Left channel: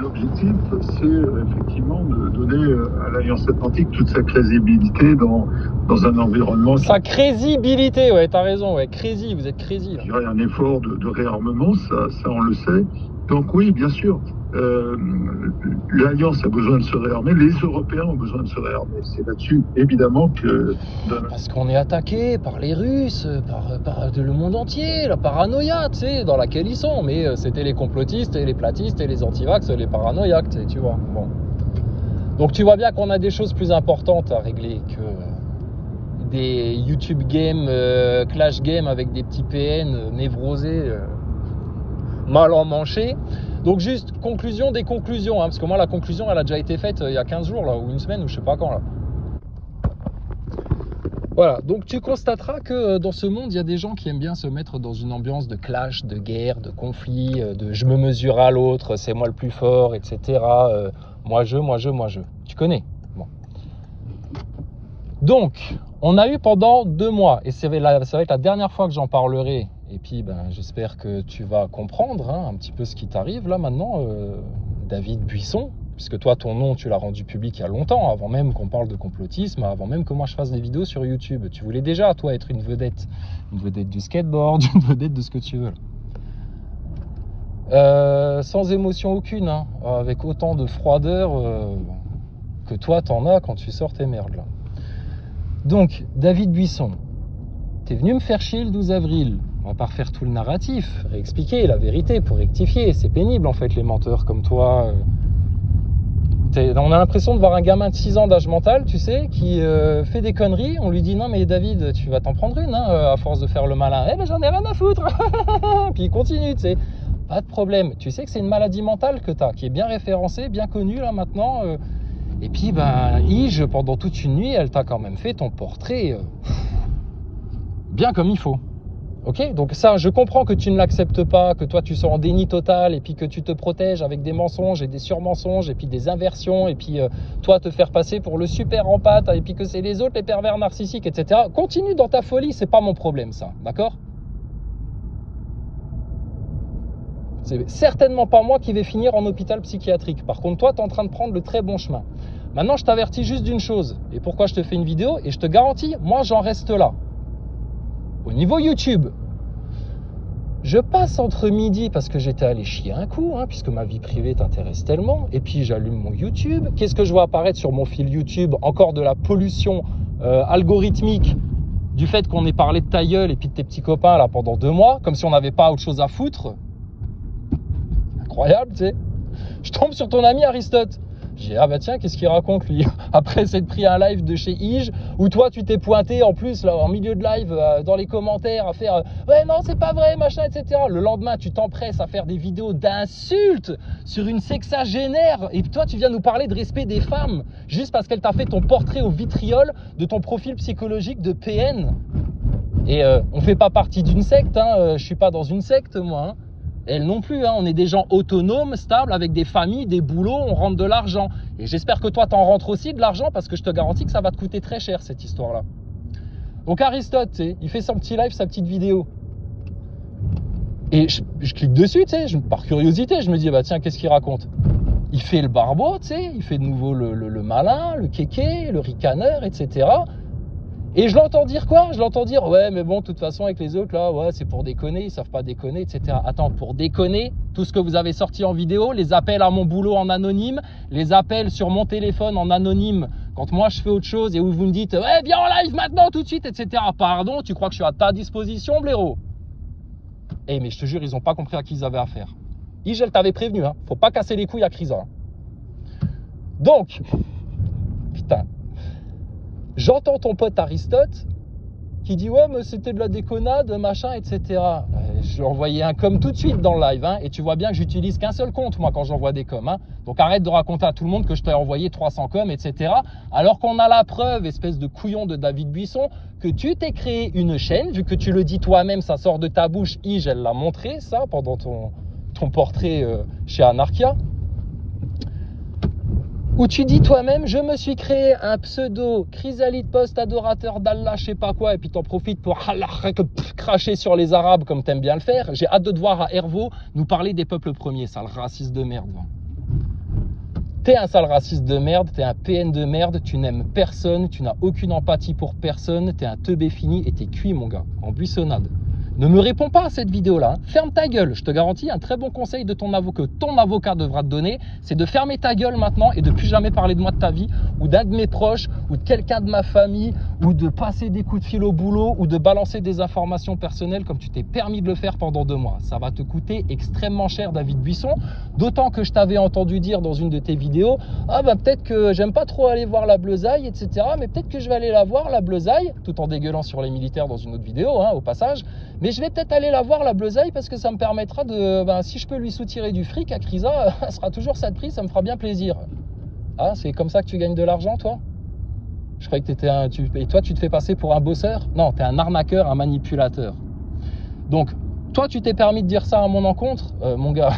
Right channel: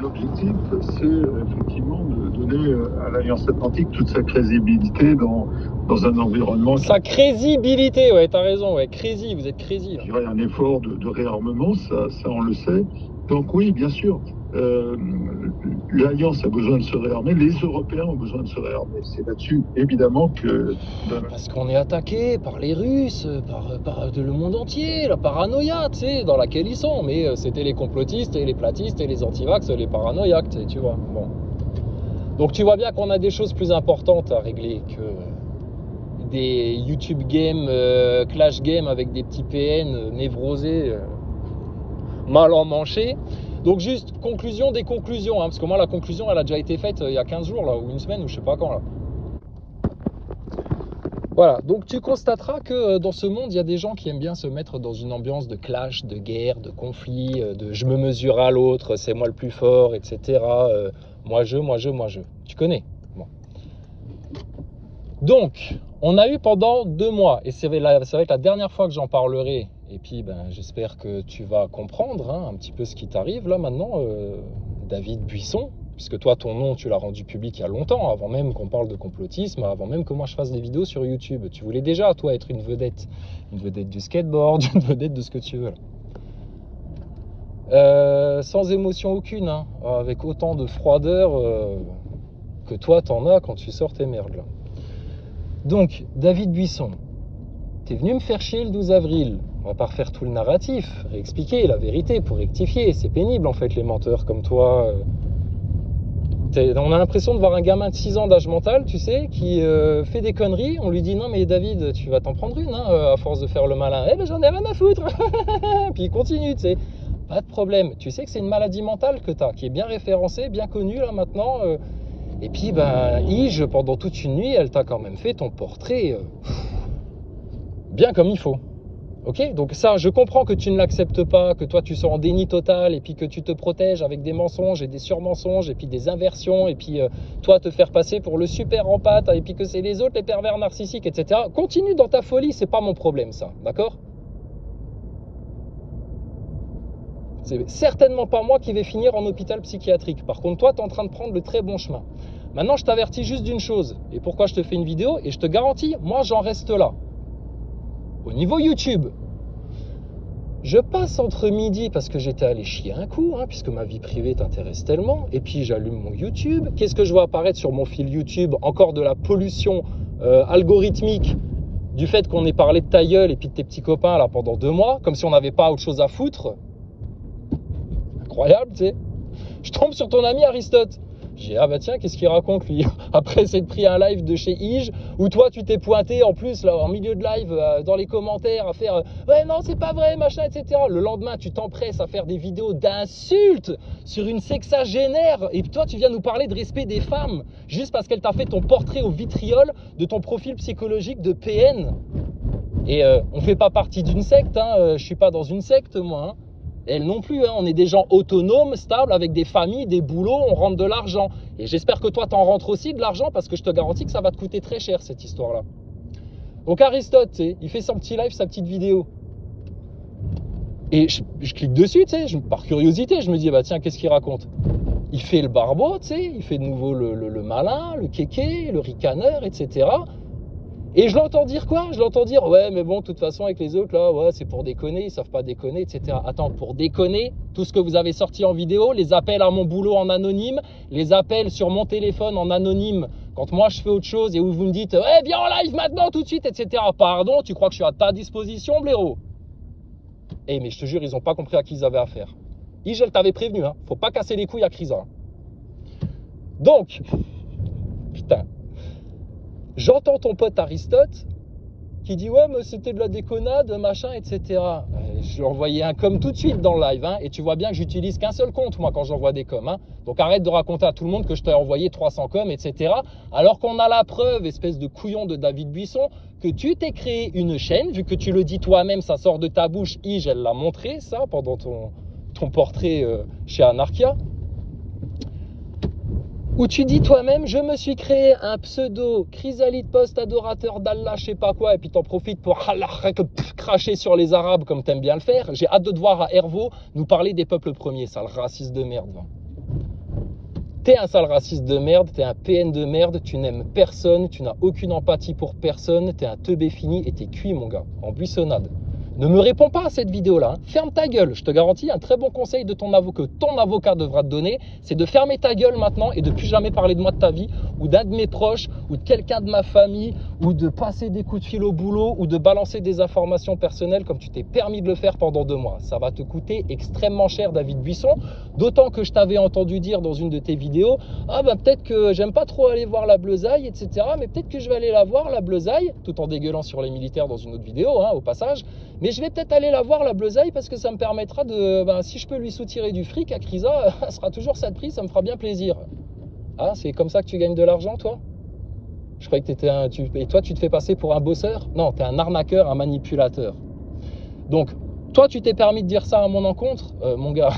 L'objectif, c'est effectivement de donner à l'Alliance Atlantique toute sa crédibilité dans un environnement... Sa crédibilité, ouais, t'as raison, ouais, crazy, vous êtes crazy. Il y a un effort de réarmement, ça on le sait. Donc oui, bien sûr, l'Alliance a besoin de se réarmer, les Européens ont besoin de se réarmer. C'est là-dessus, évidemment, que... Parce qu'on est attaqué par les Russes, par le monde entier, la paranoïa, tu sais, dans laquelle ils sont. Mais c'était les complotistes et les platistes et les antivax, les paranoïaques, tu vois. Bon. Donc tu vois bien qu'on a des choses plus importantes à régler que des YouTube games, Clash Games avec des petits PN névrosés, mal emmanchés. Donc juste conclusion des conclusions, hein, parce que moi la conclusion elle a déjà été faite il y a 15 jours là, ou une semaine ou je sais pas quand là. Voilà, donc tu constateras que dans ce monde il y a des gens qui aiment bien se mettre dans une ambiance de clash, de guerre, de conflit, de je me mesure à l'autre, c'est moi le plus fort, etc. Moi je. Tu connais. Bon. Donc, on a eu pendant 2 mois, et ça va être la dernière fois que j'en parlerai. Et puis, j'espère que tu vas comprendre hein, un petit peu ce qui t'arrive là maintenant, David Buisson, puisque toi, ton nom, tu l'as rendu public il y a longtemps, avant même qu'on parle de complotisme, avant même que moi je fasse des vidéos sur YouTube. Tu voulais déjà, toi, être une vedette du skateboard, une vedette de ce que tu veux. Là. Sans émotion aucune, hein, avec autant de froideur que toi, t'en as quand tu sors tes merdes. Là. Donc, David Buisson, t'es venu me faire chier le 12 avril. On va pas refaire tout le narratif, réexpliquer la vérité pour rectifier. C'est pénible en fait les menteurs comme toi. On a l'impression de voir un gamin de 6 ans d'âge mental, tu sais, qui fait des conneries. On lui dit non mais David, tu vas t'en prendre une hein, à force de faire le malin. Eh ben j'en ai rien à foutre. Puis il continue, tu sais. Pas de problème. Tu sais que c'est une maladie mentale que t'as, qui est bien référencée, bien connue là maintenant. Et puis Ige, pendant toute une nuit, elle t'a quand même fait ton portrait bien comme il faut. Ok, donc ça, je comprends que tu ne l'acceptes pas, que toi tu sois en déni total et puis que tu te protèges avec des mensonges et des surmensonges et puis des inversions et puis toi te faire passer pour le super empathe et puis que c'est les autres les pervers narcissiques, etc. Continue dans ta folie, c'est pas mon problème ça, d'accord? C'est certainement pas moi qui vais finir en hôpital psychiatrique. Par contre, toi, tu es en train de prendre le très bon chemin. Maintenant, je t'avertis juste d'une chose. Et pourquoi je te fais une vidéo? Et je te garantis, moi, j'en reste là. Au niveau YouTube, je passe entre midi parce que j'étais allé chier un coup, hein, puisque ma vie privée t'intéresse tellement. Et puis, j'allume mon YouTube. Qu'est-ce que je vois apparaître sur mon fil YouTube? Encore de la pollution algorithmique du fait qu'on ait parlé de ta gueule et puis de tes petits copains là pendant 2 mois, comme si on n'avait pas autre chose à foutre. Incroyable, tu sais. Je tombe sur ton ami Aristote. Je dis, ah bah tiens, qu'est-ce qu'il raconte lui? Après s'être pris un live de chez Ige, où toi tu t'es pointé en plus, là, en milieu de live, dans les commentaires, à faire ouais, non, c'est pas vrai, machin, etc. Le lendemain, tu t'empresses à faire des vidéos d'insultes sur une sexagénaire, et toi tu viens nous parler de respect des femmes, juste parce qu'elle t'a fait ton portrait au vitriol de ton profil psychologique de PN. Et on fait pas partie d'une secte, hein, je suis pas dans une secte, moi, hein. Elle non plus, hein. On est des gens autonomes, stables, avec des familles, des boulots, on rentre de l'argent. Et j'espère que toi, t'en rentres aussi de l'argent, parce que je te garantis que ça va te coûter très cher, cette histoire-là. Donc Aristote, tu sais, il fait son petit live, sa petite vidéo. Et je clique dessus, tu sais, par curiosité, je me dis, bah tiens, qu'est-ce qu'il raconte? Il fait le barbeau, tu sais, il fait de nouveau le malin, le kéké, le ricaneur, etc. Et je l'entends dire quoi? Je l'entends dire, ouais, mais bon, de toute façon, avec les autres, là, ouais, c'est pour déconner, ils savent pas déconner, etc. Attends, pour déconner, tout ce que vous avez sorti en vidéo, les appels à mon boulot en anonyme, les appels sur mon téléphone en anonyme, quand moi je fais autre chose et où vous me dites, ouais, viens en live maintenant, tout de suite, etc. Pardon, tu crois que je suis à ta disposition, blaireau? Eh, mais je te jure, ils ont pas compris à qui ils avaient affaire. Igel t'avait prévenu, hein, faut pas casser les couilles à Crisa. Donc, putain. J'entends ton pote Aristote qui dit ouais mais c'était de la déconnade, machin, etc. Je lui ai envoyé un com tout de suite dans le live, hein, et tu vois bien que j'utilise qu'un seul compte moi quand j'envoie des coms, hein. Donc arrête de raconter à tout le monde que je t'ai envoyé 300 coms, etc. Alors qu'on a la preuve, espèce de couillon de David Buisson, que tu t'es créé une chaîne, vu que tu le dis toi-même, ça sort de ta bouche, Ige, elle l'a montré ça pendant ton portrait chez Anarchia. où tu dis toi-même, je me suis créé un pseudo chrysalide post-adorateur d'Allah, je sais pas quoi, et puis t'en profites pour cracher sur les Arabes comme t'aimes bien le faire. J'ai hâte de te voir à Hervaux nous parler des peuples premiers, sale raciste de merde. Va. T'es un sale raciste de merde, t'es un PN de merde, tu n'aimes personne, tu n'as aucune empathie pour personne, t'es un teubé fini et t'es cuit, mon gars, en buissonnade. Ne me réponds pas à cette vidéo-là, hein. Ferme ta gueule. Je te garantis, un très bon conseil de ton avocat, que ton avocat devra te donner, c'est de fermer ta gueule maintenant et de plus jamais parler de moi de ta vie, ou d'un de mes proches, ou de quelqu'un de ma famille, ou de passer des coups de fil au boulot, ou de balancer des informations personnelles comme tu t'es permis de le faire pendant 2 mois. Ça va te coûter extrêmement cher, David Buisson, d'autant que je t'avais entendu dire dans une de tes vidéos, ah bah peut-être que j'aime pas trop aller voir la Bleuzaille, etc., mais peut-être que je vais aller la voir, la Bleuzaille, tout en dégueulant sur les militaires dans une autre vidéo, hein, au passage. Mais je vais peut-être aller la voir, la Bleuzaille, parce que ça me permettra de... Ben, si je peux lui soutirer du fric à Crisa, ça sera toujours ça de prix, ça me fera bien plaisir. Ah, c'est comme ça que tu gagnes de l'argent, toi? Je croyais que t'étais un... Et toi, tu te fais passer pour un bosseur? Non, t'es un arnaqueur, un manipulateur. Donc, toi, tu t'es permis de dire ça à mon encontre? Mon gars,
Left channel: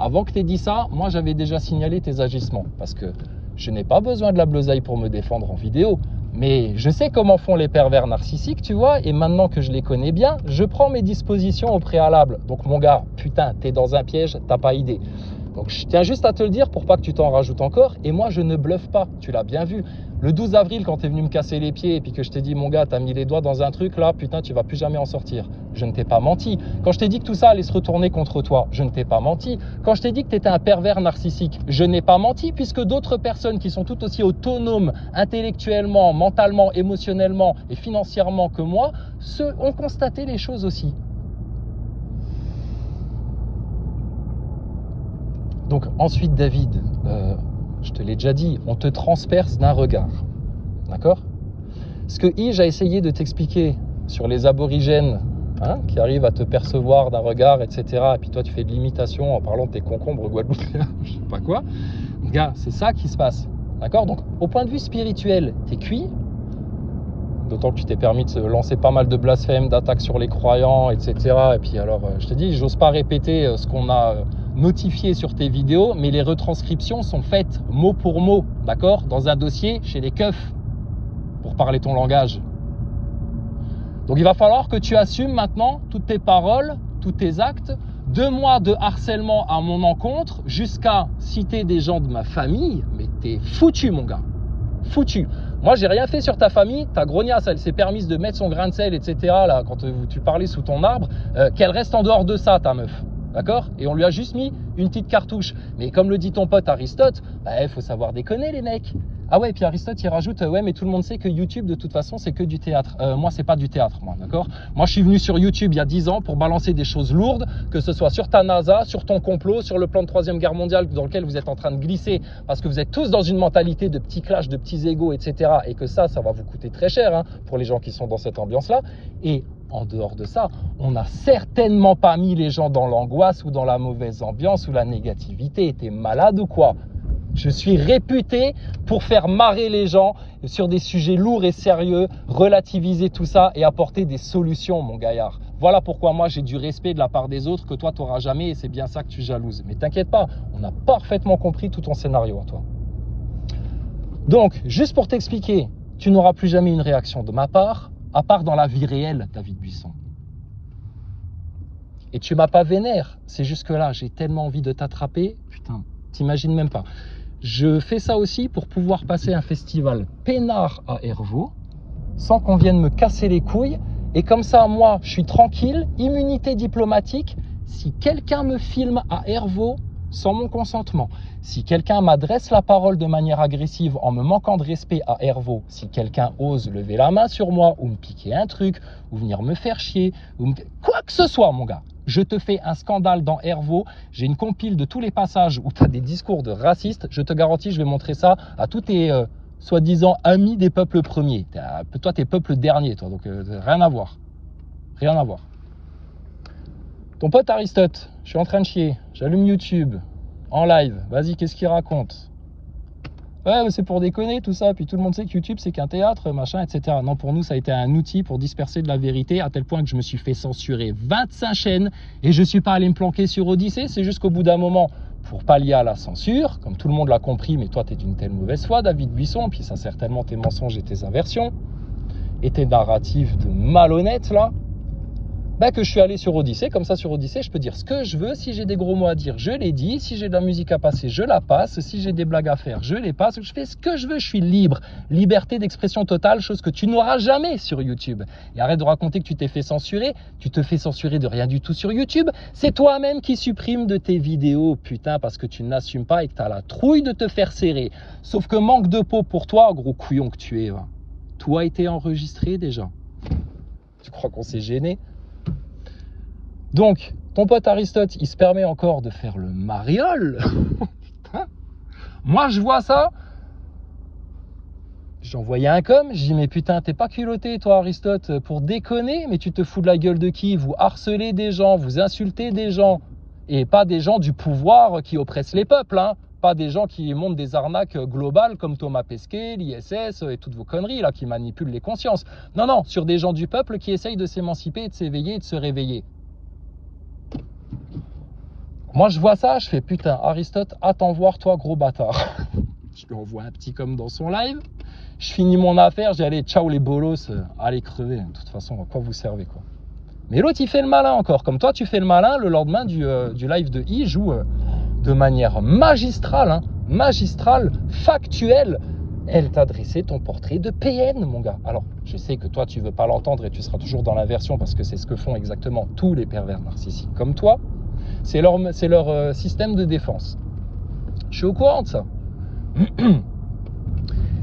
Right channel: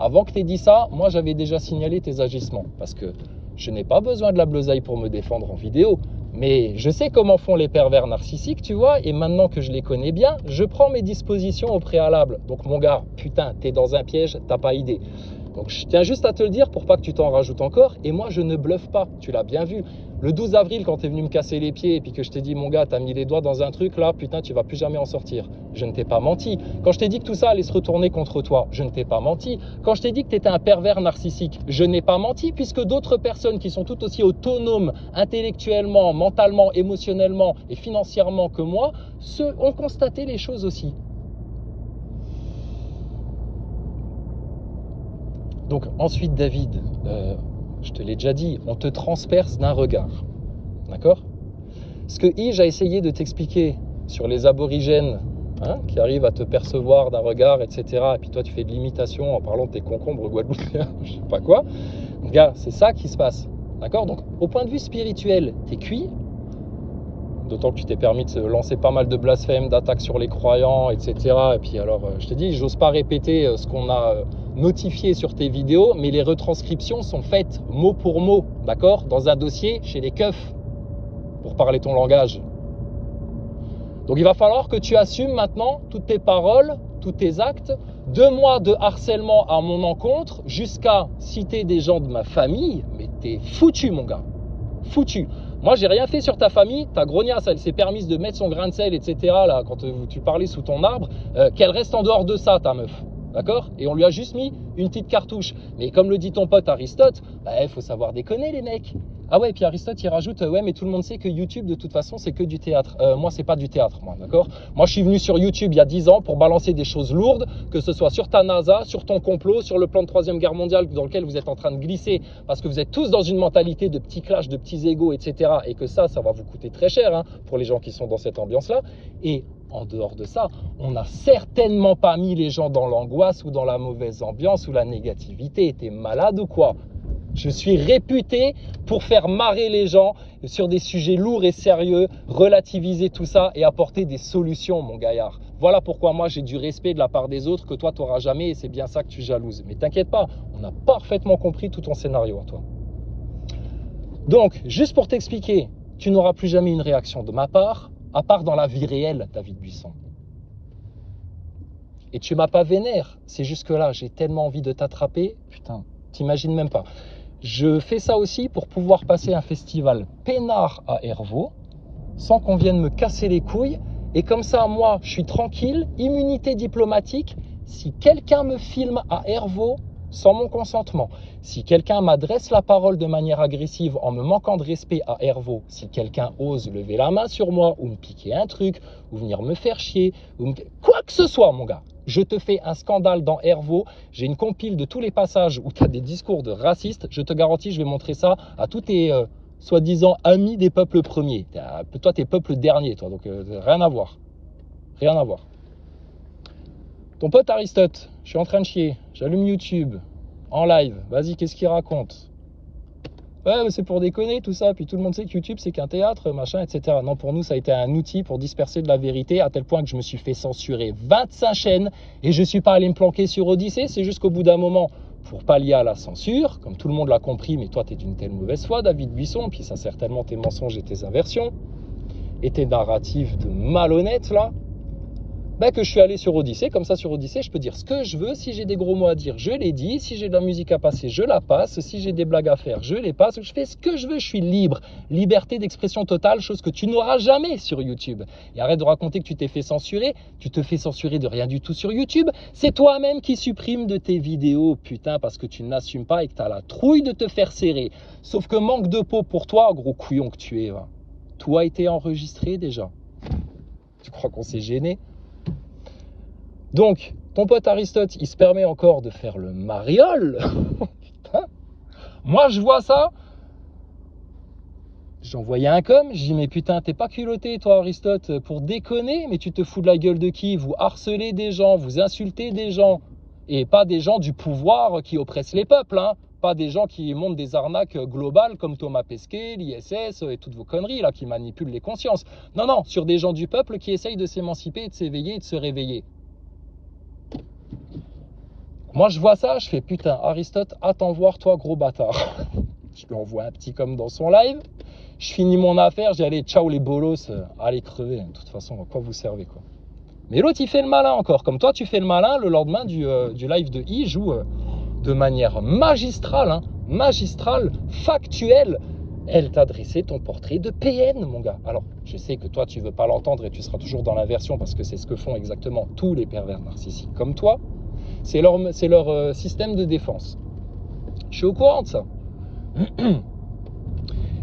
avant que t'aies dit ça, moi, j'avais déjà signalé tes agissements. Parce que je n'ai pas besoin de la Bleuzaille pour me défendre en vidéo. Mais je sais comment font les pervers narcissiques, tu vois, et maintenant que je les connais bien, je prends mes dispositions au préalable. Donc mon gars, putain, t'es dans un piège, t'as pas idée. Donc je tiens juste à te le dire pour pas que tu t'en rajoutes encore. Et moi, je ne bluffe pas, tu l'as bien vu. Le 12 avril, quand t'es venu me casser les pieds et puis que je t'ai dit, mon gars, t'as mis les doigts dans un truc, là, putain, tu vas plus jamais en sortir. Je ne t'ai pas menti. Quand je t'ai dit que tout ça allait se retourner contre toi, je ne t'ai pas menti. Quand je t'ai dit que t'étais un pervers narcissique, je n'ai pas menti, puisque d'autres personnes qui sont tout aussi autonomes, intellectuellement, mentalement, émotionnellement et financièrement que moi, ont constaté les choses aussi. Donc ensuite, David, je te l'ai déjà dit, on te transperce d'un regard. D'accord? Ce que Ige a essayé de t'expliquer sur les aborigènes, hein, qui arrivent à te percevoir d'un regard, etc. Et puis toi, tu fais de l'imitation en parlant de tes concombres guadeloupéens, je sais pas quoi. Gars, c'est ça qui se passe. D'accord? Donc, au point de vue spirituel, t'es cuit. D'autant que tu t'es permis de se lancer pas mal de blasphèmes, d'attaques sur les croyants, etc. Et puis alors, je te dis, j'ose pas répéter ce qu'on a notifié sur tes vidéos, mais les retranscriptions sont faites mot pour mot, d'accord? Dans un dossier chez les keufs, pour parler ton langage. Donc il va falloir que tu assumes maintenant toutes tes paroles, tous tes actes. 2 mois de harcèlement à mon encontre, jusqu'à citer des gens de ma famille, mais t'es foutu, mon gars. Foutu. Moi, j'ai rien fait sur ta famille. Ta grognasse, elle s'est permise de mettre son grain de sel, etc. Là, quand tu parlais sous ton arbre, qu'elle reste en dehors de ça, ta meuf. D'accord? Et on lui a juste mis une petite cartouche. Mais comme le dit ton pote Aristote, bah, faut savoir déconner, les mecs. Ah ouais, et puis Aristote, il rajoute, ouais, mais tout le monde sait que YouTube, de toute façon, c'est que du théâtre. Moi, c'est pas du théâtre, moi, d'accord? Moi, je suis venu sur YouTube il y a 10 ans pour balancer des choses lourdes, que ce soit sur ta NASA, sur ton complot, sur le plan de 3e guerre mondiale dans lequel vous êtes en train de glisser, parce que vous êtes tous dans une mentalité de petits clashs, de petits égos, etc. Et que ça va vous coûter très cher, hein, pour les gens qui sont dans cette ambiance-là. Et en dehors de ça, on n'a certainement pas mis les gens dans l'angoisse ou dans la mauvaise ambiance ou la négativité. T'es malade ou quoi? Je suis réputé pour faire marrer les gens sur des sujets lourds et sérieux, relativiser tout ça et apporter des solutions, mon gaillard. Voilà pourquoi moi j'ai du respect de la part des autres que toi tu n'auras jamais, et c'est bien ça que tu jalouses. Mais t'inquiète pas, on a parfaitement compris tout ton scénario à toi. Donc, juste pour t'expliquer, tu n'auras plus jamais une réaction de ma part, à part dans la vie réelle, David Buisson. Et tu m'as pas vénère, c'est juste que là, j'ai tellement envie de t'attraper, putain, t'imagines même pas. Je fais ça aussi pour pouvoir passer un festival peinard à Hervaux, sans qu'on vienne me casser les couilles. Et comme ça, moi, je suis tranquille, immunité diplomatique. Si quelqu'un me filme à Hervaux sans mon consentement, si quelqu'un m'adresse la parole de manière agressive en me manquant de respect à Hervaux, si quelqu'un ose lever la main sur moi ou me piquer un truc, ou venir me faire chier, ou quoi que ce soit, mon gars, je te fais un scandale dans Hervaux. J'ai une compile de tous les passages où tu as des discours de racistes. Je te garantis, je vais montrer ça à tous tes soi-disant amis des peuples premiers. Toi, t'es peuple dernier, toi, donc rien à voir. Rien à voir. Ton pote Aristote, je suis en train de chier. J'allume YouTube, en live. Vas-y, qu'est-ce qu'il raconte? Ouais, c'est pour déconner tout ça. Puis tout le monde sait que YouTube, c'est qu'un théâtre, machin, etc. Non, pour nous, ça a été un outil pour disperser de la vérité, à tel point que je me suis fait censurer 25 chaînes et je suis pas allé me planquer sur Odyssée. C'est juste qu'au bout d'un moment, pour pallier à la censure, comme tout le monde l'a compris, mais toi, tu es d'une telle mauvaise foi, David Buisson, puis ça certainement tes mensonges et tes inversions, et tes narratifs de malhonnêtes, là, bah que je suis allé sur Odyssée. Comme ça, sur Odyssée, je peux dire ce que je veux. Si j'ai des gros mots à dire, je les dis. Si j'ai de la musique à passer, je la passe. Si j'ai des blagues à faire, je les passe. Je fais ce que je veux, je suis libre. Liberté d'expression totale, chose que tu n'auras jamais sur YouTube. Et arrête de raconter que tu t'es fait censurer. Tu te fais censurer de rien du tout sur YouTube. C'est toi-même qui supprime de tes vidéos, putain, parce que tu n'assumes pas et que tu as la trouille de te faire serrer. Sauf que manque de peau pour toi, gros couillon que tu es. Va. Tout a été enregistré déjà. Tu crois qu'on s'est gêné? Donc, ton pote Aristote, il se permet encore de faire le mariole. Moi, je vois ça. J'ai envoyé un com. Je dis, mais putain, t'es pas culotté, toi, Aristote, pour déconner. Mais tu te fous de la gueule de qui? Vous harcelez des gens, vous insultez des gens. Et pas des gens du pouvoir qui oppressent les peuples, hein. Pas des gens qui montent des arnaques globales comme Thomas Pesquet, l'ISS et toutes vos conneries là qui manipulent les consciences. Non, non, sur des gens du peuple qui essayent de s'émanciper, de s'éveiller et de se réveiller. Moi, je vois ça, je fais putain, Aristote, attends voir, toi, gros bâtard. Je lui envoie un petit com dans son live. Je finis mon affaire, j'ai allé, ciao les bolos, allez crever. De toute façon, à quoi vous servez, quoi. Mais l'autre, il fait le malin encore. Comme toi, tu fais le malin le lendemain du live de Ige où, de manière magistrale, hein, magistrale, factuelle, elle t'a dressé ton portrait de PN, mon gars. Alors, je sais que toi, tu veux pas l'entendre et tu seras toujours dans l'inversion parce que c'est ce que font exactement tous les pervers narcissiques comme toi. C'est leur système de défense. Je suis au courant de ça.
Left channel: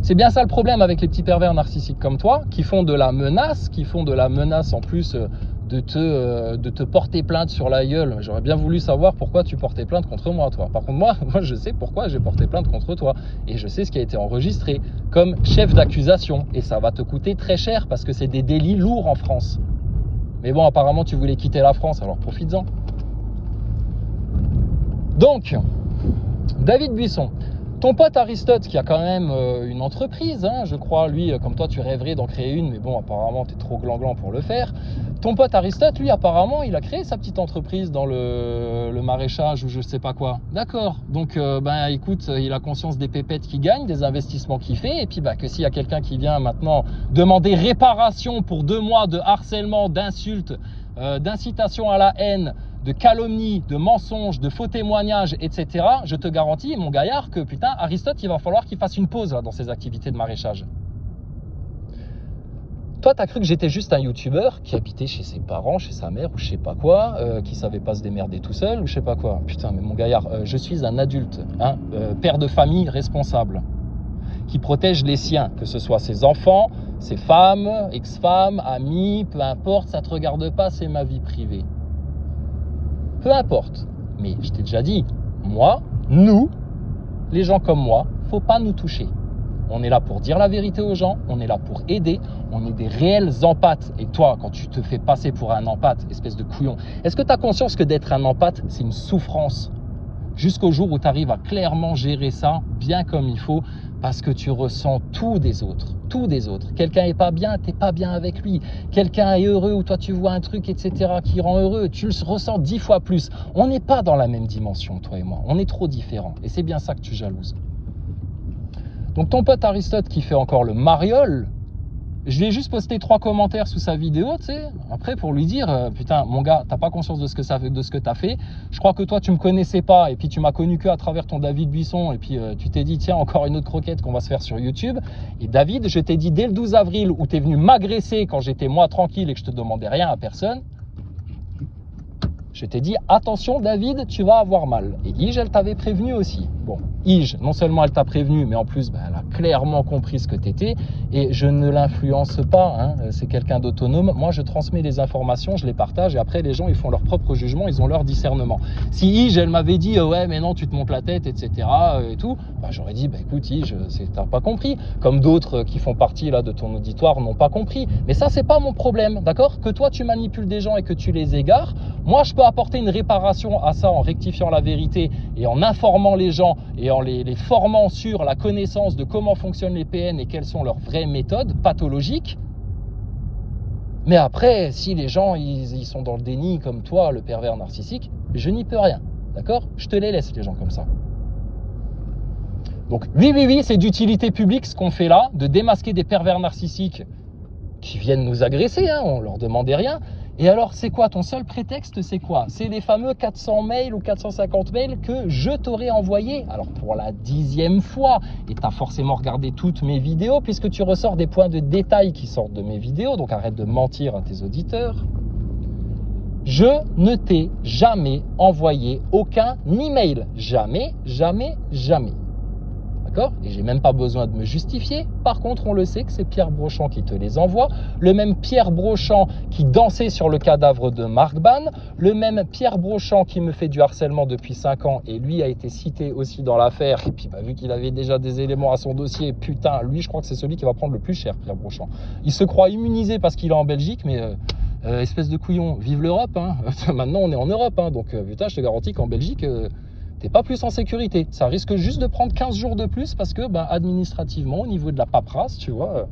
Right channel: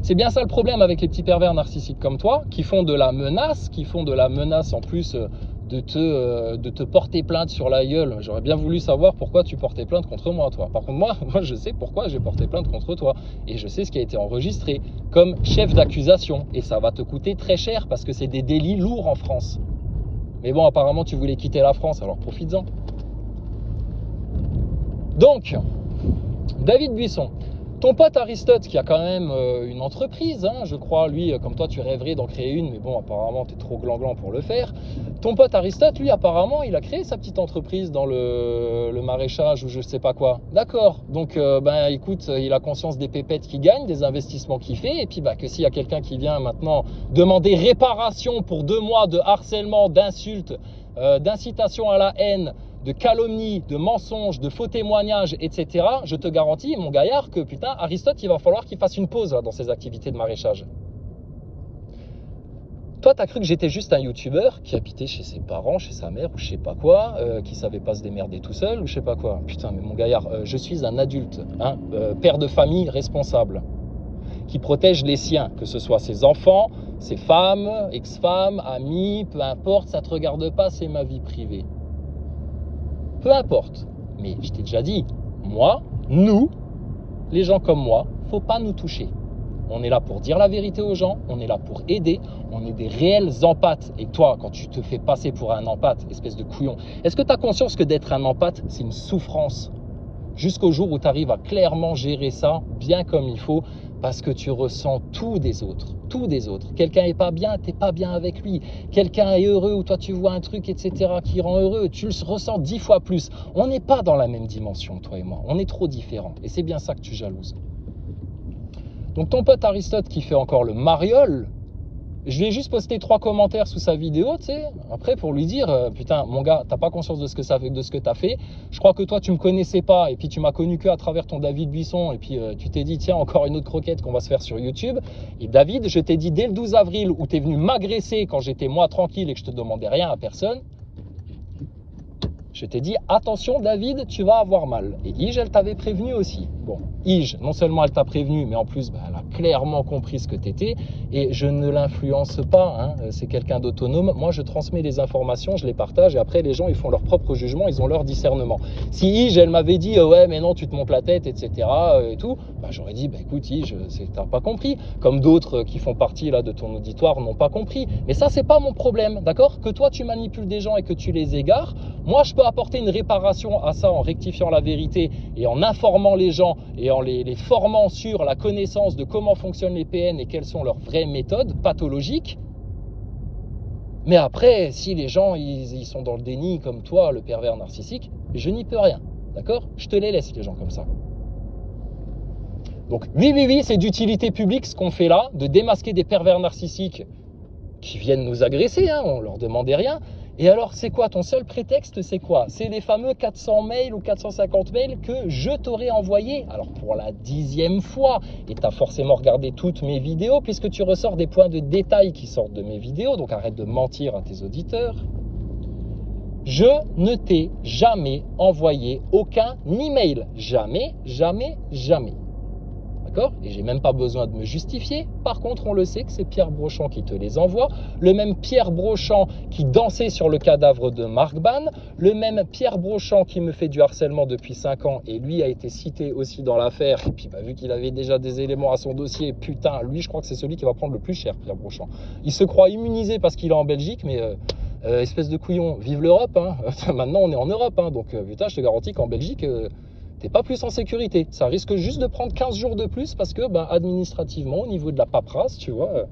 C'est bien ça le problème avec les petits pervers narcissiques comme toi, qui font de la menace, en plus de te porter plainte sur la gueule. J'aurais bien voulu savoir pourquoi tu portais plainte contre moi, toi. Par contre, moi je sais pourquoi j'ai porté plainte contre toi. Et je sais ce qui a été enregistré comme chef d'accusation. Et ça va te coûter très cher parce que c'est des délits lourds en France. Mais bon, apparemment, tu voulais quitter la France, alors profites-en. Donc, David Buisson, ton pote Aristote qui a quand même une entreprise, hein, je crois, lui, comme toi tu rêverais d'en créer une, mais bon, apparemment tu es trop gland-gland pour le faire. Ton pote Aristote, lui, apparemment, il a créé sa petite entreprise dans le maraîchage ou je sais pas quoi. D'accord, donc ben écoute, il a conscience des pépettes qu'il gagne, des investissements qu'il fait, et puis bah, que s'il y a quelqu'un qui vient maintenant demander réparation pour 2 mois de harcèlement, d'insultes, d'incitation à la haine, de calomnie, de mensonges, de faux témoignages, etc., je te garantis, mon gaillard, que putain, Aristote, il va falloir qu'il fasse une pause là, dans ses activités de maraîchage. Toi, t'as cru que j'étais juste un youtubeur qui habitait chez ses parents, chez sa mère ou je sais pas quoi, qui savait pas se démerder tout seul ou je sais pas quoi. Putain, mais mon gaillard, je suis un adulte, hein, père de famille responsable, qui protège les siens, que ce soit ses enfants, ses femmes, ex-femmes, amis, peu importe, ça te regarde pas, c'est ma vie privée. Peu importe, mais je t'ai déjà dit, moi, nous, les gens comme moi, faut pas nous toucher. On est là pour dire la vérité aux gens, on est là pour aider, on est des réels empathes. Et toi, quand tu te fais passer pour un empathe, espèce de couillon, est-ce que tu as conscience que d'être un empathe, c'est une souffrance? Jusqu'au jour où tu arrives à clairement gérer ça bien comme il faut, parce que tu ressens tout des autres, tout des autres. Quelqu'un est pas bien, t'es pas bien avec lui. Quelqu'un est heureux ou toi tu vois un truc, etc. qui rend heureux, tu le ressens 10 fois plus. On n'est pas dans la même dimension, toi et moi. On est trop différents. Et c'est bien ça que tu jalouses. Donc ton pote Aristote qui fait encore le mariole, je lui ai juste posté 3 commentaires sous sa vidéo, tu sais, après pour lui dire, putain, mon gars, t'as pas conscience de ce que t'as fait. Je crois que toi, tu me connaissais pas, et puis tu m'as connu que à travers ton David Buisson, et puis tu t'es dit, tiens, encore une autre croquette qu'on va se faire sur YouTube. Et David, je t'ai dit dès le 12 avril, où t'es venu m'agresser quand j'étais moi tranquille et que je te demandais rien à personne, je t'ai dit, attention David, tu vas avoir mal. Et Ige, elle t'avait prévenu aussi. Bon, Ige, non seulement elle t'a prévenu, mais en plus, ben, elle a clairement compris ce que t'étais. Et je ne l'influence pas, hein. C'est quelqu'un d'autonome. Moi, je transmets les informations, je les partage, et après, les gens, ils font leur propre jugement, ils ont leur discernement. Si Ige, elle m'avait dit, ouais, mais non, tu te montes la tête, etc., et tout, ben, j'aurais dit, bah, écoute, Ige, t'as pas compris. Comme d'autres qui font partie là, de ton auditoire n'ont pas compris. Mais ça, c'est pas mon problème, d'accord? Que toi, tu manipules des gens et que tu les égares. Moi, je peux apporter une réparation à ça en rectifiant la vérité et en informant les gens et en les formant sur la connaissance de comment fonctionnent les PN et quelles sont leurs vraies méthodes pathologiques. Mais après, si les gens ils sont dans le déni comme toi, le pervers narcissique, je n'y peux rien. D'accord? Je te les laisse, les gens comme ça. Donc, oui, c'est d'utilité publique ce qu'on fait là, de démasquer des pervers narcissiques qui viennent nous agresser, hein, on leur demandait rien. Et alors, c'est quoi ton seul prétexte? C'est quoi? C'est les fameux 400 mails ou 450 mails que je t'aurais envoyés. Alors, pour la 10e fois, et tu as forcément regardé toutes mes vidéos, puisque tu ressors des points de détail qui sortent de mes vidéos, donc arrête de mentir à tes auditeurs. Je ne t'ai jamais envoyé aucun email. Jamais. D'accord? Et j'ai même pas besoin de me justifier. Par contre, on le sait que c'est Pierre Brochand qui te les envoie. Le même Pierre Brochand qui dansait sur le cadavre de Marc Ban. Le même Pierre Brochand qui me fait du harcèlement depuis 5 ans. Et lui a été cité aussi dans l'affaire. Et puis, vu qu'il avait déjà des éléments à son dossier, putain, lui, je crois que c'est celui qui va prendre le plus cher, Pierre Brochand. Il se croit immunisé parce qu'il est en Belgique, mais espèce de couillon, vive l'Europe. Hein. Maintenant, on est en Europe. Hein. Donc, putain, je te garantis qu'en Belgique... t'es pas plus en sécurité. Ça risque juste de prendre 15 jours de plus parce que administrativement, au niveau de la paperasse, tu vois.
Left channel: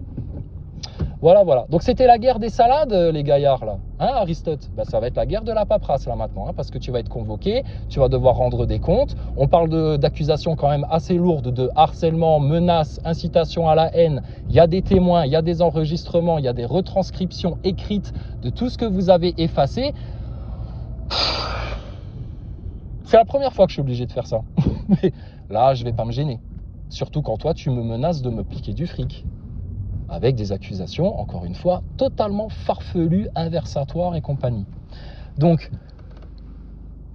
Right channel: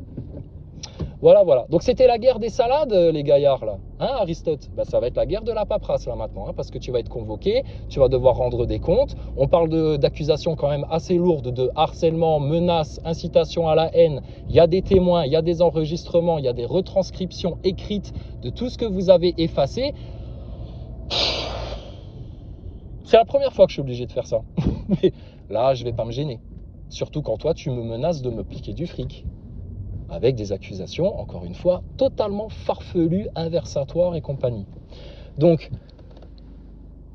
Voilà. Donc c'était la guerre des salades, les gaillards, là. Hein, Aristote? Ça va être la guerre de la paperasse, là, maintenant. Hein, parce que tu vas être convoqué, tu vas devoir rendre des comptes. On parle d'accusations quand même assez lourdes de harcèlement, menaces, incitation à la haine. Il y a des témoins, il y a des enregistrements, il y a des retranscriptions écrites de tout ce que vous avez effacé. C'est la première fois que je suis obligé de faire ça. Mais là, je vais pas me gêner. Surtout quand toi, tu me menaces de me piquer du fric. Avec des accusations, encore une fois, totalement farfelues, inversatoires et compagnie. Donc,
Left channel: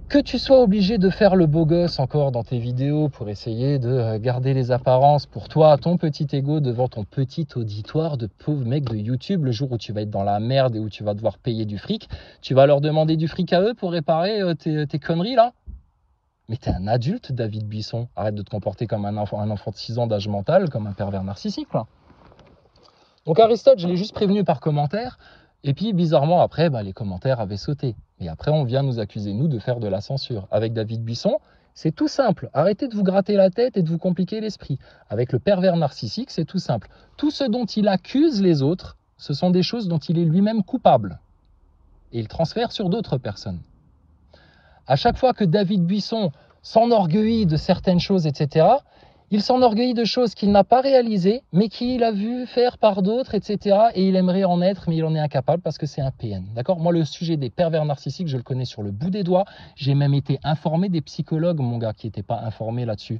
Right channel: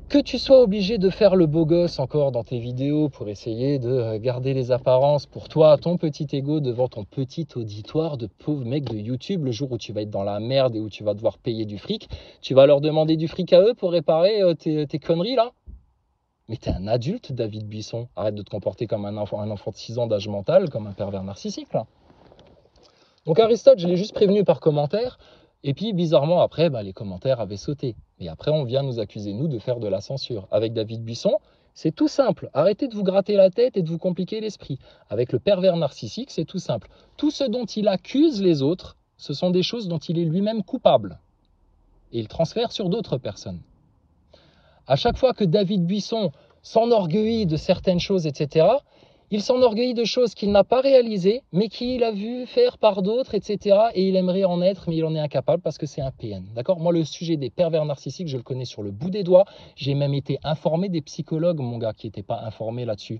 que tu sois obligé de faire le beau gosse encore dans tes vidéos pour essayer de garder les apparences pour toi, ton petit ego devant ton petit auditoire de pauvres mecs de YouTube, le jour où tu vas être dans la merde et où tu vas devoir payer du fric, tu vas leur demander du fric à eux pour réparer tes conneries là? Mais t'es un adulte, David Buisson. Arrête de te comporter comme un enfant de 6 ans d'âge mental, comme un pervers narcissique, quoi. Donc Aristote, je l'ai juste prévenu par commentaire. Et puis, bizarrement, après, les commentaires avaient sauté. Et après, on vient nous accuser, nous, de faire de la censure. Avec David Buisson, c'est tout simple. Arrêtez de vous gratter la tête et de vous compliquer l'esprit. Avec le pervers narcissique, c'est tout simple. Tout ce dont il accuse les autres, ce sont des choses dont il est lui-même coupable. Et il transfère sur d'autres personnes. À chaque fois que David Buisson s'enorgueillit de certaines choses, etc., il s'enorgueillit de choses qu'il n'a pas réalisées, mais qu'il a vu faire par d'autres, etc. Et il aimerait en être, mais il en est incapable parce que c'est un PN. D'accord? Moi, le sujet des pervers narcissiques, je le connais sur le bout des doigts. J'ai même été informé des psychologues, mon gars, qui n'étaient pas informés là-dessus.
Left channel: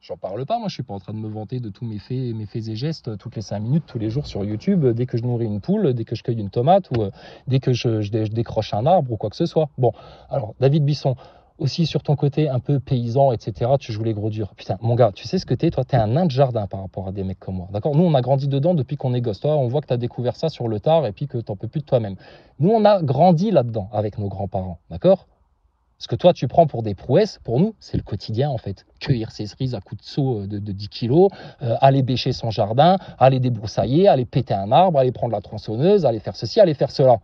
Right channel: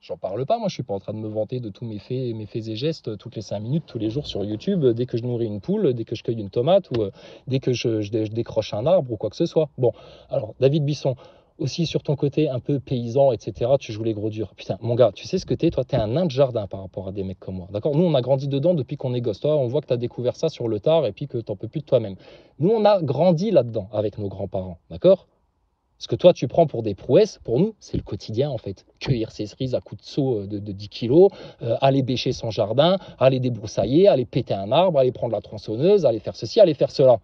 J'en parle pas, moi je suis pas en train de me vanter de tous mes faits et gestes toutes les 5 minutes, tous les jours sur YouTube, dès que je nourris une poule, dès que je cueille une tomate ou dès que je décroche un arbre ou quoi que ce soit. Bon, alors David Buisson, aussi sur ton côté un peu paysan, etc., tu joues les gros durs. Putain, mon gars, tu sais ce que t'es? Toi, t'es un nain de jardin par rapport à des mecs comme moi. D'accord? Nous, on a grandi dedans depuis qu'on est gosse. Toi, on voit que t'as découvert ça sur le tard et puis que t'en peux plus de toi-même. Nous, on a grandi là-dedans avec nos grands-parents. D'accord? Ce que toi, tu prends pour des prouesses, pour nous, c'est le quotidien, en fait. Cueillir ses cerises à coups de seau de 10 kilos, aller bêcher son jardin, aller débroussailler, aller péter un arbre, aller prendre la tronçonneuse, aller faire ceci, aller faire cela.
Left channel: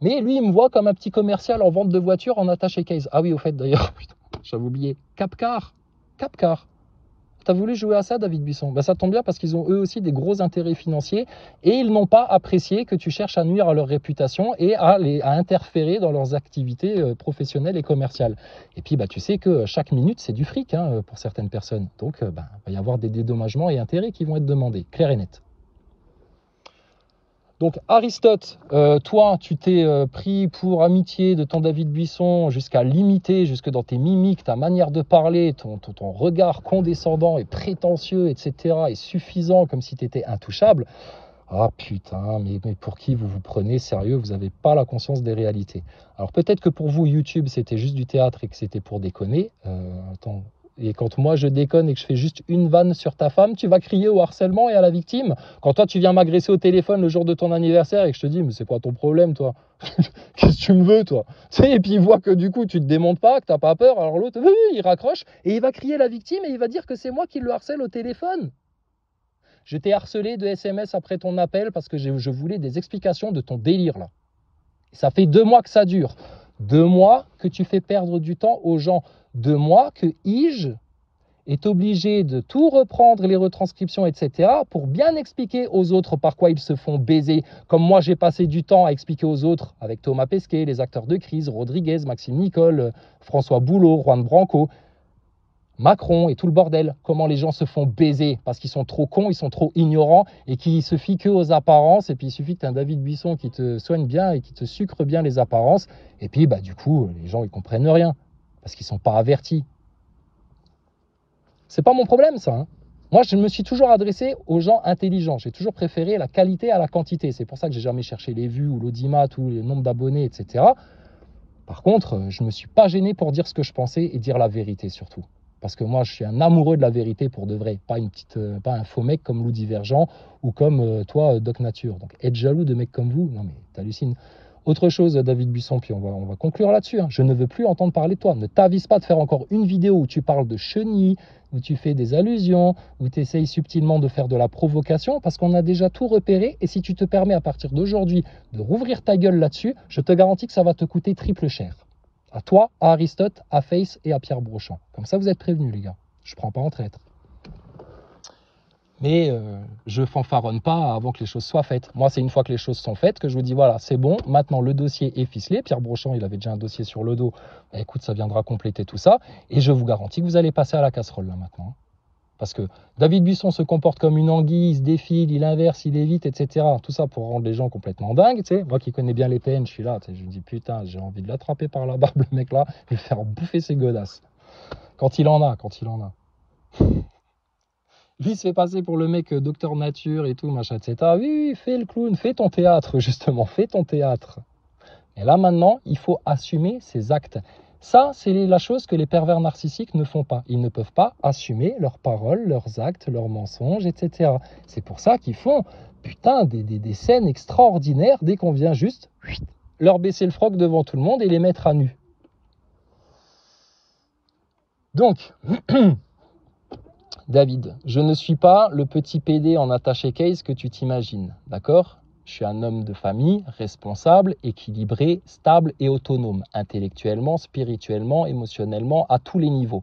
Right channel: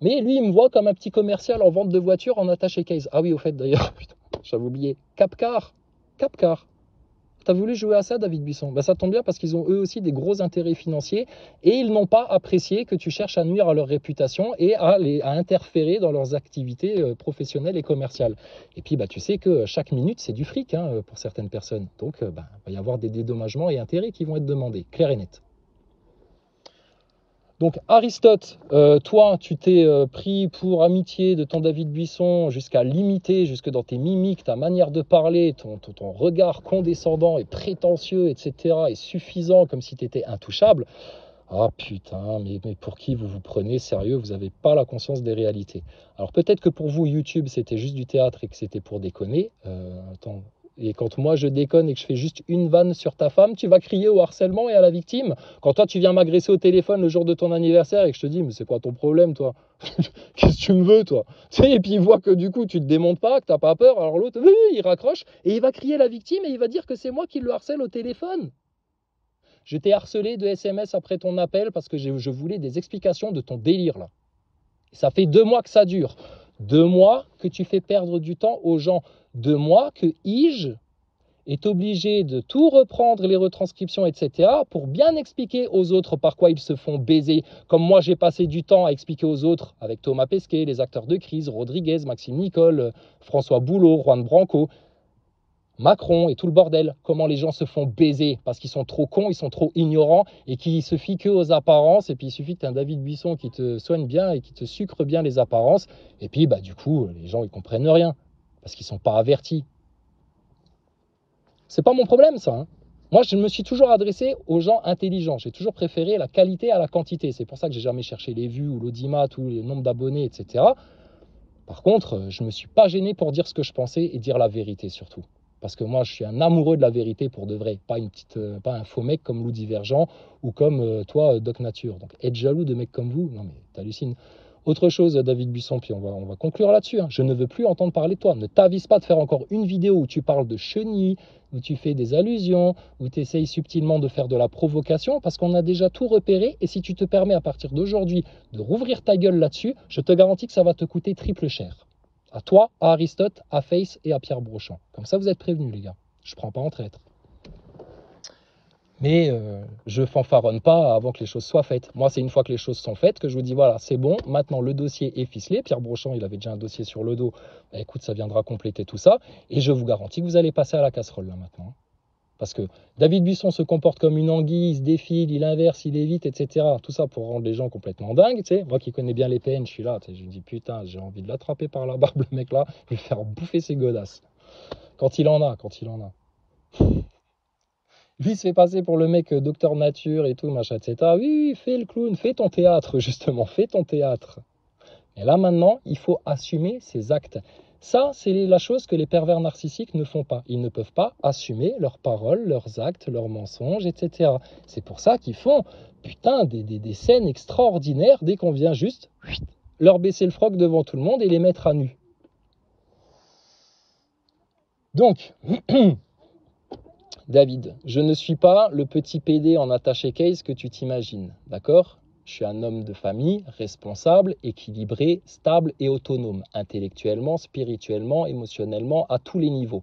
Mais lui, il me voit comme un petit commercial en vente de voitures en attaché case. Ah oui, au fait, d'ailleurs, putain, j'avais oublié. Capcar. T'as voulu jouer à ça, David Buisson? Ça tombe bien parce qu'ils ont eux aussi des gros intérêts financiers et ils n'ont pas apprécié que tu cherches à nuire à leur réputation et à interférer dans leurs activités professionnelles et commerciales. Et puis, tu sais que chaque minute, c'est du fric pour certaines personnes. Donc, il va y avoir des dédommagements et intérêts qui vont être demandés, clair et net. Donc Aristote, toi, tu t'es pris pour amitié de ton David Buisson jusqu'à l'imiter, jusque dans tes mimiques, ta manière de parler, ton regard condescendant et prétentieux, etc., est suffisant, comme si tu étais intouchable. Ah putain, mais pour qui vous vous prenez sérieux? Vous n'avez pas la conscience des réalités. Alors peut-être que pour vous, YouTube, c'était juste du théâtre et que c'était pour déconner. Et quand moi je déconne et que je fais juste une vanne sur ta femme, tu vas crier au harcèlement et à la victime. Quand toi tu viens m'agresser au téléphone le jour de ton anniversaire et que je te dis mais c'est quoi ton problème toi? Qu'est-ce que tu me veux toi? Et puis il voit que du coup tu te démontes pas, que t'as pas peur, alors l'autre il raccroche et il va crier la victime et il va dire que c'est moi qui le harcèle au téléphone. Je t'ai harcelé de SMS après ton appel parce que je voulais des explications de ton délire là. Ça fait 2 mois que ça dure. 2 mois que tu fais perdre du temps aux gens. 2 mois que Ige est obligé de tout reprendre, les retranscriptions, etc., pour bien expliquer aux autres par quoi ils se font baiser. Comme moi, j'ai passé du temps à expliquer aux autres, avec Thomas Pesquet, les acteurs de crise, Rodriguez, Maxime Nicole, François Boulot, Juan Branco, Macron et tout le bordel, comment les gens se font baiser parce qu'ils sont trop cons, ils sont trop ignorants et qui se fient que aux apparences. Et puis il suffit que tu aies un David Buisson qui te soigne bien et qui te sucre bien les apparences. Et puis du coup, les gens ils comprennent rien parce qu'ils sont pas avertis. C'est pas mon problème ça. Moi, je me suis toujours adressé aux gens intelligents. J'ai toujours préféré la qualité à la quantité. C'est pour ça que j'ai jamais cherché les vues ou l'audimat ou le nombre d'abonnés, etc. Par contre, je me suis pas gêné pour dire ce que je pensais et dire la vérité surtout. Parce que moi, je suis un amoureux de la vérité pour de vrai, pas un faux mec comme Lou Divergent ou comme toi, Doc Nature. Donc, être jaloux de mecs comme vous, non mais t'hallucines. Autre chose, David Buisson, puis on va conclure là-dessus. Je ne veux plus entendre parler de toi. Ne t'avise pas de faire encore une vidéo où tu parles de chenilles, où tu fais des allusions, où tu essayes subtilement de faire de la provocation, parce qu'on a déjà tout repéré. Et si tu te permets à partir d'aujourd'hui de rouvrir ta gueule là-dessus, je te garantis que ça va te coûter triple cher. À toi, à Aristote, à Face et à Pierre Brochant. Comme ça, vous êtes prévenus, les gars. Je ne prends pas en traître. Mais je fanfaronne pas avant que les choses soient faites. Moi, c'est une fois que les choses sont faites que je vous dis, voilà, c'est bon, maintenant le dossier est ficelé. Pierre Brochant, il avait déjà un dossier sur le dos. Bah, écoute, ça viendra compléter tout ça. Et je vous garantis que vous allez passer à la casserole, là, maintenant. Parce que David Buisson se comporte comme une anguille, il se défile, il inverse, il évite, etc. Tout ça pour rendre les gens complètement dingues. Tu sais. Moi qui connais bien les PN, je suis là, tu sais, je me dis putain, j'ai envie de l'attraper par la barbe, le mec là, et le faire bouffer ses godasses. Quand il en a. Lui, il se fait passer pour le mec docteur nature et tout, machin, etc. Oui, fais le clown, fais ton théâtre, justement, fais ton théâtre. Et là, maintenant, il faut assumer ses actes. Ça, c'est la chose que les pervers narcissiques ne font pas. Ils ne peuvent pas assumer leurs paroles, leurs actes, leurs mensonges, etc. C'est pour ça qu'ils font, putain, des scènes extraordinaires dès qu'on vient juste leur baisser le froc devant tout le monde et les mettre à nu. Donc, David, je ne suis pas le petit PD en attaché case que tu t'imagines, d'accord ? Je suis un homme de famille, responsable, équilibré, stable et autonome, intellectuellement, spirituellement, émotionnellement, à tous les niveaux.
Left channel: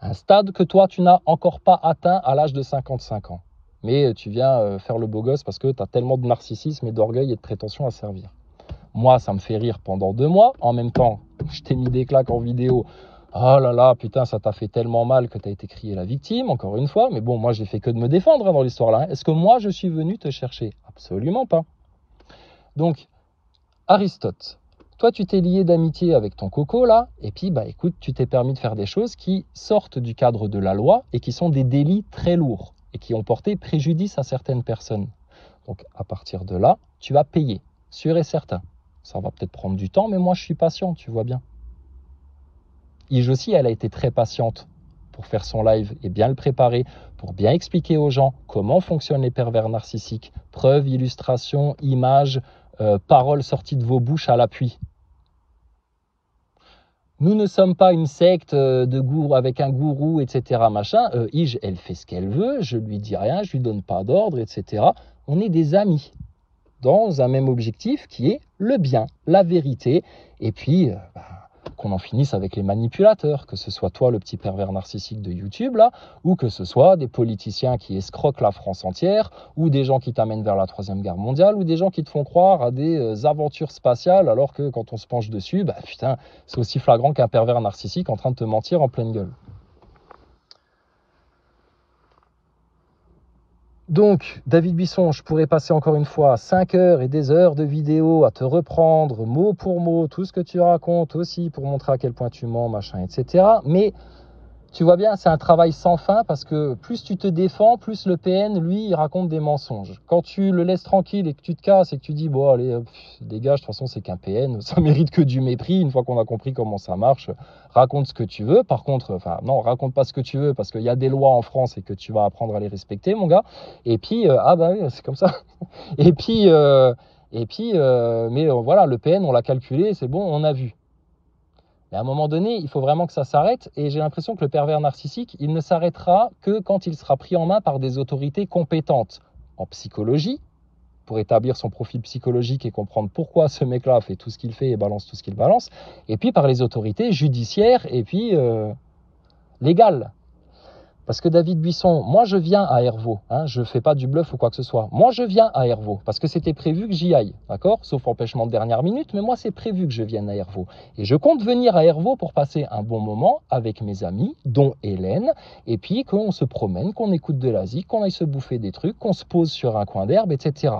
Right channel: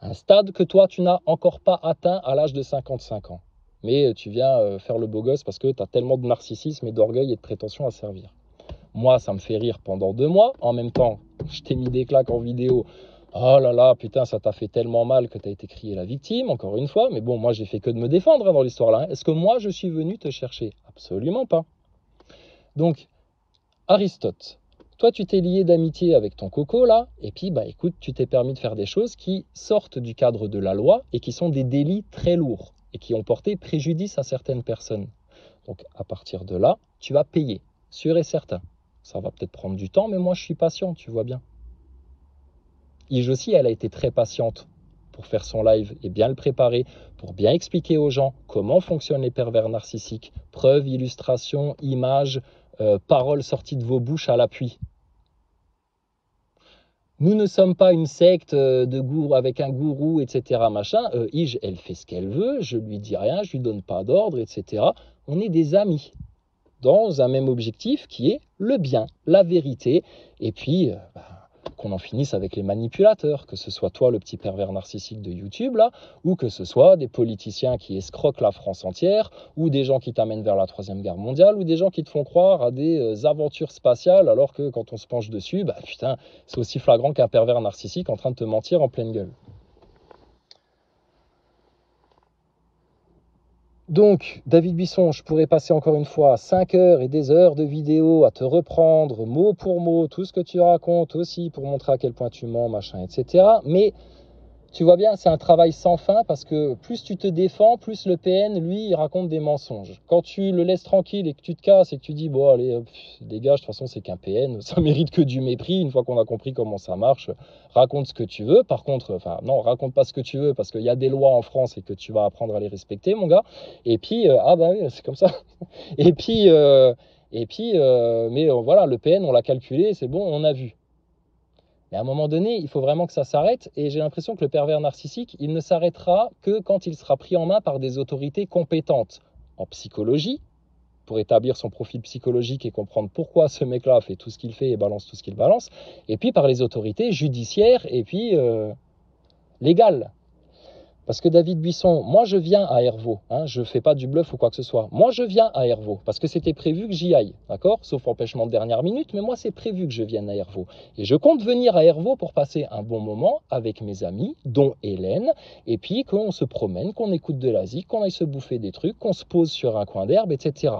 Un stade que toi, tu n'as encore pas atteint à l'âge de 55 ans. Mais tu viens faire le beau gosse parce que tu as tellement de narcissisme et d'orgueil et de prétention à servir. Moi, ça me fait rire pendant 2 mois. En même temps, je t'ai mis des claques en vidéo. Oh là là, putain, ça t'a fait tellement mal que tu as été crié la victime, encore une fois. Mais bon, moi, j'ai fait que de me défendre dans l'histoire là. Est-ce que moi, je suis venu te chercher? Absolument pas. Donc, Aristote, toi, tu t'es lié d'amitié avec ton coco là, et puis, écoute, tu t'es permis de faire des choses qui sortent du cadre de la loi et qui sont des délits très lourds et qui ont porté préjudice à certaines personnes. Donc, à partir de là, tu vas payer, sûr et certain. Ça va peut-être prendre du temps, mais moi, je suis patient, tu vois bien. Ige aussi, elle a été très patiente pour faire son live et bien le préparer, pour bien expliquer aux gens comment fonctionnent les pervers narcissiques. Preuves, illustrations, images, paroles sorties de vos bouches à l'appui. Nous ne sommes pas une secte de gourou avec un gourou, etc. Machin. Ige, elle fait ce qu'elle veut, je lui dis rien, je lui donne pas d'ordre, etc. On est des amis dans un même objectif qui est le bien, la vérité, et puis qu'on en finisse avec les manipulateurs, que ce soit toi le petit pervers narcissique de YouTube là, ou que ce soit des politiciens qui escroquent la France entière, ou des gens qui t'amènent vers la Troisième Guerre mondiale, ou des gens qui te font croire à des aventures spatiales, alors que quand on se penche dessus, putain, c'est aussi flagrant qu'un pervers narcissique en train de te mentir en pleine gueule. Donc, David Buisson, je pourrais passer encore une fois 5 heures et des heures de vidéo à te reprendre mot pour mot tout ce que tu racontes aussi pour montrer à quel point tu mens, machin, etc. Mais tu vois bien, c'est un travail sans fin parce que plus tu te défends, plus le PN, lui, il raconte des mensonges. Quand tu le laisses tranquille et que tu te casses et que tu dis, bon, allez, dégage, de toute façon, c'est qu'un PN, ça mérite que du mépris. Une fois qu'on a compris comment ça marche, raconte ce que tu veux. Par contre, non, raconte pas ce que tu veux parce qu'il y a des lois en France et que tu vas apprendre à les respecter, mon gars. Et puis, oui, c'est comme ça. Et puis, mais voilà, le PN, on l'a calculé, c'est bon, on a vu. Mais à un moment donné, il faut vraiment que ça s'arrête et j'ai l'impression que le pervers narcissique, il ne s'arrêtera que quand il sera pris en main par des autorités compétentes en psychologie pour établir son profil psychologique et comprendre pourquoi ce mec-là fait tout ce qu'il fait et balance tout ce qu'il balance, et puis par les autorités judiciaires et puis légales. Parce que David Buisson, moi je viens à Hervaux, hein, je ne fais pas du bluff ou quoi que ce soit. Moi je viens à Hervaux parce que c'était prévu que j'y aille, d'accord? Sauf empêchement de dernière minute, mais moi c'est prévu que je vienne à Hervaux. Et je compte venir à Hervaux pour passer un bon moment avec mes amis, dont Hélène, et puis qu'on se promène, qu'on écoute de la zik, qu'on aille se bouffer des trucs, qu'on se pose sur un coin d'herbe, etc.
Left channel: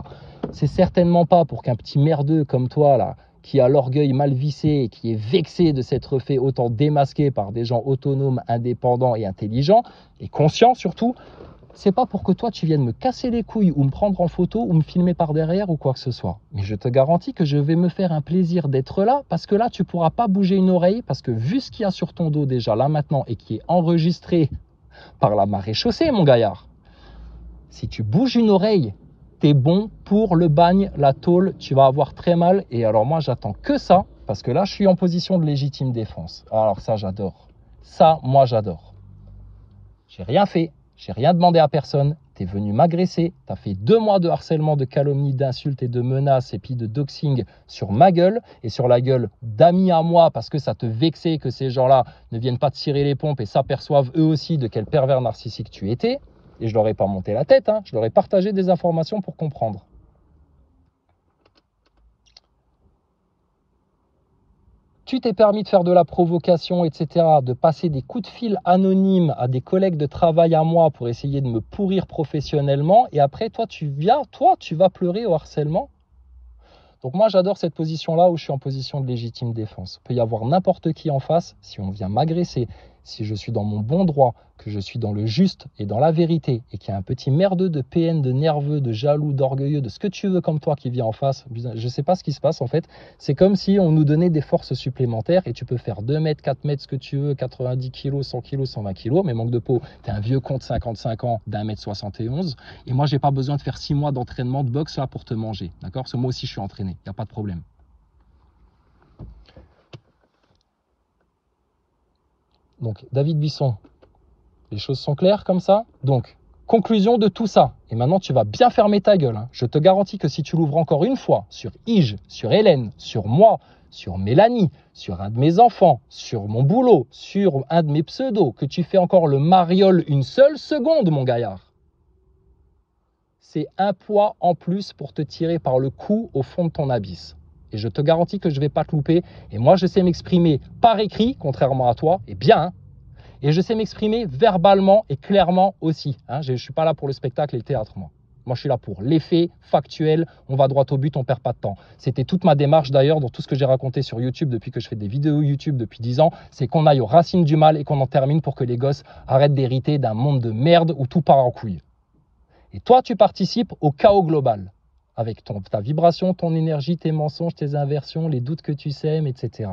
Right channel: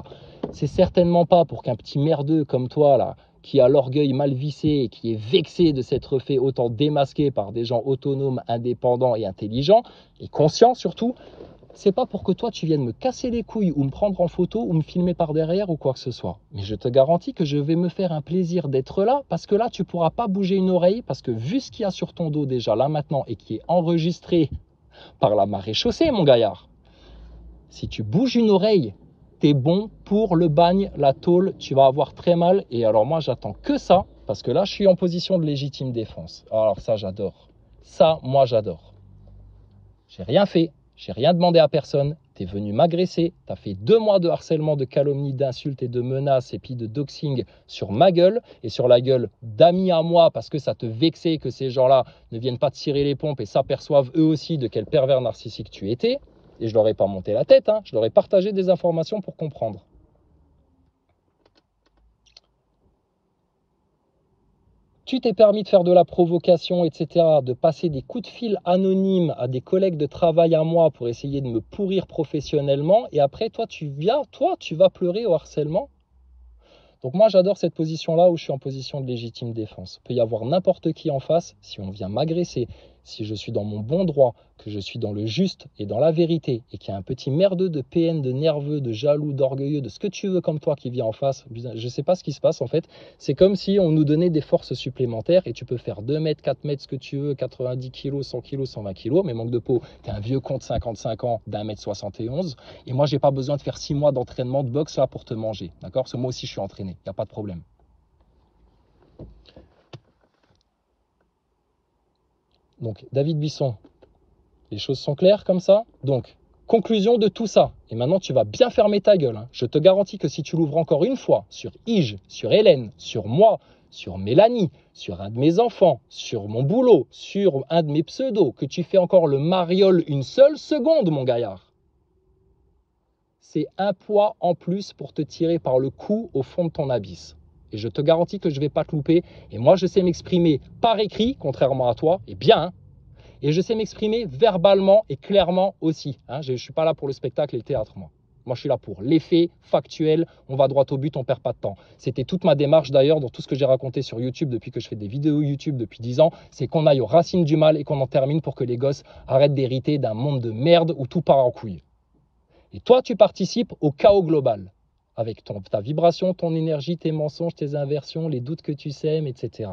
C'est certainement pas pour qu'un petit merdeux comme toi là, qui a l'orgueil mal vissé et qui est vexé de s'être fait autant démasquer par des gens autonomes, indépendants et intelligents, et conscients surtout, c'est pas pour que toi tu viennes me casser les couilles ou me prendre en photo ou me filmer par derrière ou quoi que ce soit. Mais je te garantis que je vais me faire un plaisir d'être là, parce que là tu pourras pas bouger une oreille, parce que vu ce qu'il y a sur ton dos déjà là maintenant et qui est enregistré par la maréchaussée, mon gaillard, si tu bouges une oreille, t'es bon pour le bagne, la tôle, tu vas avoir très mal. Et alors moi, j'attends que ça, parce que là, je suis en position de légitime défense. Alors ça, j'adore. Ça, moi, j'adore. J'ai rien fait, j'ai rien demandé à personne. T'es venu m'agresser, t'as fait 2 mois de harcèlement, de calomnie, d'insultes et de menaces, et puis de doxing sur ma gueule, et sur la gueule d'amis à moi, parce que ça te vexait que ces gens-là ne viennent pas te tirer les pompes et s'aperçoivent eux aussi de quel pervers narcissique tu étais. Et je leur ai pas monté la tête, hein. Je leur ai partagé des informations pour comprendre. Tu t'es permis de faire de la provocation, etc., de passer des coups de fil anonymes à des collègues de travail à moi pour essayer de me pourrir professionnellement, et après, toi, tu vas pleurer au harcèlement. Donc moi, j'adore cette position-là où je suis en position de légitime défense. Il peut y avoir n'importe qui en face, si on vient m'agresser, si je suis dans mon bon droit, que je suis dans le juste et dans la vérité, et qu'il y a un petit merdeux de PN, de nerveux, de jaloux, d'orgueilleux, de ce que tu veux comme toi qui vient en face, je ne sais pas ce qui se passe en fait, c'est comme si on nous donnait des forces supplémentaires, et tu peux faire 2 mètres, 4 mètres, ce que tu veux, 90 kg, 100 kg, 120 kg, mais manque de peau, t'es un vieux con de 55 ans, d'1m71, et moi j'ai pas besoin de faire 6 mois d'entraînement de boxe là pour te manger, d'accord? Parce que moi aussi je suis entraîné, il n'y a pas de problème. Donc, David Buisson, les choses sont claires comme ça. Donc, conclusion de tout ça. Et maintenant, tu vas bien fermer ta gueule, hein. Je te garantis que si tu l'ouvres encore une fois sur Ige, sur Hélène, sur moi, sur Mélanie, sur un de mes enfants, sur mon boulot, sur un de mes pseudos, que tu fais encore le mariole une seule seconde, mon gaillard, c'est un poids en plus pour te tirer par le cou au fond de ton abysse. Et je te garantis que je ne vais pas te louper. Et moi, je sais m'exprimer par écrit, contrairement à toi, et bien, hein. Et je sais m'exprimer verbalement et clairement aussi, hein. Je ne suis pas là pour le spectacle et le théâtre, moi. Moi, je suis là pour les faits factuels, on va droit au but, on ne perd pas de temps. C'était toute ma démarche d'ailleurs dans tout ce que j'ai raconté sur YouTube depuis que je fais des vidéos YouTube depuis 10 ans, c'est qu'on aille aux racines du mal et qu'on en termine pour que les gosses arrêtent d'hériter d'un monde de merde où tout part en couille. Et toi, tu participes au chaos global, avec ta vibration, ton énergie, tes mensonges, tes inversions, les doutes que tu sèmes, etc.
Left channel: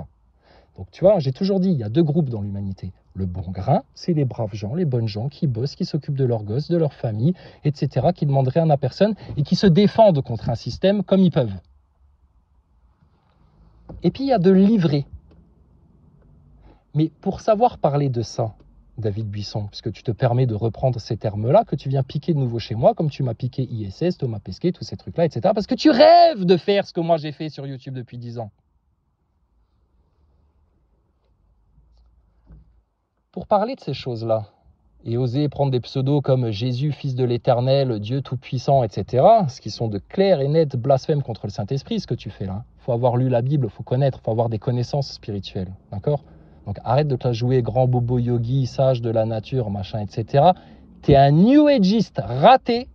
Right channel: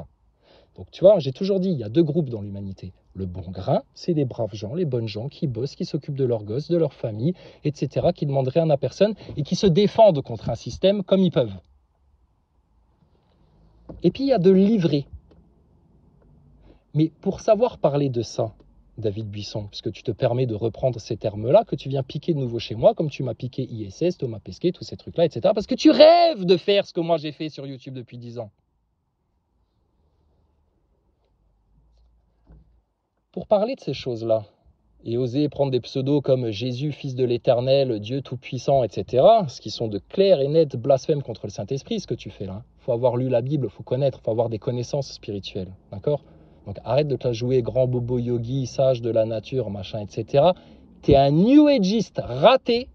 Donc tu vois, j'ai toujours dit, il y a 2 groupes dans l'humanité. Le bon grain, c'est les braves gens, les bonnes gens qui bossent, qui s'occupent de leurs gosses, de leur famille, etc., qui ne demandent rien à personne et qui se défendent contre un système comme ils peuvent. Et puis il y a de l'ivré. Mais pour savoir parler de ça, David Buisson, puisque tu te permets de reprendre ces termes-là, que tu viens piquer de nouveau chez moi, comme tu m'as piqué ISS, Thomas Pesquet, tous ces trucs-là, etc., parce que tu rêves de faire ce que moi j'ai fait sur YouTube depuis 10 ans. Pour parler de ces choses-là, et oser prendre des pseudos comme Jésus, Fils de l'Éternel, Dieu Tout-Puissant, etc., ce qui sont de clairs et nets blasphèmes contre le Saint-Esprit, ce que tu fais là. Il faut avoir lu la Bible, il faut connaître, il faut avoir des connaissances spirituelles, d'accord? Donc arrête de te la jouer grand bobo yogi, sage de la nature, machin, etc. T'es un New Ageiste raté,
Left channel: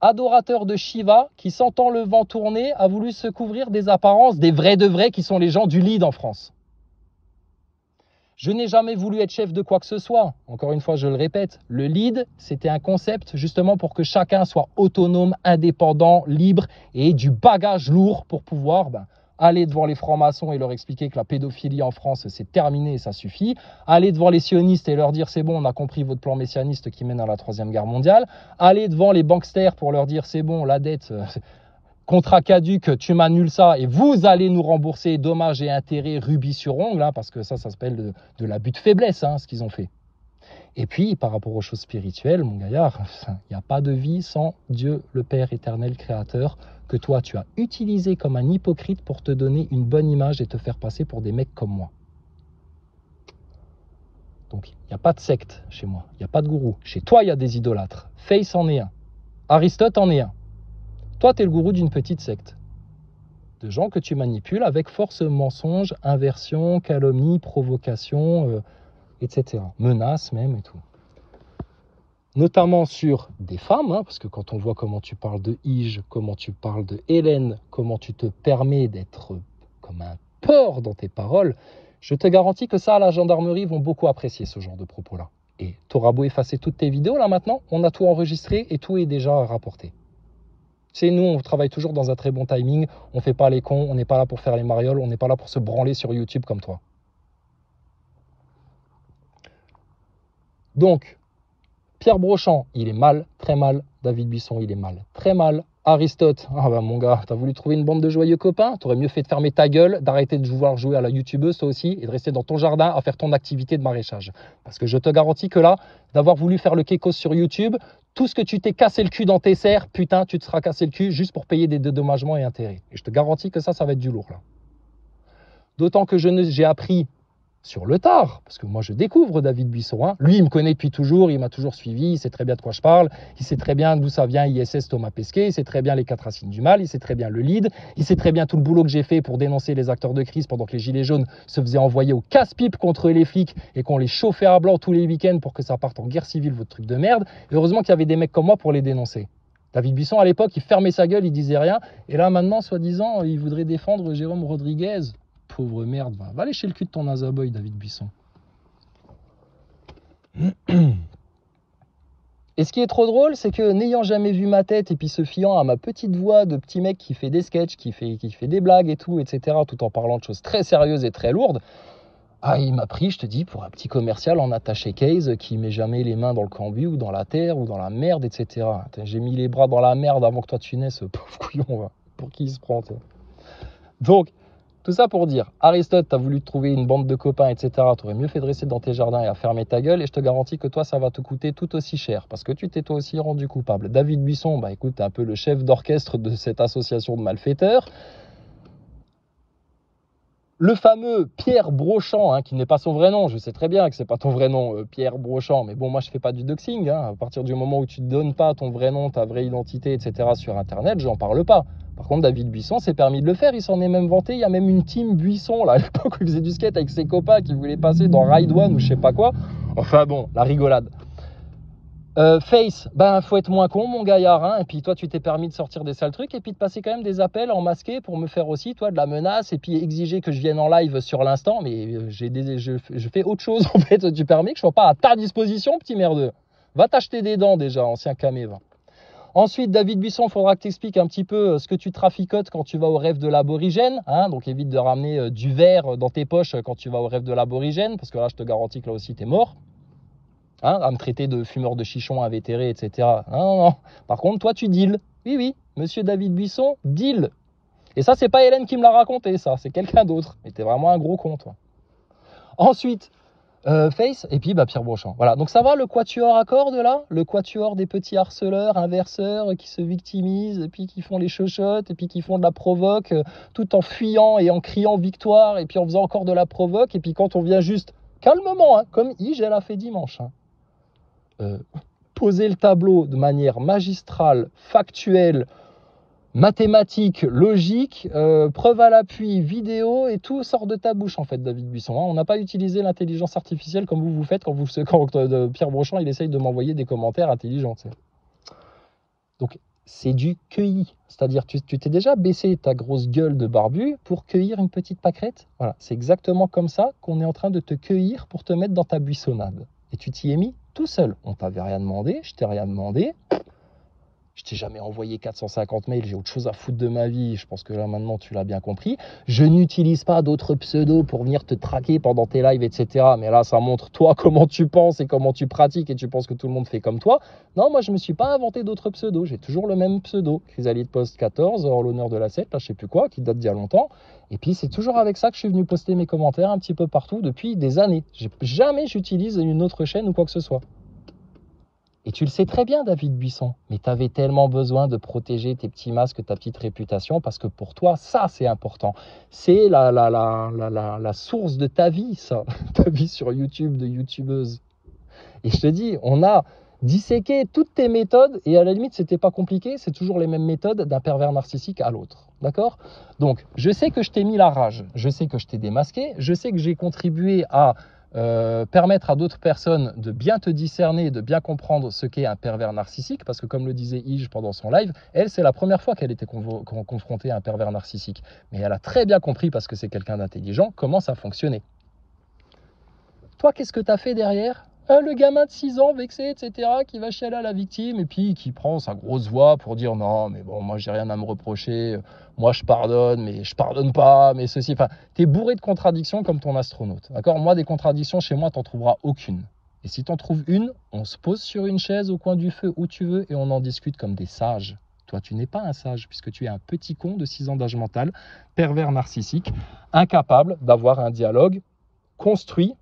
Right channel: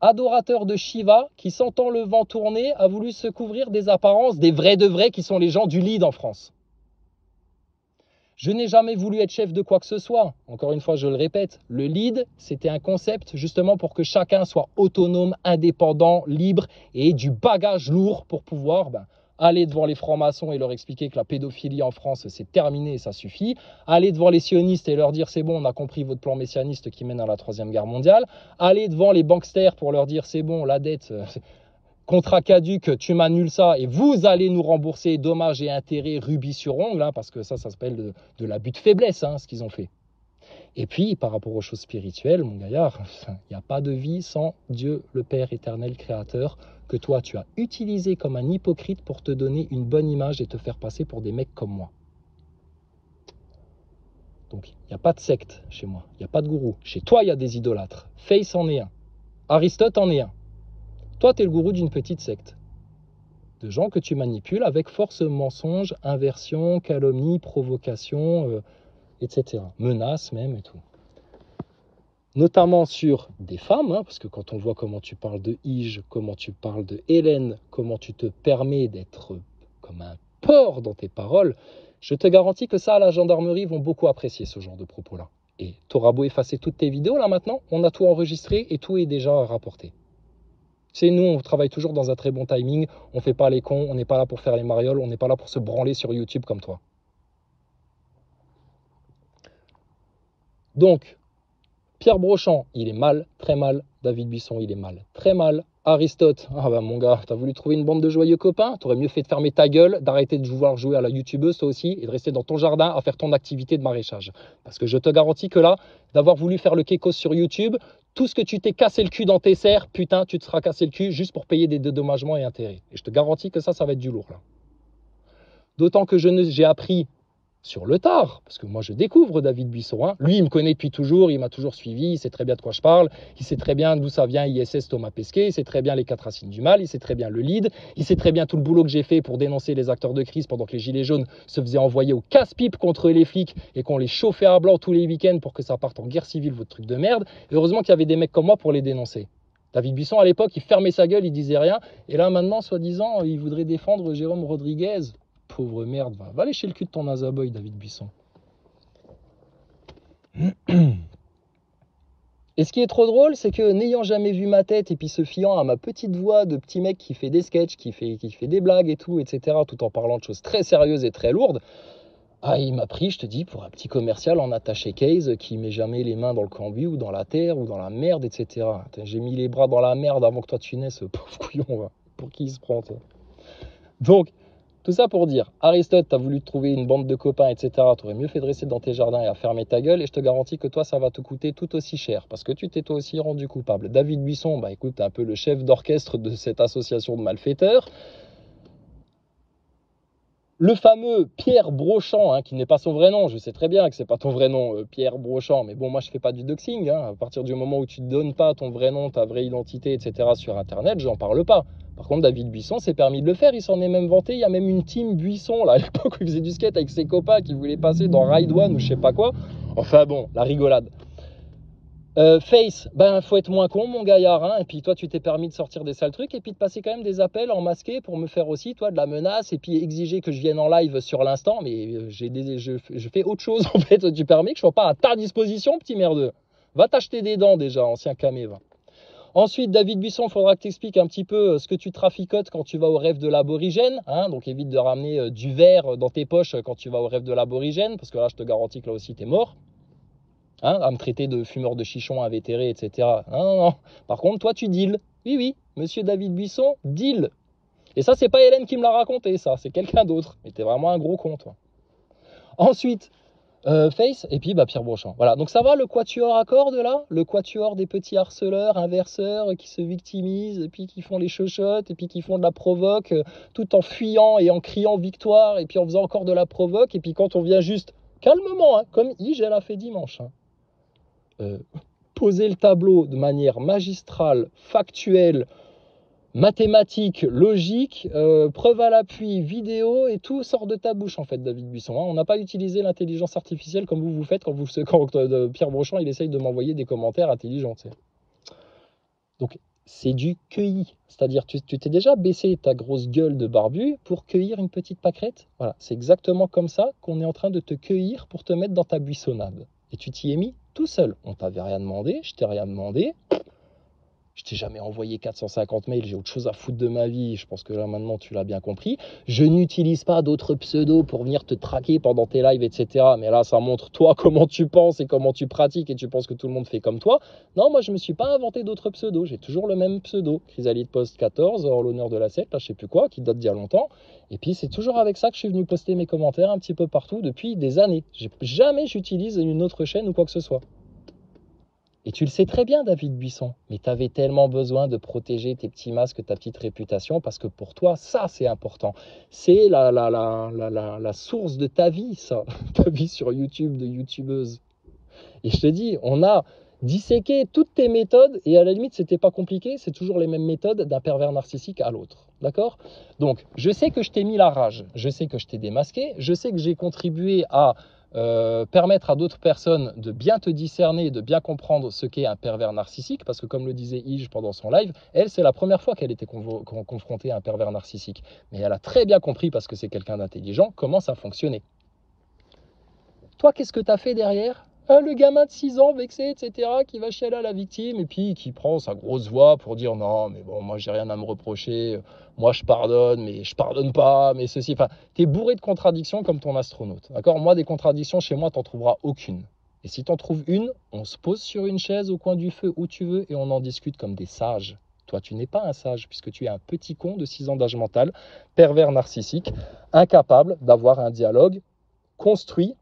adorateur de Shiva, qui sentant le vent tourner, a voulu se couvrir des apparences des vrais de vrais qui sont les gens du lead en France. Je n'ai jamais voulu être chef de quoi que ce soit. Encore une fois, je le répète, le lead, c'était un concept justement pour que chacun soit autonome, indépendant, libre et ait du bagage lourd pour pouvoir aller devant les francs-maçons et leur expliquer que la pédophilie en France, c'est terminé et ça suffit. Aller devant les sionistes et leur dire c'est bon, on a compris votre plan messianiste qui mène à la 3e guerre mondiale. Aller devant les banksters pour leur dire c'est bon, la dette... contrat caduc, tu m'annules ça et vous allez nous rembourser dommages et intérêts rubis sur ongle, hein, parce que ça s'appelle de l'abus de faiblesse, hein, ce qu'ils ont fait. Et puis, par rapport aux choses spirituelles, mon gaillard, il n'y a pas de vie sans Dieu, le Père éternel, créateur, que toi, tu as utilisé comme un hypocrite pour te donner une bonne image et te faire passer pour des mecs comme moi. Donc, il n'y a pas de secte chez moi. Il n'y a pas de gourou. Chez toi, il y a des idolâtres. Face en est un. Aristote en est un. Toi, tu es le gourou d'une petite secte. De gens que tu manipules avec force, mensonge, inversion, calomnie, provocation, etc. Menaces même et tout. Notamment sur des femmes, hein, parce que quand on voit comment tu parles de Ige, comment tu parles de Hélène, comment tu te permets d'être comme un porc dans tes paroles, je te garantis que ça, la gendarmerie vont beaucoup apprécier ce genre de propos-là. Et tu auras beau effacer toutes tes vidéos, là maintenant, on a tout enregistré et tout est déjà rapporté. Tu sais, nous, on travaille toujours dans un très bon timing, on ne fait pas les cons, on n'est pas là pour faire les marioles, on n'est pas là pour se branler sur YouTube comme toi. Donc, Pierre Brochant, il est mal, très mal. David Buisson, il est mal, très mal. Aristote, ah bah mon gars, t'as voulu trouver une bande de joyeux copains? T'aurais mieux fait de fermer ta gueule, d'arrêter de vouloir jouer à la youtubeuse toi aussi, et de rester dans ton jardin à faire ton activité de maraîchage. Parce que je te garantis que là, d'avoir voulu faire le kékos sur YouTube, tout ce que tu t'es cassé le cul dans tes serres, putain, tu te seras cassé le cul juste pour payer des dédommagements et intérêts. Et je te garantis que ça va être du lourd là. D'autant que j'ai appris sur le tard, parce que moi je découvre David Buisson, hein. Lui il me connaît depuis toujours, il m'a toujours suivi, il sait très bien de quoi je parle, il sait très bien d'où ça vient ISS Thomas Pesquet, il sait très bien les 4 racines du mal, il sait très bien le lead, il sait très bien tout le boulot que j'ai fait pour dénoncer les acteurs de crise pendant que les gilets jaunes se faisaient envoyer au casse-pipe contre les flics et qu'on les chauffait à blanc tous les week-ends pour que ça parte en guerre civile, votre truc de merde. Et heureusement qu'il y avait des mecs comme moi pour les dénoncer. David Buisson à l'époque il fermait sa gueule, il disait rien, et là maintenant soi-disant il voudrait défendre Jérôme Rodriguez. Pauvre merde, va lécher le cul de ton Nazaboy, David Buisson. Et ce qui est trop drôle, c'est que n'ayant jamais vu ma tête et puis se fiant à ma petite voix de petit mec qui fait des sketchs, qui fait des blagues et tout, etc., tout en parlant de choses très sérieuses et très lourdes, ah, il m'a pris, je te dis, pour un petit commercial en attaché case qui met jamais les mains dans le cambouis ou dans la terre ou dans la merde, etc. J'ai mis les bras dans la merde avant que toi tu naisses, pauvre couillon, pour qui il se prend, toi. Donc, tout ça pour dire, Aristote, t'as voulu te trouver une bande de copains, etc. T'aurais mieux fait de rester dans tes jardins et à fermer ta gueule. Et je te garantis que toi, ça va te coûter tout aussi cher. Parce que tu t'es toi aussi rendu coupable. David Buisson, bah écoute, t'es un peu le chef d'orchestre de cette association de malfaiteurs. Le fameux Pierre Brochant, hein, qui n'est pas son vrai nom, je sais très bien que c'est pas ton vrai nom, Pierre Brochant, mais bon, moi je fais pas du doxing, hein. À partir du moment où tu ne donnes pas ton vrai nom, ta vraie identité, etc. sur Internet, j'en parle pas. Par contre, David Buisson s'est permis de le faire, il s'en est même vanté, il y a même une team Buisson, là, à l'époque où il faisait du skate avec ses copains qui voulaient passer dans Ride One ou je sais pas quoi. Enfin bon, la rigolade. Face, ben faut être moins con mon gaillard, hein, et puis toi tu t'es permis de sortir des sales trucs et puis de passer quand même des appels en masqué pour me faire aussi toi de la menace et puis exiger que je vienne en live sur l'instant, mais je fais autre chose en fait, tu permets que je sois pas à ta disposition petit merdeux. Va t'acheter des dents déjà, ancien caméva. Ensuite, David Buisson, il faudra que tu expliques un petit peu ce que tu traficotes quand tu vas au rêve de l'aborigène, hein, donc évite de ramener du verre dans tes poches quand tu vas au rêve de l'aborigène, parce que là je te garantis que là aussi t'es mort. Hein, à me traiter de fumeur de chichon invétéré, etc. Non, non. Par contre, toi, tu deals. Oui, oui, monsieur David Buisson, deal. Et ça, c'est pas Hélène qui me l'a raconté, ça. C'est quelqu'un d'autre. Mais t'es vraiment un gros con, toi. Ensuite, Face, et puis bah, Pierre Brochant. Voilà, donc ça va le quatuor à cordes, là? Le quatuor des petits harceleurs, inverseurs, qui se victimisent, et puis qui font les chochottes, et puis qui font de la provoque, tout en fuyant et en criant victoire, et puis en faisant encore de la provoque, et puis quand on vient juste, calmement, hein, comme Ige, elle a fait dimanche, hein. Poser le tableau de manière magistrale, factuelle, mathématique, logique, preuve à l'appui, vidéo, et tout sort de ta bouche en fait, David Buisson. Hein. On n'a pas utilisé l'intelligence artificielle comme vous faites quand Pierre Brochant il essaye de m'envoyer des commentaires intelligents. T'sais. Donc c'est du cueilli, c'est-à-dire tu t'es déjà baissé ta grosse gueule de barbu pour cueillir une petite pâquerette. Voilà, c'est exactement comme ça qu'on est en train de te cueillir pour te mettre dans ta buissonnade. Et tu t'y es mis tout seul. On t'avait rien demandé, je t'ai rien demandé. Je t'ai jamais envoyé 450 mails, j'ai autre chose à foutre de ma vie. Je pense que là maintenant tu l'as bien compris. Je n'utilise pas d'autres pseudos pour venir te traquer pendant tes lives, etc. Mais là ça montre toi comment tu penses et comment tu pratiques et tu penses que tout le monde fait comme toi. Non, moi je me suis pas inventé d'autres pseudos. J'ai toujours le même pseudo. Chrysalide Post 14 en l'honneur de la secte, là je sais plus quoi, qui date d'il y a longtemps. Et puis c'est toujours avec ça que je suis venu poster mes commentaires un petit peu partout depuis des années. Jamais j'utilise une autre chaîne ou quoi que ce soit. Et tu le sais très bien, David Buisson, mais tu avais tellement besoin de protéger tes petits masques, ta petite réputation, parce que pour toi, ça, c'est important. C'est la source de ta vie, ça, ta vie sur YouTube, de youtubeuse. Et je te dis, on a disséqué toutes tes méthodes, et à la limite, c'était pas compliqué, c'est toujours les mêmes méthodes d'un pervers narcissique à l'autre. D'accord? Donc, je sais que je t'ai mis la rage, je sais que je t'ai démasqué, je sais que j'ai contribué à permettre à d'autres personnes de bien te discerner, de bien comprendre ce qu'est un pervers narcissique, parce que comme le disait Ige pendant son live, elle, c'est la première fois qu'elle était confrontée à un pervers narcissique. Mais elle a très bien compris, parce que c'est quelqu'un d'intelligent, comment ça fonctionnait. Toi, qu'est-ce que tu as fait derrière? Le gamin de 6 ans, vexé, etc., qui va chialer à la victime et puis qui prend sa grosse voix pour dire non, mais bon, moi, j'ai rien à me reprocher, moi, je pardonne, mais je pardonne pas, mais ceci. Enfin, tu es bourré de contradictions comme ton astronaute. D'accord? Moi, des contradictions, chez moi, tu n'en trouveras aucune. Et si tu en trouves une, on se pose sur une chaise au coin du feu où tu veux et on en discute comme des sages. Toi, tu n'es pas un sage puisque tu es un petit con de 6 ans d'âge mental, pervers narcissique, incapable d'avoir un dialogue construit,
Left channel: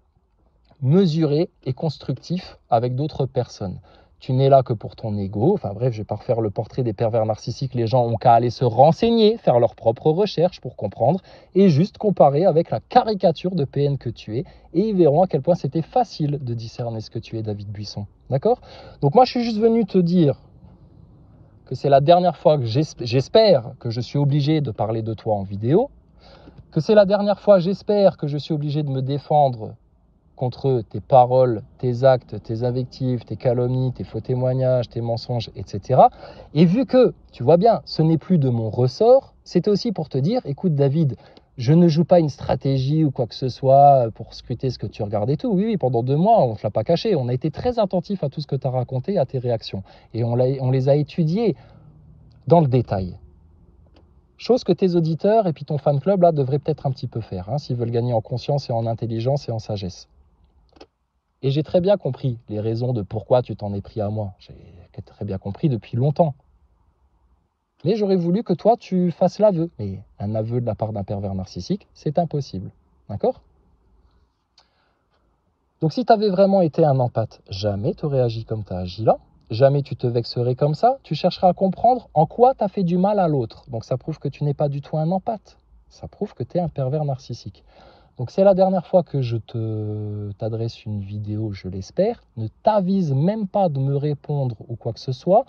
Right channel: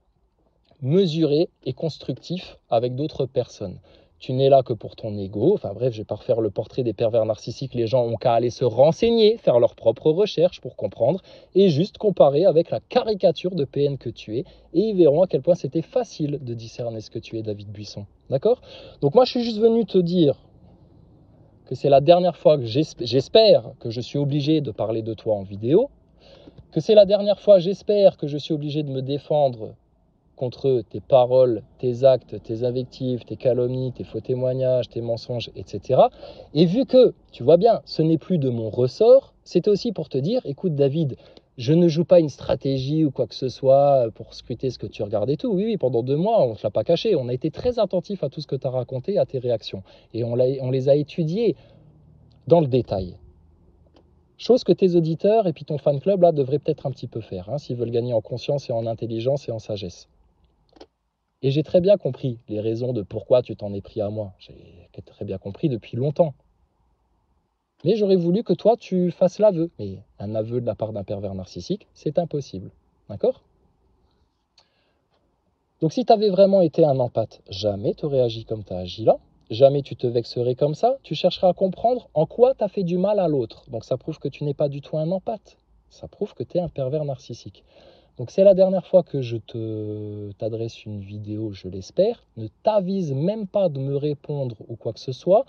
mesuré et constructif avec d'autres personnes. Tu n'es là que pour ton ego. Enfin bref, je ne vais pas refaire le portrait des pervers narcissiques. Les gens ont qu'à aller se renseigner, faire leurs propres recherches pour comprendre et juste comparer avec la caricature de PN que tu es et ils verront à quel point c'était facile de discerner ce que tu es, David Buisson. D'accord? Donc moi, je suis juste venu te dire que c'est la dernière fois que j'espère que je suis obligé de parler de toi en vidéo, que c'est la dernière fois, j'espère, que je suis obligé de me défendre contre tes paroles, tes actes, tes invectives, tes calomnies, tes faux témoignages, tes mensonges, etc. Et vu que, tu vois bien, ce n'est plus de mon ressort, c'était aussi pour te dire, écoute David, je ne joue pas une stratégie ou quoi que ce soit pour scruter ce que tu regardes et tout. Oui, pendant 2 mois, on ne te l'a pas caché. On a été très attentifs à tout ce que tu as raconté, à tes réactions. Et on les a étudiées dans le détail. Chose que tes auditeurs et puis ton fan club là devraient peut-être un petit peu faire, hein, s'ils veulent gagner en conscience et en intelligence et en sagesse. Et j'ai très bien compris les raisons de pourquoi tu t'en es pris à moi. J'ai très bien compris depuis longtemps. Mais j'aurais voulu que toi, tu fasses l'aveu. Et un aveu de la part d'un pervers narcissique, c'est impossible. D'accord? Donc si tu avais vraiment été un empathe, jamais tu aurais agi comme tu as agi là. Jamais tu te vexerais comme ça. Tu chercheras à comprendre en quoi tu as fait du mal à l'autre. Donc ça prouve que tu n'es pas du tout un empathe. Ça prouve que tu es un pervers narcissique. Donc c'est la dernière fois que je t'adresse une vidéo, je l'espère. Ne t'avise même pas de me répondre ou quoi que ce soit.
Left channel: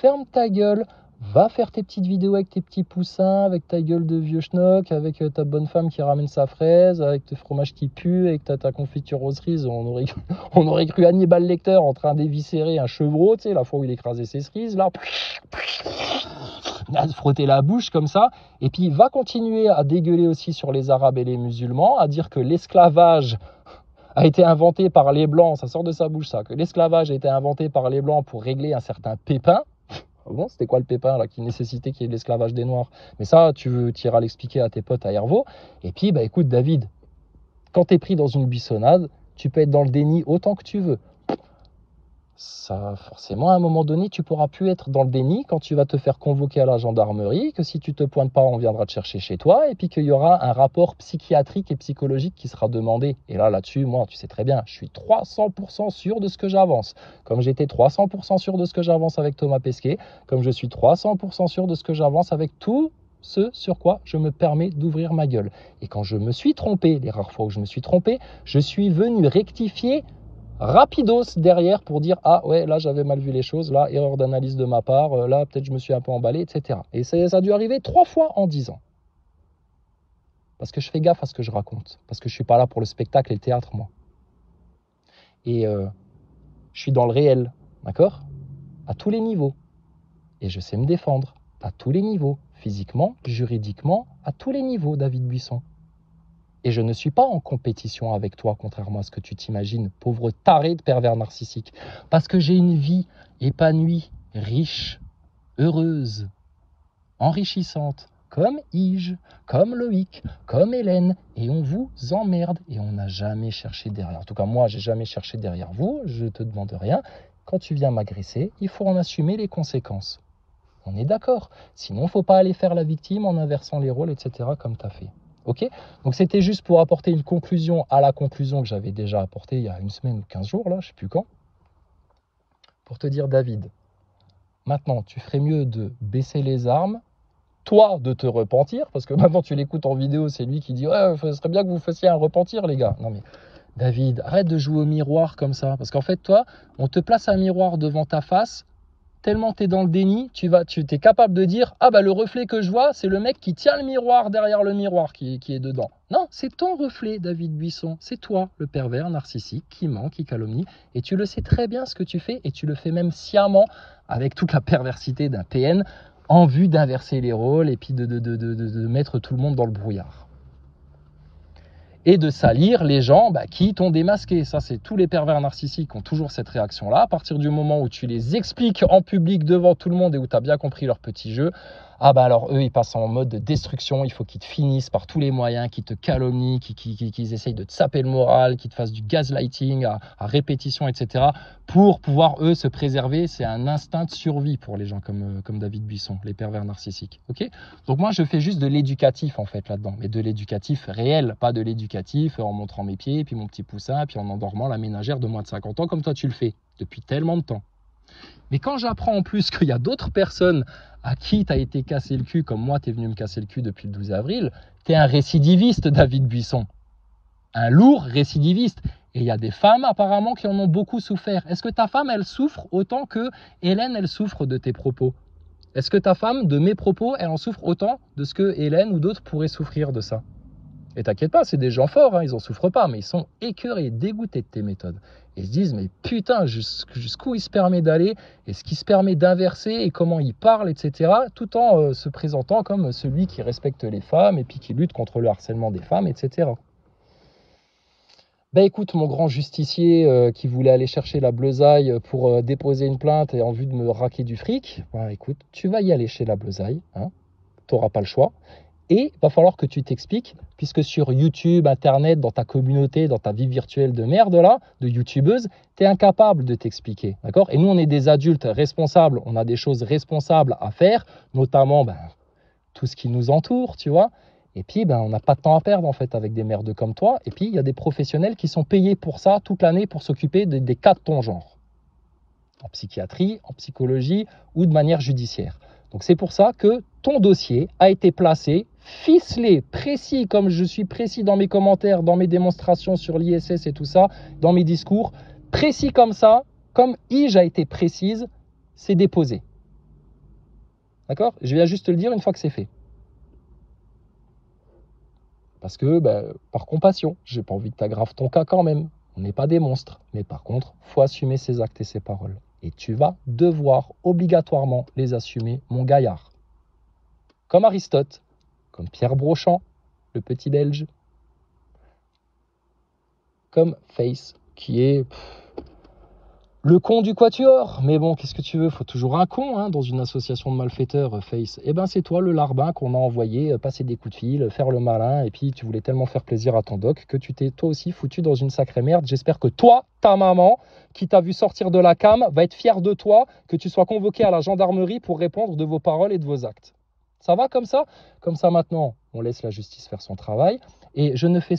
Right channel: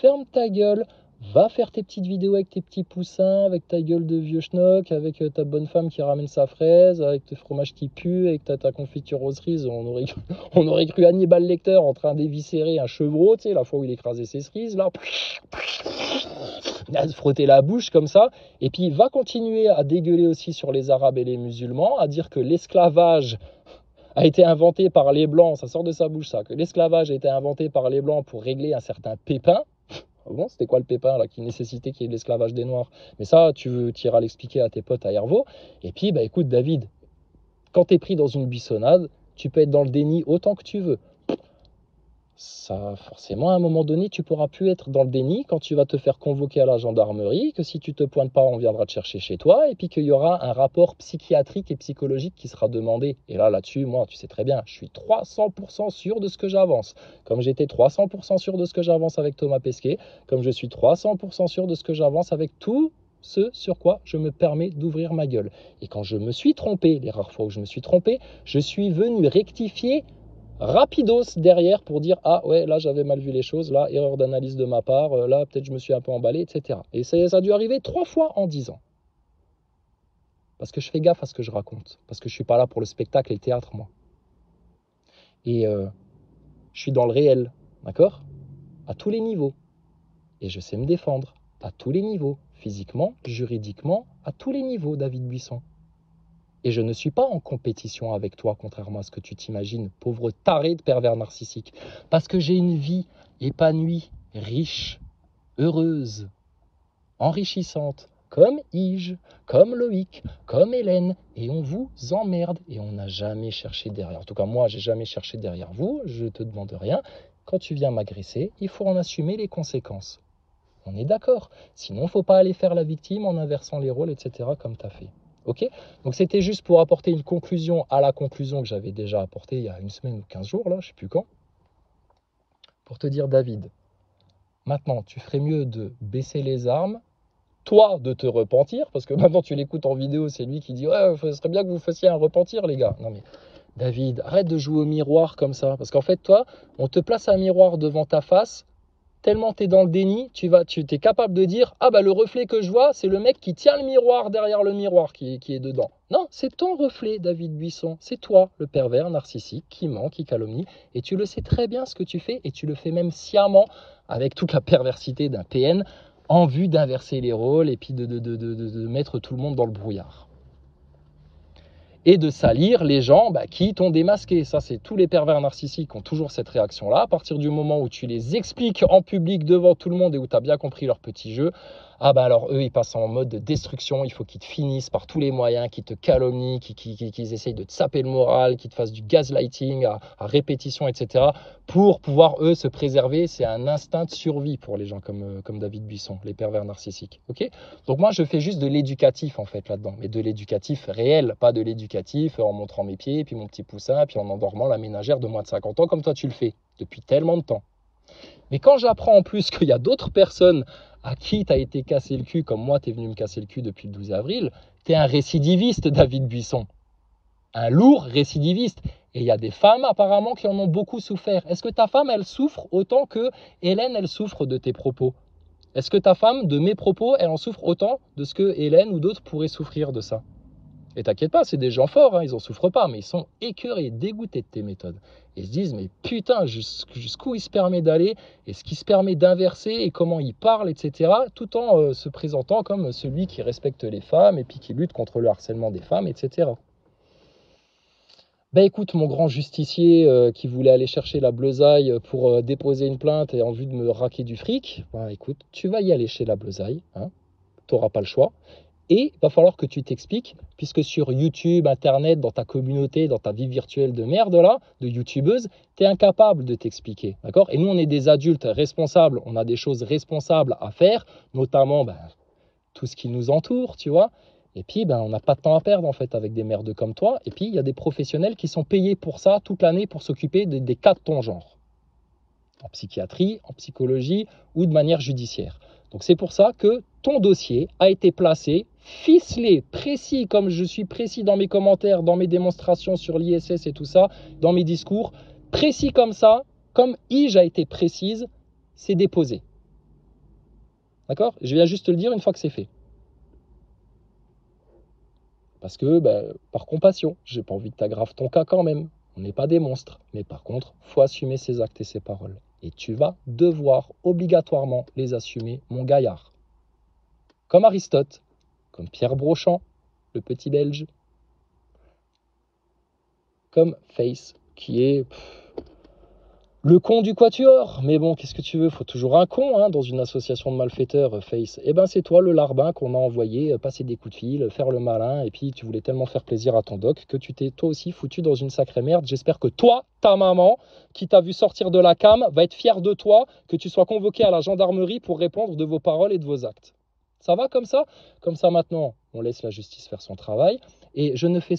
Ferme ta gueule, va faire tes petites vidéos avec tes petits poussins, avec ta gueule de vieux schnock, avec ta bonne femme qui ramène sa fraise, avec tes fromages qui puent, avec ta confiture aux cerises. On aurait cru Hannibal Lecter en train d'éviscérer un chevreau, tu sais, la fois où il écrasait ses cerises, là. À se frotter la bouche comme ça. Et puis va continuer à dégueuler aussi sur les Arabes et les musulmans, à dire que l'esclavage a été inventé par les Blancs, ça sort de sa bouche ça, que l'esclavage a été inventé par les Blancs pour régler un certain pépin. Bon, c'était quoi le pépin là qui nécessitait qu'il y ait de l'esclavage des Noirs? Mais ça, tu iras l'expliquer à tes potes à Hervaux. Et puis, bah écoute David, quand tu es pris dans une buissonnade, tu peux être dans le déni autant que tu veux. Ça, forcément, à un moment donné, tu pourras plus être dans le déni quand tu vas te faire convoquer à la gendarmerie, que si tu te pointes pas, on viendra te chercher chez toi, et puis qu'il y aura un rapport psychiatrique et psychologique qui sera demandé. Et là-dessus, moi, tu sais très bien, je suis 300% sûr de ce que j'avance. Comme j'étais 300% sûr de ce que j'avance avec Thomas Pesquet, comme je suis 300% sûr de ce que j'avance avec tout ce sur quoi je me permets d'ouvrir ma gueule. Et quand je me suis trompé, les rares fois où je me suis trompé, je suis venu rectifier rapidos derrière pour dire ah ouais là j'avais mal vu les choses, là erreur d'analyse de ma part, là peut-être je me suis un peu emballé, etc. Et ça a dû arriver 3 fois en 10 ans. Parce que je fais gaffe à ce que je raconte, parce que je suis pas là pour le spectacle et le théâtre moi. Et je suis dans le réel, d'accord? À tous les niveaux. Et je sais me défendre à tous les niveaux, physiquement, juridiquement, à tous les niveaux, David Buisson. Et je ne suis pas en compétition avec toi, contrairement à ce que tu t'imagines, pauvre taré de pervers narcissique. Parce que j'ai une vie épanouie, riche, heureuse, enrichissante, comme Ige, comme Loïc, comme Hélène. Et on vous emmerde et on n'a jamais cherché derrière. En tout cas, moi, j'ai jamais cherché derrière vous. Je te demande rien. Quand tu viens m'agresser, il faut en assumer les conséquences. On est d'accord. Sinon, il ne faut pas aller faire la victime en inversant les rôles, etc. comme tu as fait. Ok? Donc c'était juste pour apporter une conclusion à la conclusion que j'avais déjà apportée il y a une semaine ou 15 jours, là, je ne sais plus quand. pour te dire, David, maintenant, tu ferais mieux de baisser les armes, toi, de te repentir, parce que maintenant, tu l'écoutes en vidéo, c'est lui qui dit, ouais, ce serait bien que vous fassiez un repentir, les gars. Non, mais David, arrête de jouer au miroir comme ça, parce qu'en fait, toi, on te place un miroir devant ta face, tellement tu es dans le déni, tu es capable de dire, ah bah le reflet que je vois, c'est le mec qui tient le miroir derrière le miroir qui est dedans. Non, c'est ton reflet, David Buisson. C'est toi, le pervers narcissique, qui ment, qui calomnie. Et tu le sais très bien ce que tu fais, et tu le fais même sciemment, avec toute la perversité d'un PN, en vue d'inverser les rôles, et puis de mettre tout le monde dans le brouillard. Et de salir les gens qui t'ont démasqué. Ça, c'est tous les pervers narcissiques qui ont toujours cette réaction-là. À partir du moment où tu les expliques en public devant tout le monde et où tu as bien compris leur petit jeu, ah bah alors eux, ils passent en mode de destruction. Il faut qu'ils te finissent par tous les moyens, qu'ils te calomnient, qu'ils essayent de te saper le moral, qu'ils te fassent du gaslighting à répétition, etc. pour pouvoir, eux, se préserver. C'est un instinct de survie pour les gens comme David Buisson, les pervers narcissiques. Okay, donc moi, je fais juste de l'éducatif, en fait, là-dedans. Mais de l'éducatif réel, pas de l'éducatif en montrant mes pieds, puis mon petit poussin, puis en endormant la ménagère de moins de 50 ans, comme toi, tu le fais depuis tellement de temps. Mais quand j'apprends en plus qu'il y a d'autres personnes à qui tu as été cassé le cul, comme moi, tu es venu me casser le cul depuis le 12 avril, tu es un récidiviste, David Buisson. Un lourd récidiviste. Et il y a des femmes, apparemment, qui en ont beaucoup souffert. Est-ce que ta femme, elle souffre autant que Hélène, elle souffre de tes propos? Est-ce que ta femme, de mes propos, elle en souffre autant de ce que Hélène ou d'autres pourraient souffrir de ça? Et t'inquiète pas, c'est des gens forts, hein, ils en souffrent pas, mais ils sont écœurés, dégoûtés de tes méthodes. Ils se disent, mais putain, jusqu'où il se permet d'aller, et ce qui se permet d'inverser, et comment il parle, etc., tout en se présentant comme celui qui respecte les femmes, et puis qui lutte contre le harcèlement des femmes, etc. Ben écoute, mon grand justicier qui voulait aller chercher la bleusaille pour déposer une plainte et en vue de me raquer du fric, ben écoute, tu vas y aller chez la bleusaille, hein, tu n'auras pas le choix. Et il va falloir que tu t'expliques, puisque sur YouTube, Internet, dans ta communauté, dans ta vie virtuelle de merde, là, de youtubeuse, tu es incapable de t'expliquer, d'accord? Et nous, on est des adultes responsables, on a des choses responsables à faire, notamment tout ce qui nous entoure, tu vois? Et puis, on n'a pas de temps à perdre, en fait, avec des merdes comme toi. Et puis, il y a des professionnels qui sont payés pour ça, toute l'année, pour s'occuper des cas de ton genre. En psychiatrie, en psychologie ou de manière judiciaire. Donc c'est pour ça que ton dossier a été placé, ficelé, précis, comme je suis précis dans mes commentaires, dans mes démonstrations sur l'ISS et tout ça, dans mes discours, précis comme ça, comme IJ a été précise, c'est déposé. D'accord? Je viens juste te le dire une fois que c'est fait. Parce que, par compassion, j'ai pas envie que tu aggraves ton cas quand même. On n'est pas des monstres. Mais par contre, il faut assumer ses actes et ses paroles. Et tu vas devoir obligatoirement les assumer, mon gaillard. Comme Aristote, comme Pierre Brochant, le petit Belge, comme Face, qui est le con du quatuor. Mais bon, qu'est-ce que tu veux? Faut toujours un con hein, dans une association de malfaiteurs, Face. Eh ben, c'est toi le larbin qu'on a envoyé passer des coups de fil, faire le malin. Et puis, tu voulais tellement faire plaisir à ton doc que tu t'es toi aussi foutu dans une sacrée merde. J'espère que toi, ta maman, qui t'a vu sortir de la cam, va être fière de toi, que tu sois convoqué à la gendarmerie pour répondre de vos paroles et de vos actes. Ça va comme ça? Comme ça, maintenant, on laisse la justice faire son travail. Et je ne fais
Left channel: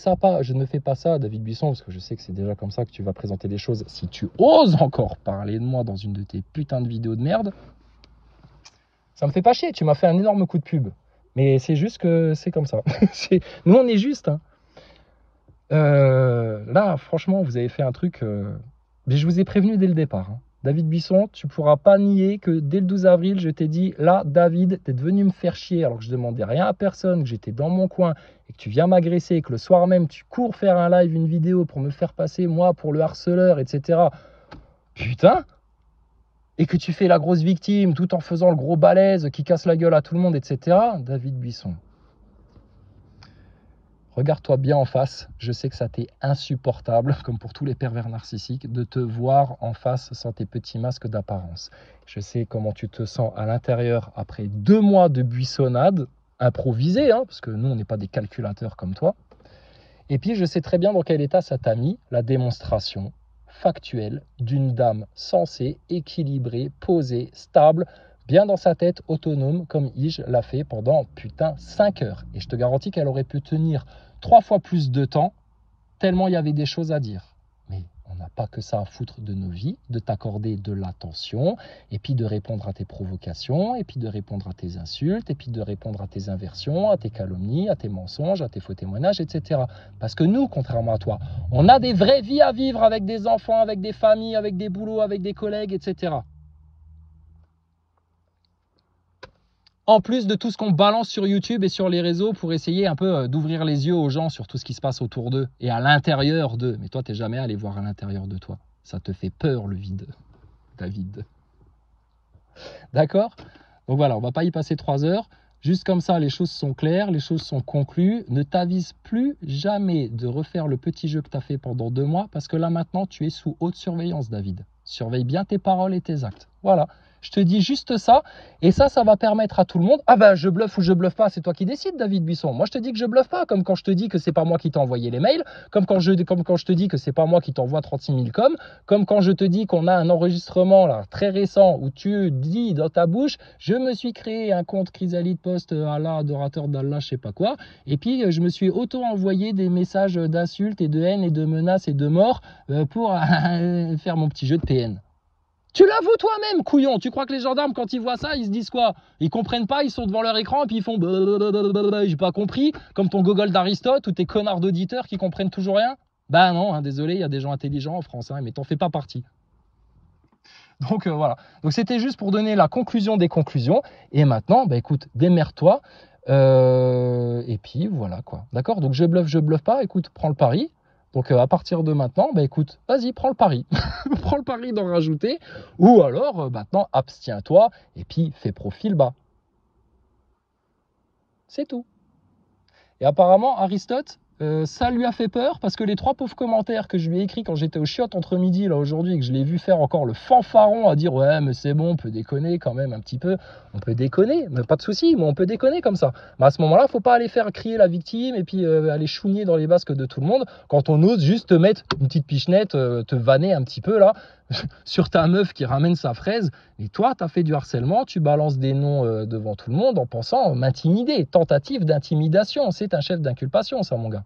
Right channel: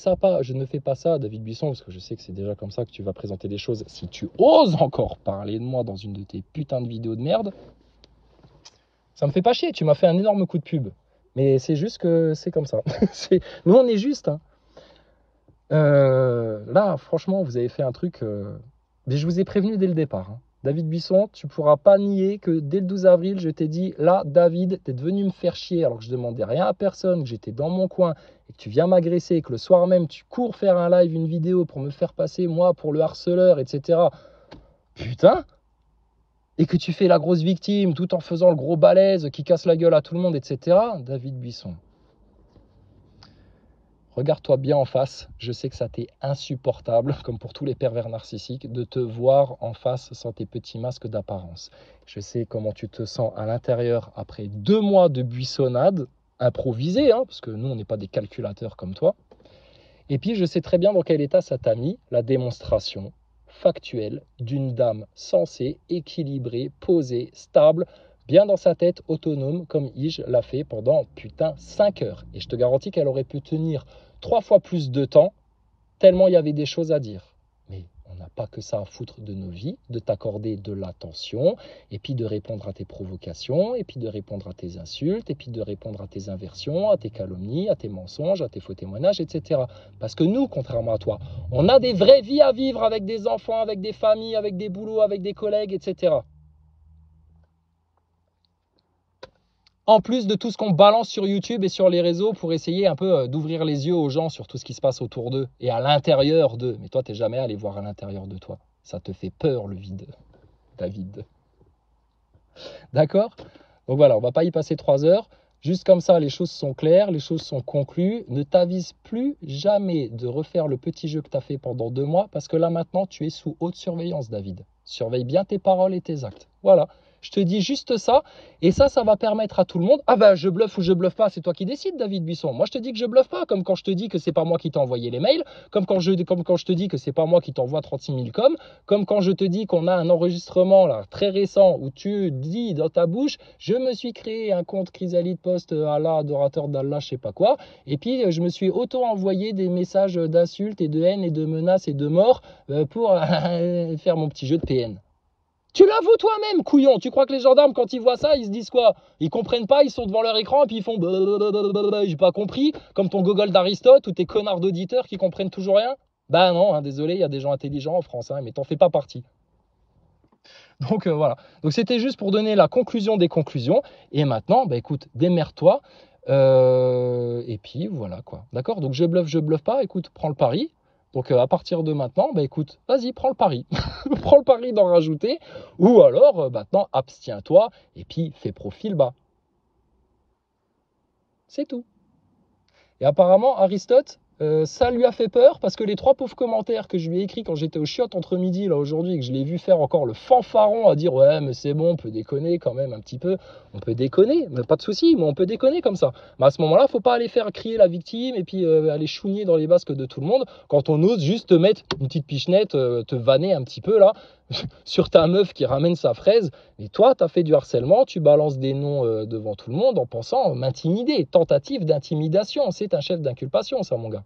pas ça, David Buisson, parce que je sais que c'est déjà comme ça que tu vas présenter les choses. Si tu oses encore parler de moi dans une de tes putains de vidéos de merde, ça me fait pas chier. Tu m'as fait un énorme coup de pub. Mais c'est juste que c'est comme ça. Nous, on est juste. Hein. Là, franchement, vous avez fait un truc... Mais je vous ai prévenu dès le départ. Hein. David Buisson, tu ne pourras pas nier que dès le 12 avril, je t'ai dit, là, David, tu es venu me faire chier alors que je demandais rien à personne, que j'étais dans mon coin et que tu viens m'agresser et que le soir même, tu cours faire un live, une vidéo pour me faire passer, moi, pour le harceleur, etc. Putain! Et que tu fais la grosse victime tout en faisant le gros balèze qui casse la gueule à tout le monde, etc. David Buisson. Regarde-toi bien en face, je sais que ça t'est insupportable, comme pour tous les pervers narcissiques, de te voir en face sans tes petits masques d'apparence. Je sais comment tu te sens à l'intérieur après 2 mois de buissonnade, improvisée, hein, parce que nous, on n'est pas des calculateurs comme toi. Et puis, je sais très bien dans quel état ça t'a mis, la démonstration factuelle d'une dame sensée, équilibrée, posée, stable, bien dans sa tête, autonome, comme Ige l'a fait pendant, 5 heures. Et je te garantis qu'elle aurait pu tenir 3 fois plus de temps, tellement il y avait des choses à dire. Mais on n'a pas que ça à foutre de nos vies, de t'accorder de l'attention, et puis de répondre à tes provocations, et puis de répondre à tes insultes, et puis de répondre à tes inversions, à tes calomnies, à tes mensonges, à tes faux témoignages, etc. Parce que nous, contrairement à toi, on a des vraies vies à vivre avec des enfants, avec des familles, avec des boulots, avec des collègues, etc. En plus de tout ce qu'on balance sur YouTube et sur les réseaux pour essayer un peu d'ouvrir les yeux aux gens sur tout ce qui se passe autour d'eux et à l'intérieur d'eux. Mais toi, tu n'es jamais allé voir à l'intérieur de toi. Ça te fait peur, le vide, David. D'accord? Donc voilà, on ne va pas y passer 3 heures. Juste comme ça, les choses sont claires, les choses sont conclues. Ne t'avise plus jamais de refaire le petit jeu que tu as fait pendant 2 mois parce que là, maintenant, tu es sous haute surveillance, David. Surveille bien tes paroles et tes actes. Voilà. Je te dis juste ça, et ça va permettre à tout le monde. Ah ben, je bluffe ou je bluffe pas, c'est toi qui décides, David Buisson. Moi, je te dis que je bluffe pas, comme quand je te dis que c'est pas moi qui t'ai envoyé les mails, comme quand je te dis que c'est pas moi qui t'envoie 36 000 coms, comme quand je te dis qu'on a un enregistrement là très récent où tu dis dans ta bouche, je me suis créé un compte Chrysalide Post Allah, adorateur d'Allah, je sais pas quoi, et puis je me suis auto-envoyé des messages d'insultes et de haine et de menaces et de mort pour faire mon petit jeu de PN. Tu l'avoues toi-même, couillon. Tu crois que les gendarmes, quand ils voient ça, ils se disent quoi? Ils comprennent pas, ils sont devant leur écran et puis ils font j'ai pas compris, comme ton gogol d'Aristote ou tes connards d'auditeurs qui comprennent toujours rien. Bah non, hein, désolé, il y a des gens intelligents en France, hein, mais t'en fais pas partie. Donc voilà. Donc c'était juste pour donner la conclusion des conclusions. Et maintenant, bah écoute, démerde-toi. Et puis voilà quoi. D'accord? Donc je bluffe pas. Écoute, prends le pari. Donc à partir de maintenant, bah écoute, vas-y, prends le pari. Prends le pari d'en rajouter. Ou alors, maintenant, abstiens-toi et puis fais profil bas. C'est tout. Et apparemment, Aristote, ça lui a fait peur parce que les 3 pauvres commentaires que je lui ai écrits quand j'étais au chiottes entre midi là aujourd'hui et que je l'ai vu faire encore le fanfaron à dire ouais mais c'est bon, on peut déconner quand même un petit peu, on peut déconner, mais pas de souci, mais on peut déconner comme ça. Mais à ce moment-là, faut pas aller faire crier la victime et puis aller chouigner dans les basques de tout le monde quand on ose juste te mettre une petite pichenette, te vanner un petit peu là sur ta meuf qui ramène sa fraise. Et toi, tu as fait du harcèlement, tu balances des noms devant tout le monde en pensant m'intimider. Tentative d'intimidation, c'est un chef d'inculpation, ça, mon gars.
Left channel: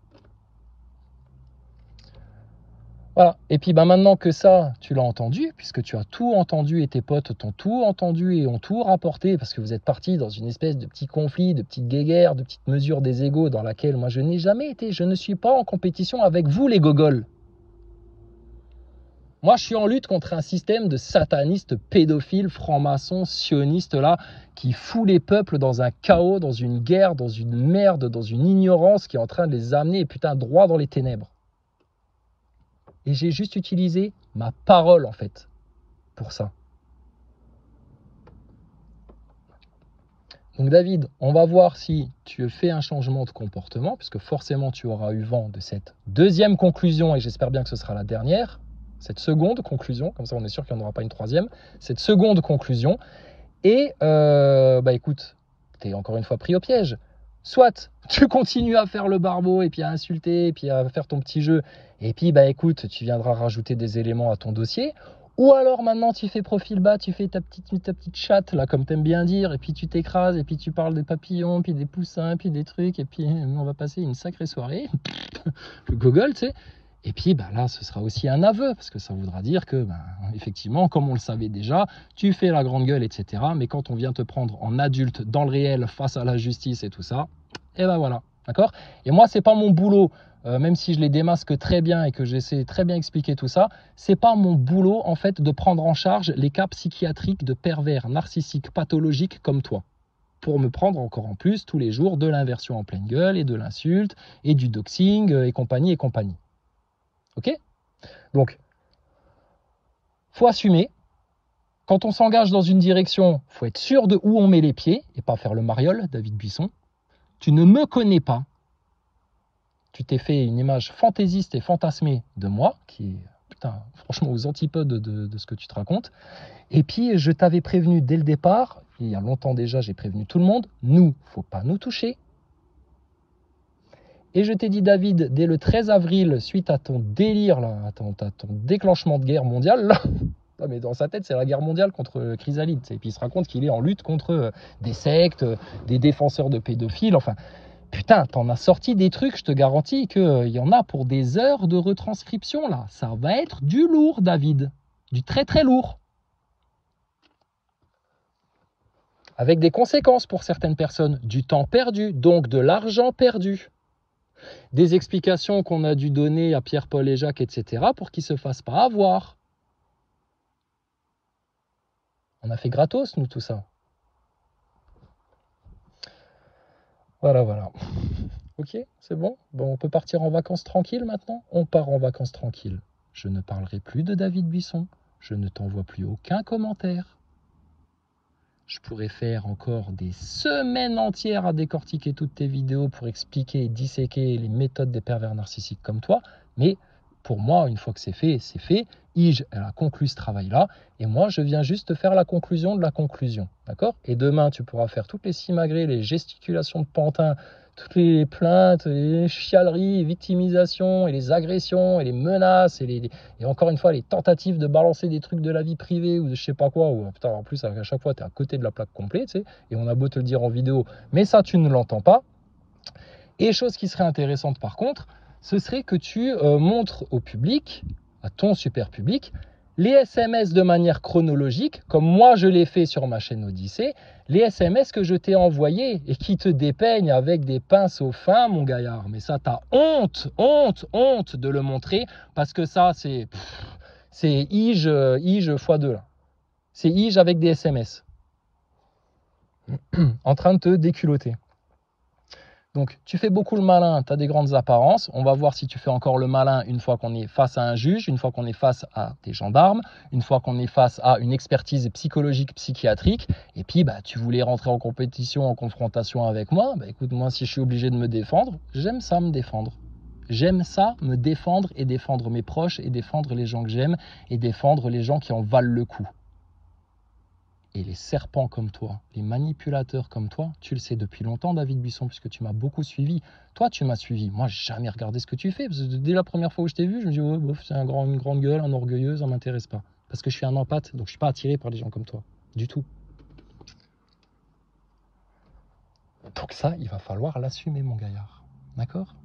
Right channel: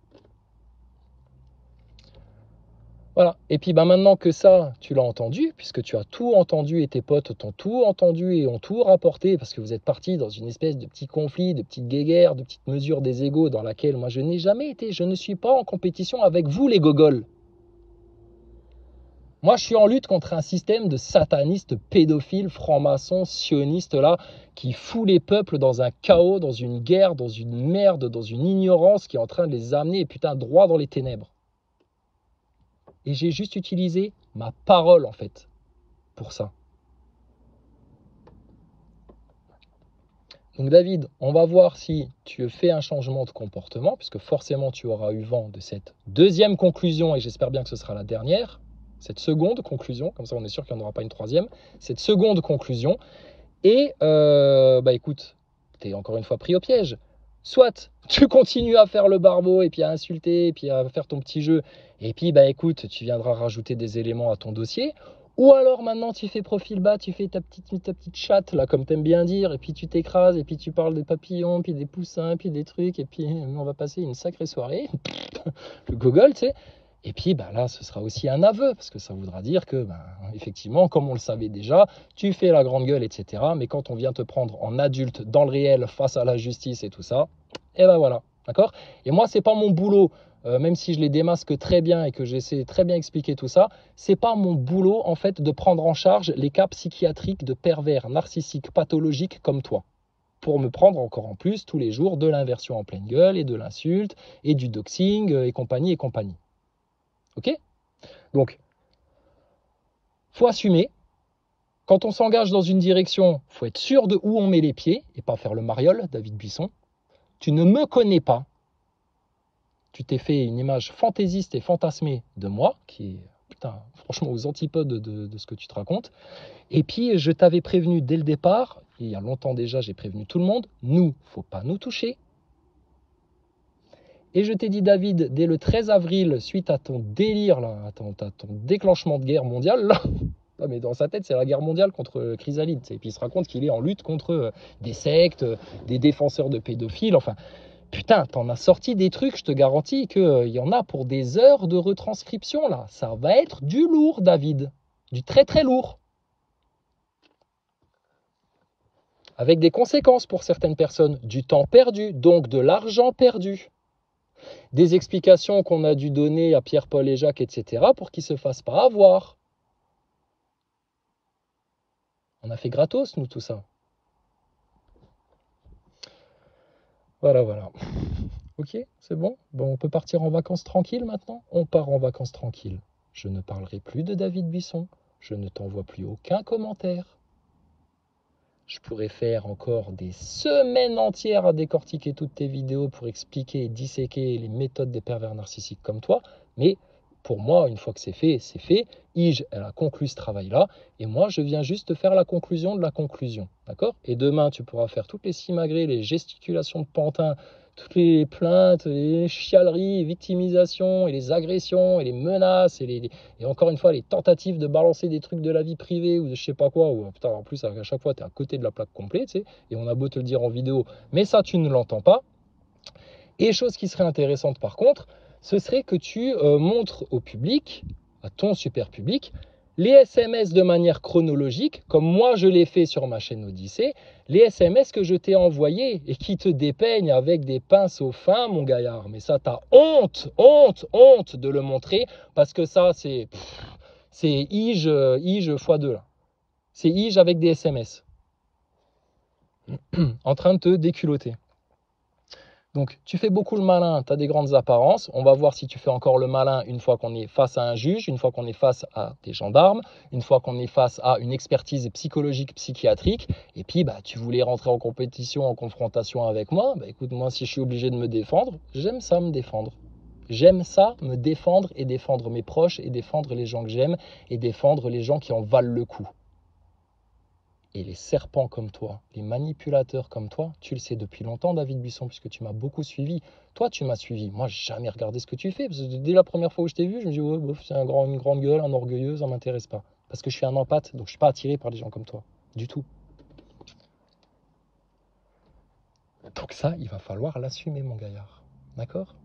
Voilà. Et puis maintenant que ça, tu l'as entendu, puisque tu as tout entendu et tes potes t'ont tout entendu et ont tout rapporté, parce que vous êtes partis dans une espèce de petit conflit, de petite guéguerre, de petite mesure des égos dans laquelle moi je n'ai jamais été. Je ne suis pas en compétition avec vous, les gogols. Moi, je suis en lutte contre un système de satanistes, pédophiles, francs-maçons, sionistes, là, qui fout les peuples dans un chaos, dans une guerre, dans une merde, dans une ignorance qui est en train de les amener, putain, droit dans les ténèbres. Et j'ai juste utilisé ma parole, en fait, pour ça. Donc, David, on va voir si tu fais un changement de comportement, puisque forcément, tu auras eu vent de cette deuxième conclusion, et j'espère bien que ce sera la dernière. Cette seconde conclusion, comme ça on est sûr qu'il n'y en aura pas une troisième, cette seconde conclusion, et bah écoute, t'es encore une fois pris au piège. Soit tu continues à faire le barbeau et puis à insulter et puis à faire ton petit jeu, et puis bah écoute, tu viendras rajouter des éléments à ton dossier, ou alors maintenant tu fais profil bas, tu fais ta petite chatte là comme t'aimes bien dire, et puis tu t'écrases, et puis tu parles des papillons, puis des poussins, puis des trucs, et puis on va passer une sacrée soirée, le gogol tu sais. Et puis bah là, ce sera aussi un aveu, parce que ça voudra dire que, bah, effectivement, comme on le savait déjà, tu fais la grande gueule, etc. Mais quand on vient te prendre en adulte, dans le réel, face à la justice et tout ça, et ben voilà, d'accord? Et moi, c'est pas mon boulot, même si je les démasque très bien et que j'essaie très bien expliquer tout ça, c'est pas mon boulot, en fait, de prendre en charge les cas psychiatriques de pervers, narcissiques, pathologiques comme toi, pour me prendre encore en plus tous les jours de l'inversion en pleine gueule et de l'insulte et du doxing et compagnie et compagnie. Ok? Donc, faut assumer. Quand on s'engage dans une direction, faut être sûr de où on met les pieds et pas faire le mariole, David Buisson. Tu ne me connais pas. Tu t'es fait une image fantaisiste et fantasmée de moi, qui est, putain, franchement, aux antipodes de ce que tu te racontes. Et puis, je t'avais prévenu dès le départ, il y a longtemps déjà, j'ai prévenu tout le monde, nous, faut pas nous toucher. Et je t'ai dit, David, dès le 13 avril, suite à ton délire, là, à ton déclenchement de guerre mondiale, là, non, mais dans sa tête, c'est la guerre mondiale contre Chrysalide. Et puis il se raconte qu'il est en lutte contre des sectes, des défenseurs de pédophiles. Enfin, Putain, t'en as sorti des trucs, je te garantis qu'il y en a pour des heures de retranscription, là. Ça va être du lourd, David. Du très très lourd. Avec des conséquences pour certaines personnes. Du temps perdu, donc de l'argent perdu. Des explications qu'on a dû donner à Pierre, Paul et Jacques, etc. pour qu'ils ne se fassent pas avoir. On a fait gratos, nous, tout ça. Voilà, voilà. Ok, c'est bon? Bon, on peut partir en vacances tranquille maintenant? On part en vacances tranquille. Je ne parlerai plus de David Buisson. Je ne t'envoie plus aucun commentaire. Je pourrais faire encore des semaines entières à décortiquer toutes tes vidéos pour expliquer et disséquer les méthodes des pervers narcissiques comme toi. Mais pour moi, une fois que c'est fait, c'est fait. Ige, elle a conclu ce travail-là. Et moi, je viens juste faire la conclusion de la conclusion. D'accord? Et demain, tu pourras faire toutes les simagrées, les gesticulations de pantin, toutes les plaintes, les chialeries, les victimisations, et les agressions, et les menaces, et encore une fois, les tentatives de balancer des trucs de la vie privée ou de je sais pas quoi. Ou, putain, en plus, à chaque fois, tu es à côté de la plaque complète, tu sais, et on a beau te le dire en vidéo, mais ça, tu ne l'entends pas. Et chose qui serait intéressante par contre, ce serait que tu montres au public, à ton super public, les SMS de manière chronologique, comme moi je l'ai fait sur ma chaîne Odyssée, les SMS que je t'ai envoyés et qui te dépeignent avec des pinces fins, mon gaillard. Mais ça, t'as honte de le montrer, parce que ça, c'est Ige x2, là. C'est Ige avec des SMS. En train de te déculotter. Donc, tu fais beaucoup le malin, tu as des grandes apparences. On va voir si tu fais encore le malin une fois qu'on est face à un juge, une fois qu'on est face à des gendarmes, une fois qu'on est face à une expertise psychologique, psychiatrique. Et puis, bah, tu voulais rentrer en compétition, en confrontation avec moi. Bah, écoute, moi, si je suis obligé de me défendre, j'aime ça me défendre. J'aime ça, me défendre et défendre mes proches et défendre les gens que j'aime et défendre les gens qui en valent le coup. Et les serpents comme toi, les manipulateurs comme toi, tu le sais depuis longtemps, David Buisson, puisque tu m'as beaucoup suivi. Toi, tu m'as suivi. Moi, j'ai jamais regardé ce que tu fais. Parce que dès la première fois où je t'ai vu, je me dis, ouais, bof, c'est une grande gueule, un orgueilleuse, ça ne m'intéresse pas. Parce que je suis un empathe, donc je ne suis pas attiré par des gens comme toi. Du tout. Donc ça, il va falloir l'assumer, mon gaillard. D'accord?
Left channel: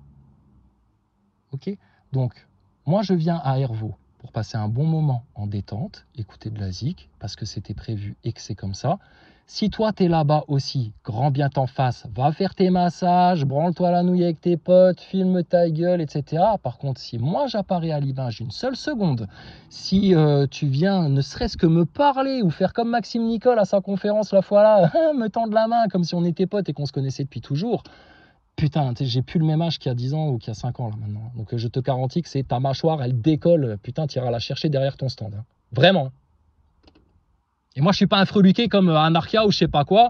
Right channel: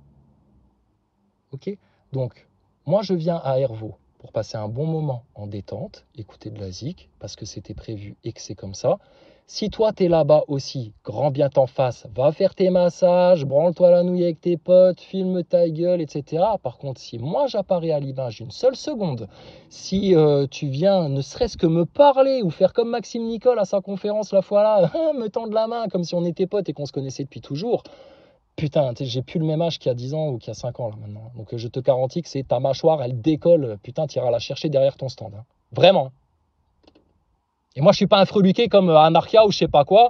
Ok? Donc, moi, je viens à Hervaux pour passer un bon moment en détente, écouter de la zik, parce que c'était prévu et que c'est comme ça. Si toi, tu es là-bas aussi, grand bien t'en fasse, va faire tes massages, branle-toi la nouille avec tes potes, filme ta gueule, etc. Par contre, si moi, j'apparais à l'image une seule seconde, si tu viens ne serait-ce que me parler ou faire comme Maxime Nicole à sa conférence la fois là, me tendre la main comme si on était potes et qu'on se connaissait depuis toujours, putain, j'ai plus le même âge qu'il y a 10 ans ou qu'il y a 5 ans là maintenant. Donc je te garantis que c'est ta mâchoire, elle décolle. Putain, tu iras la chercher derrière ton stand. Hein. Vraiment. Et moi, je suis pas un freluqué comme Anarchia ou je sais pas quoi.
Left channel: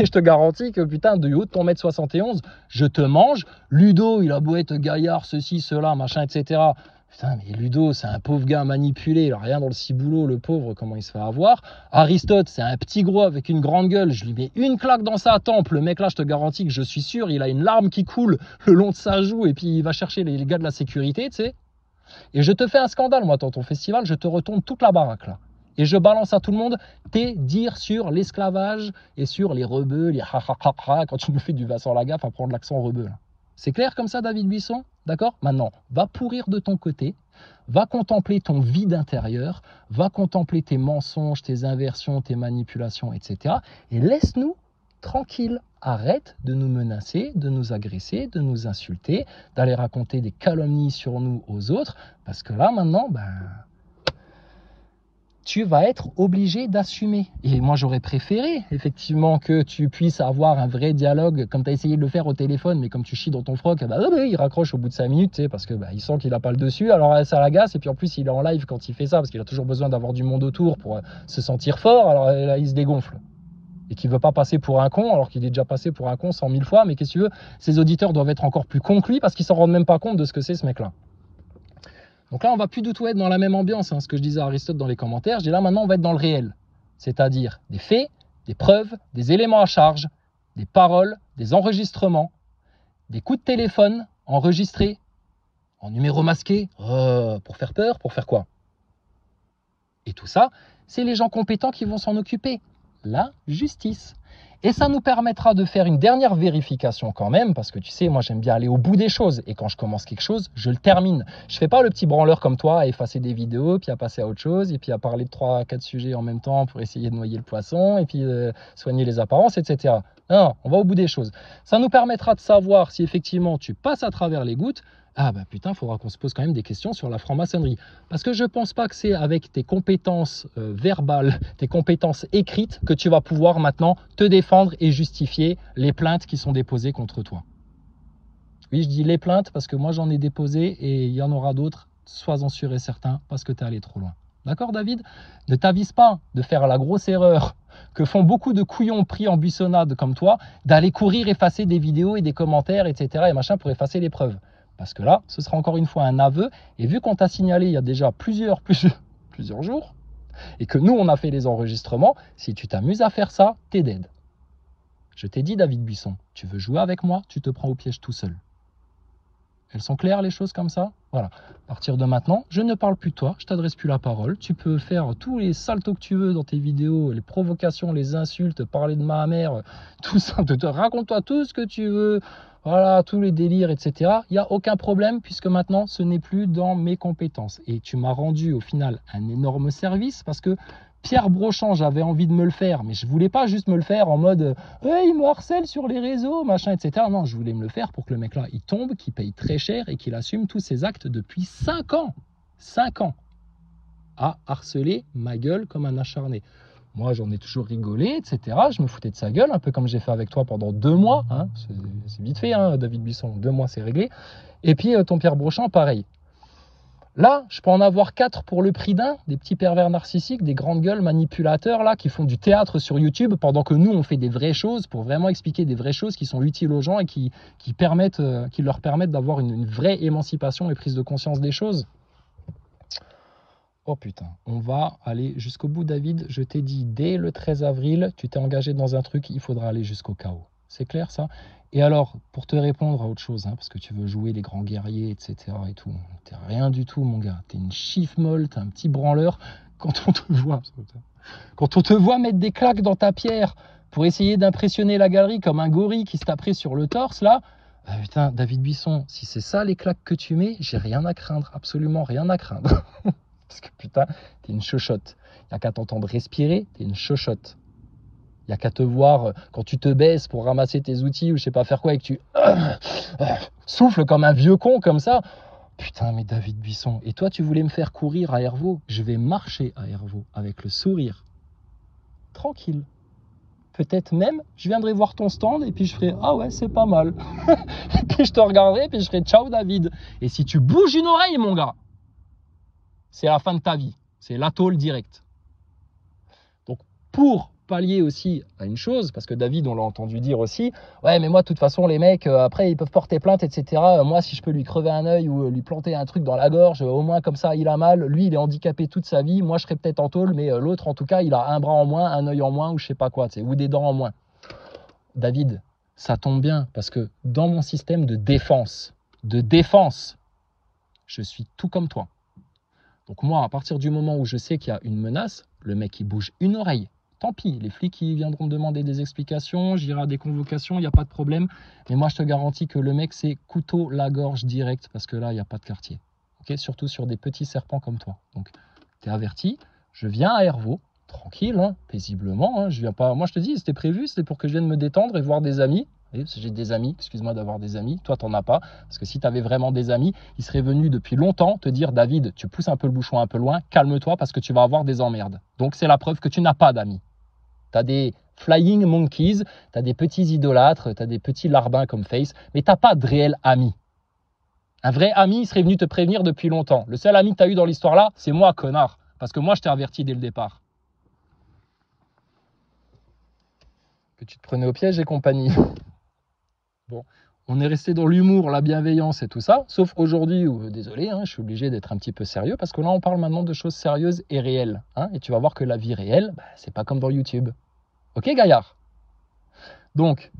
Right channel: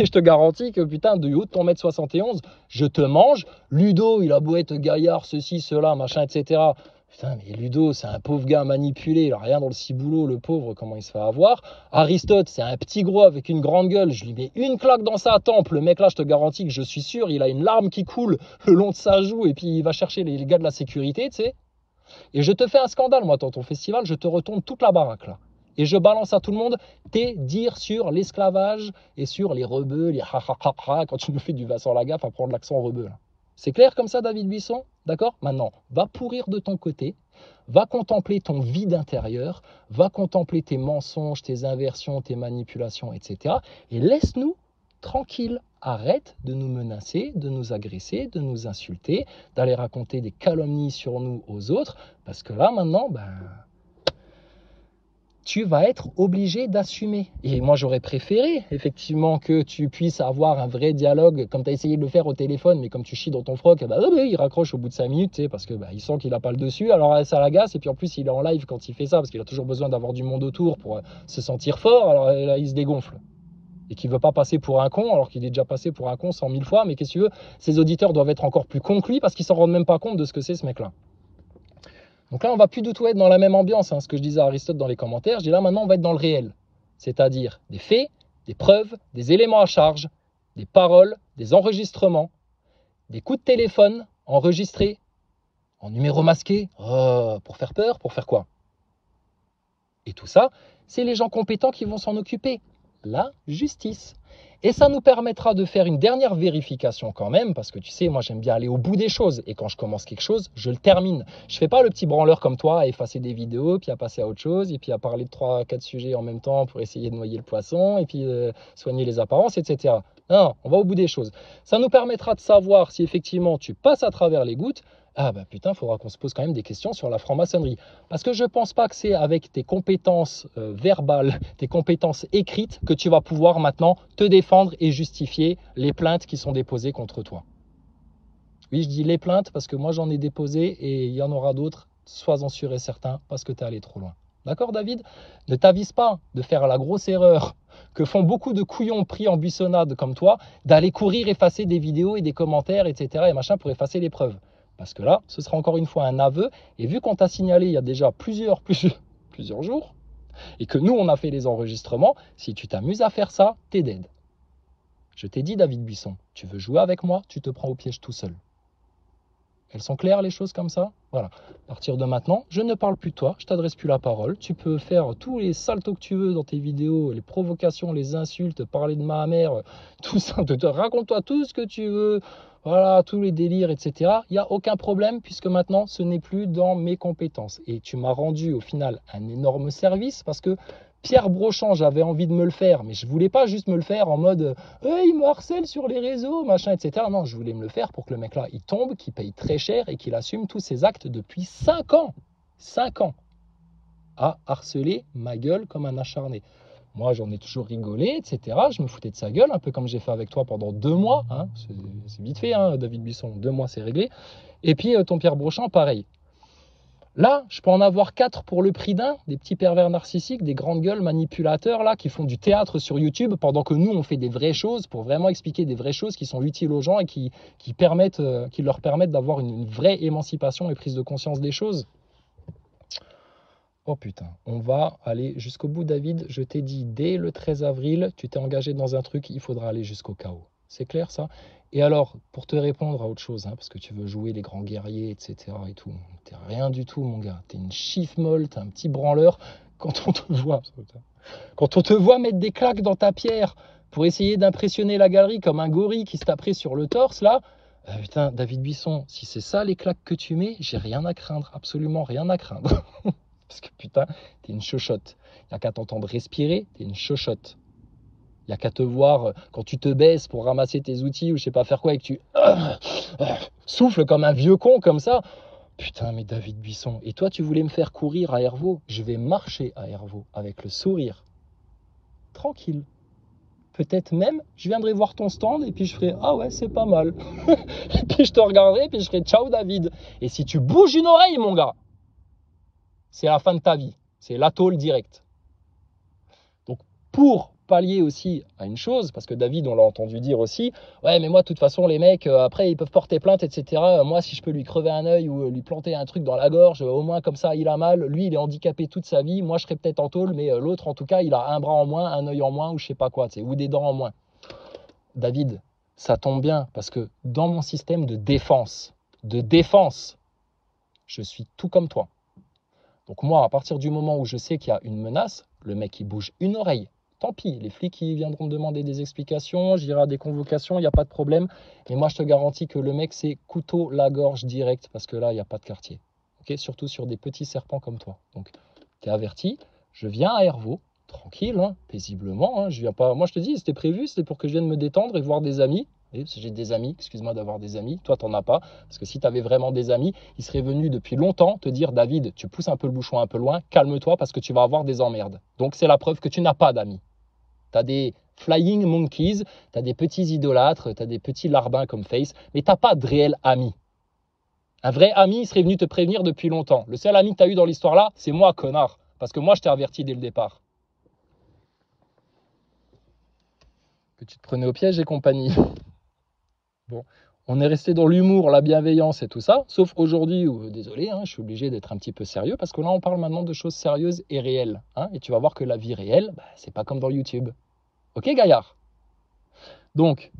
Et je te garantis que putain, de haut de ton 1m71, je te mange. Ludo, il a beau être gaillard, ceci, cela, machin, etc. Putain, mais Ludo, c'est un pauvre gars manipulé, il a rien dans le ciboulot, le pauvre, comment il se fait avoir. Aristote, c'est un petit gros avec une grande gueule, je lui mets une claque dans sa tempe. Le mec là, je te garantis que je suis sûr, il a une larme qui coule le long de sa joue et puis il va chercher les gars de la sécurité, tu sais. Et je te fais un scandale, moi, dans ton festival, je te retourne toute la baraque là. Et je balance à tout le monde tes dires sur l'esclavage et sur les rebeux, les ha quand tu me fais du Vincent Lagaffe à prendre l'accent rebeu là. C'est clair comme ça, David Buisson? D'accord? Maintenant, va pourrir de ton côté, va contempler ton vide intérieur, va contempler tes mensonges, tes inversions, tes manipulations, etc. Et laisse-nous tranquilles. Arrête de nous menacer, de nous agresser, de nous insulter, d'aller raconter des calomnies sur nous aux autres, parce que là, maintenant, tu vas être obligé d'assumer. Et moi, j'aurais préféré, effectivement, que tu puisses avoir un vrai dialogue, comme tu as essayé de le faire au téléphone, mais comme tu chies dans ton froc, il raccroche au bout de 5 minutes, tu sais, parce que il sent qu'il n'a pas le dessus, alors ça l'agace, et puis en plus, il est en live quand il fait ça, parce qu'il a toujours besoin d'avoir du monde autour pour se sentir fort, alors là, il se dégonfle. Et qu'il ne veut pas passer pour un con, alors qu'il est déjà passé pour un con 100 000 fois, mais qu'est-ce que tu veux, ses auditeurs doivent être encore plus cons que lui, parce qu'ils ne s'en rendent même pas compte de ce que c'est, ce mec-là. Donc là, on va plus du tout être dans la même ambiance, hein, ce que je disais à Aristote dans les commentaires. Je dis là, maintenant, on va être dans le réel. C'est-à-dire des faits, des preuves, des éléments à charge, des paroles, des enregistrements, des coups de téléphone enregistrés, en numéro masqué. Oh, pour faire peur, pour faire quoi? Et tout ça, c'est les gens compétents qui vont s'en occuper. la justice. Et ça nous permettra de faire une dernière vérification quand même, parce que tu sais, moi j'aime bien aller au bout des choses. Et quand je commence quelque chose, je le termine. Je fais pas le petit branleur comme toi à effacer des vidéos, puis à passer à autre chose, et puis à parler de 3-4 sujets en même temps pour essayer de noyer le poisson, et puis soigner les apparences, etc. Non, on va au bout des choses. Ça nous permettra de savoir si effectivement tu passes à travers les gouttes. Ah bah putain, il faudra qu'on se pose quand même des questions sur la franc-maçonnerie. Parce que je pense pas que c'est avec tes compétences verbales, tes compétences écrites, que tu vas pouvoir maintenant te défendre et justifier les plaintes qui sont déposées contre toi. Oui, je dis les plaintes parce que moi j'en ai déposé et il y en aura d'autres, sois-en sûr et certain, parce que tu es allé trop loin. D'accord, David? Ne t'avise pas de faire la grosse erreur que font beaucoup de couillons pris en buissonnade comme toi, d'aller courir effacer des vidéos et des commentaires, etc. et machin pour effacer les preuves. Parce que là, ce sera encore une fois un aveu. Et vu qu'on t'a signalé il y a déjà plusieurs jours, et que nous, on a fait les enregistrements, si tu t'amuses à faire ça, t'es dead. Je t'ai dit, David Buisson, tu veux jouer avec moi, tu te prends au piège tout seul. Elles sont claires, les choses comme ça? Voilà. À partir de maintenant, je ne parle plus de toi, je t'adresse plus la parole. Tu peux faire tous les saltos que tu veux dans tes vidéos, les provocations, les insultes, parler de ma mère, tout ça. Raconte-toi tout ce que tu veux. Voilà, tous les délires, etc. Il n'y a aucun problème puisque maintenant, ce n'est plus dans mes compétences. Et tu m'as rendu au final un énorme service parce que Pierre Brochand, j'avais envie de me le faire, mais je voulais pas juste me le faire en mode hey, il me harcèle sur les réseaux, machin, etc. Non, je voulais me le faire pour que le mec là, il tombe, qu'il paye très cher et qu'il assume tous ses actes depuis 5 ans. 5 ans. À harceler ma gueule comme un acharné. Moi, j'en ai toujours rigolé, etc. Je me foutais de sa gueule, un peu comme j'ai fait avec toi pendant 2 mois. Hein. C'est vite fait, hein, David Buisson. 2 mois, c'est réglé. Et puis, ton Pierre Brochand, pareil. Là, je peux en avoir 4 pour le prix d'un, des petits pervers narcissiques, des grandes gueules manipulateurs là, qui font du théâtre sur YouTube pendant que nous, on fait des vraies choses pour vraiment expliquer des vraies choses qui sont utiles aux gens et qui leur permettent d'avoir une vraie émancipation et prise de conscience des choses. Oh putain, on va aller jusqu'au bout, David. Je t'ai dit, dès le 13 avril, tu t'es engagé dans un truc, il faudra aller jusqu'au chaos. C'est clair, ça? Et alors, pour te répondre à autre chose, hein, parce que tu veux jouer les grands guerriers, etc. et tout, t'es rien du tout, mon gars. T'es une chiffre molle, t'es un petit branleur. Quand on te voit mettre des claques dans ta pierre pour essayer d'impressionner la galerie comme un gorille qui se taperait sur le torse, là, putain, David Buisson, si c'est ça les claques que tu mets, j'ai rien à craindre, absolument rien à craindre. Parce que putain, t'es une chochotte. Il n'y a qu'à t'entendre respirer, t'es une chochotte. Il n'y a qu'à te voir quand tu te baisses pour ramasser tes outils ou je sais pas faire quoi et que tu souffles comme un vieux con comme ça. Putain, mais David Buisson. Et toi, tu voulais me faire courir à Hervaux? Je vais marcher à Hervaux avec le sourire. Tranquille. Peut-être même, je viendrai voir ton stand et puis je ferai ah ouais, c'est pas mal. Et puis je te regarderai et puis je ferai ciao David. Et si tu bouges une oreille, mon gars, c'est la fin de ta vie. C'est la tôle directe. Donc, pour pallier aussi à une chose, parce que David, on l'a entendu dire aussi, ouais, mais moi, de toute façon, les mecs, après, ils peuvent porter plainte, etc. Moi, si je peux lui crever un œil ou lui planter un truc dans la gorge, au moins, comme ça, il a mal. Lui, il est handicapé toute sa vie. Moi, je serais peut-être en tôle, mais l'autre, en tout cas, il a un bras en moins, un œil en moins, ou je sais pas quoi, ou des dents en moins. David, ça tombe bien, parce que dans mon système de défense, je suis tout comme toi. Donc moi, à partir du moment où je sais qu'il y a une menace, le mec il bouge une oreille. Tant pis, les flics ils viendront me demander des explications, j'irai à des convocations, il n'y a pas de problème. Mais moi, je te garantis que le mec, c'est couteau la gorge direct parce que là, il n'y a pas de quartier. Okay, surtout sur des petits serpents comme toi. Donc, tu es averti, je viens à Hervaux, tranquille, hein, paisiblement. Hein, je viens pas... Moi, je te dis, c'était prévu, c'était pour que je vienne me détendre et voir des amis. Oui, parce que j'ai des amis, excuse-moi d'avoir des amis, toi t'en as pas, parce que si tu avais vraiment des amis, ils seraient venus depuis longtemps te dire David, tu pousses un peu le bouchon un peu loin, calme-toi parce que tu vas avoir des emmerdes. Donc c'est la preuve que tu n'as pas d'amis. Tu as des flying monkeys, tu as des petits idolâtres, tu as des petits larbins comme Face, mais tu n'as pas de réel ami. Un vrai ami, il serait venu te prévenir depuis longtemps. Le seul ami que tu as eu dans l'histoire là, c'est moi, connard, parce que moi je t'ai averti dès le départ. Que tu te prenais au piège et compagnie. Bon, on est resté dans l'humour, la bienveillance et tout ça, sauf aujourd'hui où, désolé, hein, je suis obligé d'être un petit peu sérieux parce que là, on parle maintenant de choses sérieuses et réelles. Hein, et tu vas voir que la vie réelle, bah, c'est pas comme dans YouTube. Ok, Gaillard? Donc,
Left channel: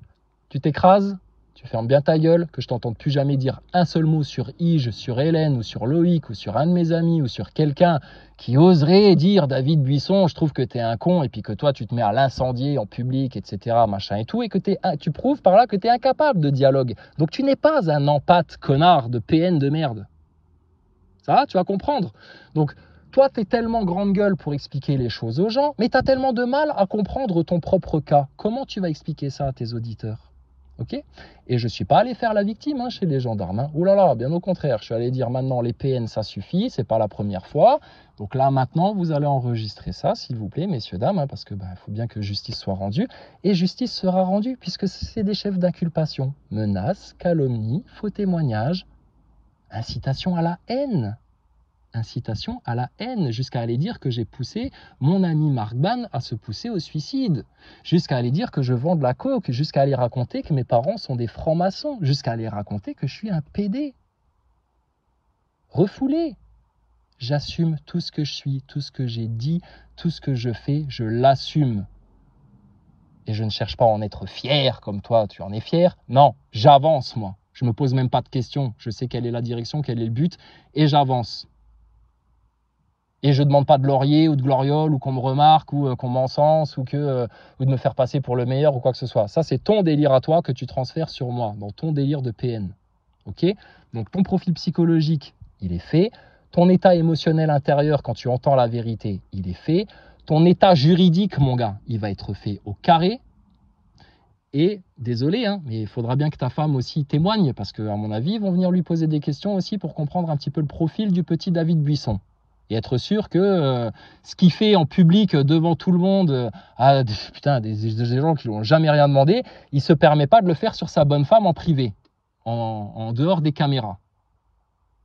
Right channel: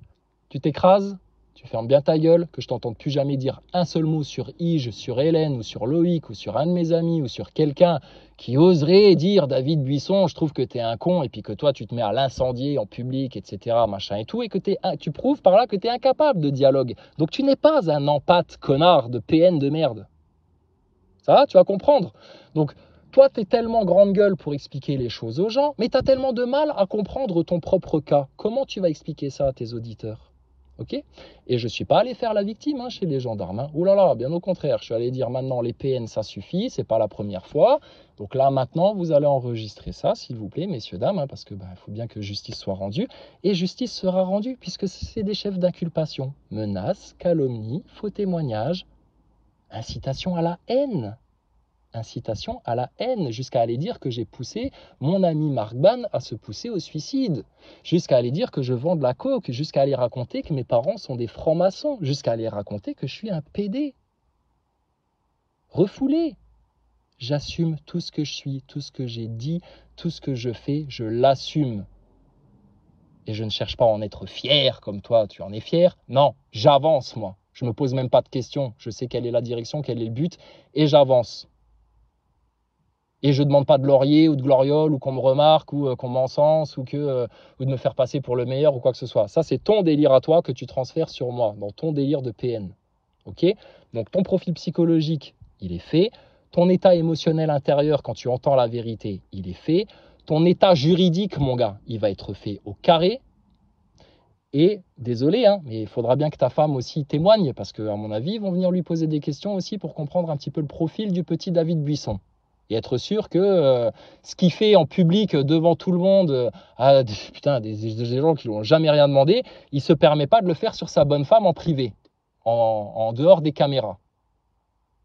tu t'écrases, Tu fermes bien ta gueule, que je t'entende plus jamais dire un seul mot sur Ige, sur Hélène, ou sur Loïc, ou sur un de mes amis, ou sur quelqu'un qui oserait dire David Buisson, je trouve que t'es un con, et puis que toi tu te mets à l'incendier en public, etc., machin et tout, et que tu prouves par là que t'es incapable de dialogue. Donc tu n'es pas un empâte connard de PN de merde. Ça va, tu vas comprendre. Donc, toi, tu es tellement grande gueule pour expliquer les choses aux gens, mais tu as tellement de mal à comprendre ton propre cas. Comment tu vas expliquer ça à tes auditeurs? Ok? Et je ne suis pas allé faire la victime chez les gendarmes. Ouh là là, bien au contraire. Je suis allé dire maintenant, les PN, ça suffit, c'est pas la première fois. Donc là, maintenant, vous allez enregistrer ça, s'il vous plaît, messieurs, dames, parce que faut bien que justice soit rendue. Et justice sera rendue, puisque c'est des chefs d'inculpation. Menaces, calomnies, faux témoignages, incitation à la haine. Incitation à la haine, jusqu'à aller dire que j'ai poussé mon ami Marc Ban à se pousser au suicide, jusqu'à aller dire que je vends de la coke, jusqu'à aller raconter que mes parents sont des francs-maçons, jusqu'à aller raconter que je suis un PD. Refoulé. J'assume tout ce que je suis, tout ce que j'ai dit, tout ce que je fais, je l'assume. Et je ne cherche pas à en être fier comme toi, tu en es fier. Non, j'avance moi. Je ne me pose même pas de questions. Je sais quelle est la direction, quel est le but, et j'avance. Et je ne demande pas de laurier ou de gloriole ou qu'on me remarque ou qu'on m'encense ou de me faire passer pour le meilleur ou quoi que ce soit. Ça, c'est ton délire à toi que tu transfères sur moi, dans ton délire de PN. Ok? Donc, ton profil psychologique, il est fait. Ton état émotionnel intérieur, quand tu entends la vérité, il est fait. Ton état juridique, mon gars, il va être fait au carré. Et, désolé, mais il faudra bien que ta femme aussi témoigne parce qu'à mon avis, ils vont venir lui poser des questions aussi pour comprendre un petit peu le profil du petit David Buisson. Et être sûr que ce qu'il fait en public devant tout le monde à des gens qui lui ont jamais rien demandé, il ne se permet pas de le faire sur sa bonne femme en privé, en dehors des caméras.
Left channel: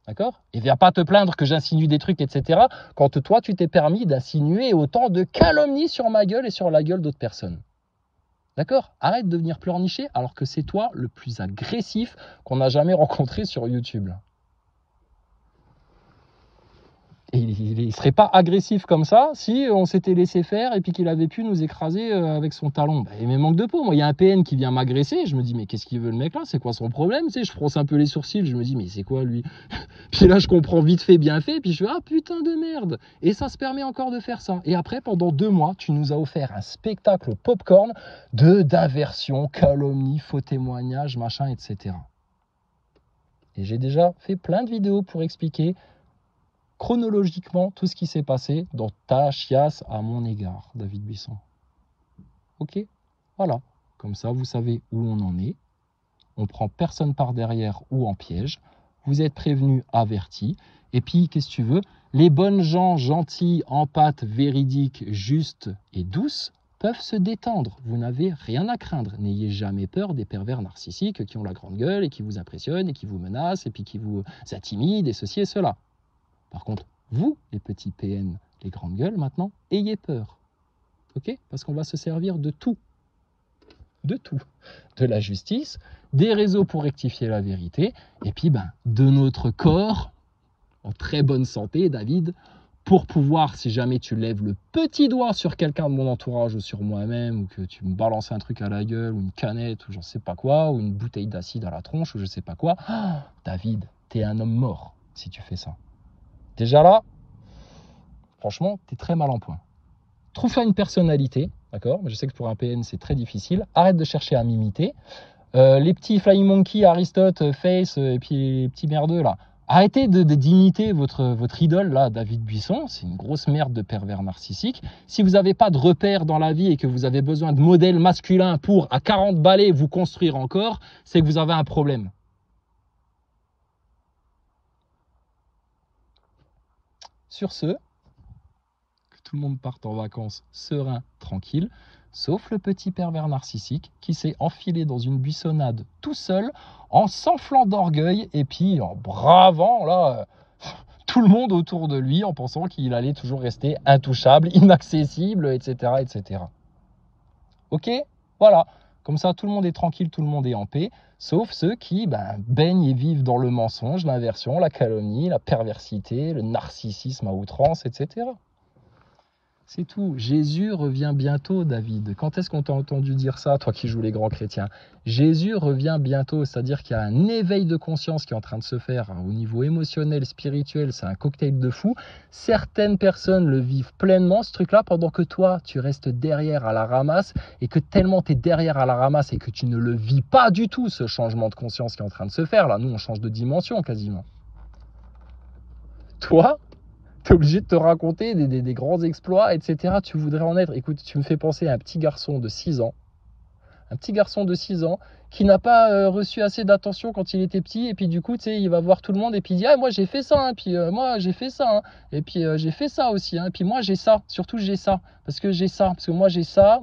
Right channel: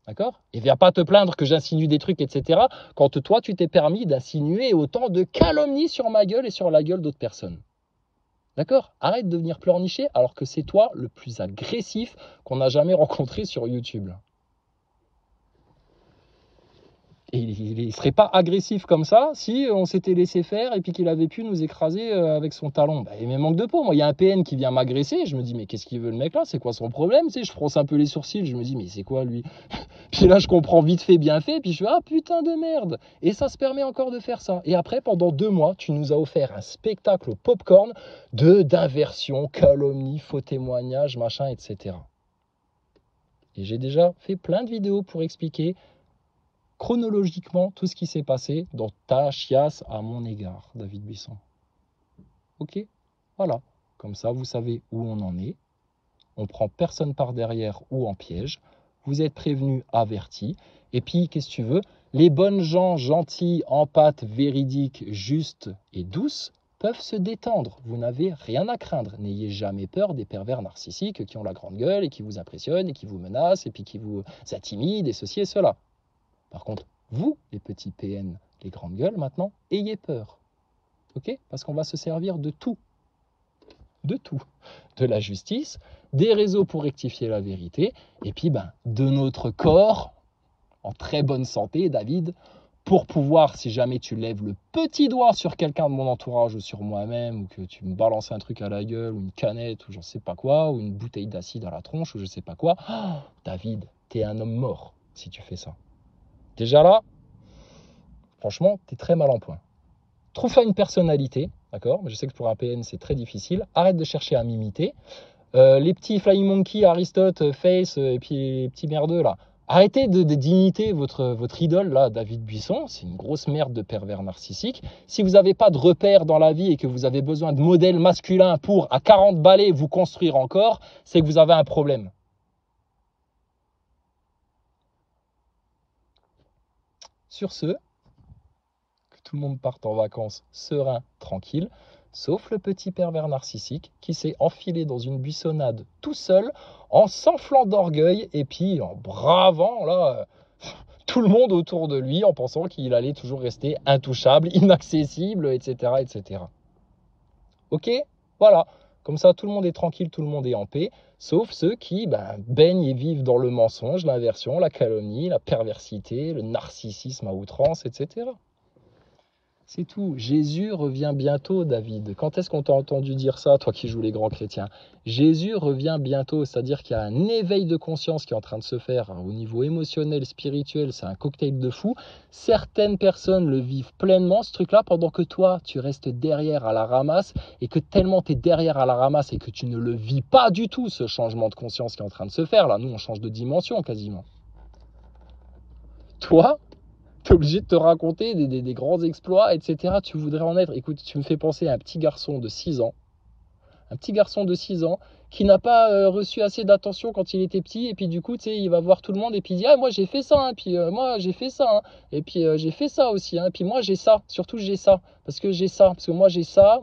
D'accord? Et viens pas te plaindre que j'insinue des trucs, etc. quand toi, tu t'es permis d'insinuer autant de calomnies sur ma gueule et sur la gueule d'autres personnes. D'accord? Arrête de venir pleurnicher alors que c'est toi le plus agressif qu'on a jamais rencontré sur YouTube. Et il ne serait pas agressif comme ça si on s'était laissé faire et puis qu'il avait pu nous écraser avec son talon. Il me manque de peau. Moi, il y a un PN qui vient m'agresser. Je me dis, mais qu'est-ce qu'il veut le mec là? C'est quoi son problème? Je fronce un peu les sourcils. Je me dis, mais c'est quoi lui? Puis là, je comprends vite fait, bien fait. Puis je fais, ah putain de merde. Et ça se permet encore de faire ça. Et après, pendant 2 mois, tu nous as offert un spectacle popcorn d'aversion, calomnie, faux témoignages, machin, etc. Et j'ai déjà fait plein de vidéos pour expliquer chronologiquement tout ce qui s'est passé dans ta chiasse à mon égard, David Buisson. Ok? Voilà. Comme ça, vous savez où on en est. On prend personne par derrière ou en piège. Vous êtes prévenus, avertis. Et puis, qu'est-ce que tu veux? Les bonnes gens gentils, empâtes, véridiques, justes et douces peuvent se détendre. Vous n'avez rien à craindre. N'ayez jamais peur des pervers narcissiques qui ont la grande gueule et qui vous impressionnent et qui vous menacent et puis qui vous intimident et ceci et cela. Par contre, vous, les petits PN, les grandes gueules, maintenant, ayez peur. Ok? Parce qu'on va se servir de tout. De tout. De la justice, des réseaux pour rectifier la vérité, et puis de notre corps, en très bonne santé, David, pour pouvoir, si jamais tu lèves le petit doigt sur quelqu'un de mon entourage ou sur moi-même, ou que tu me balances un truc à la gueule, ou une canette, ou j'en sais pas quoi, ou une bouteille d'acide à la tronche, ou je sais pas quoi, David, t'es un homme mort si tu fais ça. Déjà là, franchement, tu es très mal en point. Trouve-toi une personnalité, d'accord? Mais je sais que pour un PN, c'est très difficile. Arrête de chercher à m'imiter. Les petits Flying Monkey, Aristote, Face, et puis les petits merdeux, là. Arrêtez d'imiter votre idole, là, David Buisson. C'est une grosse merde de pervers narcissique. Si vous n'avez pas de repères dans la vie et que vous avez besoin de modèles masculins pour, à 40 balais, vous construire encore, c'est que vous avez un problème. Sur ce, que tout le monde parte en vacances serein, tranquille, sauf le petit pervers narcissique qui s'est enfilé dans une buissonnade tout seul, en s'enflant d'orgueil et puis en bravant là tout le monde autour de lui en pensant qu'il allait toujours rester intouchable, inaccessible, etc. etc. Ok? Voilà. Comme ça, tout le monde est tranquille, tout le monde est en paix, sauf ceux qui baignent et vivent dans le mensonge, l'inversion, la calomnie, la perversité, le narcissisme à outrance, etc. C'est tout. Jésus revient bientôt, David. Quand est-ce qu'on t'a entendu dire ça, toi qui joues les grands chrétiens? Jésus revient bientôt, c'est-à-dire qu'il y a un éveil de conscience qui est en train de se faire au niveau émotionnel, spirituel, c'est un cocktail de fou. Certaines personnes le vivent pleinement, ce truc-là, pendant que toi, tu restes derrière à la ramasse, et que tellement tu es derrière à la ramasse et que tu ne le vis pas du tout, ce changement de conscience qui est en train de se faire. Là, nous, on change de dimension quasiment. Toi, tu es obligé de te raconter des grands exploits, etc. Tu voudrais en être. Écoute, tu me fais penser à un petit garçon de 6 ans. Un petit garçon de 6 ans qui n'a pas reçu assez d'attention quand il était petit. Et puis du coup, tu sais, il va voir tout le monde et puis il dit « Ah, moi j'ai fait ça, hein, puis moi j'ai fait ça, hein, et puis j'ai fait ça aussi, hein, puis moi j'ai ça, surtout j'ai ça, parce que j'ai ça, parce que moi j'ai ça,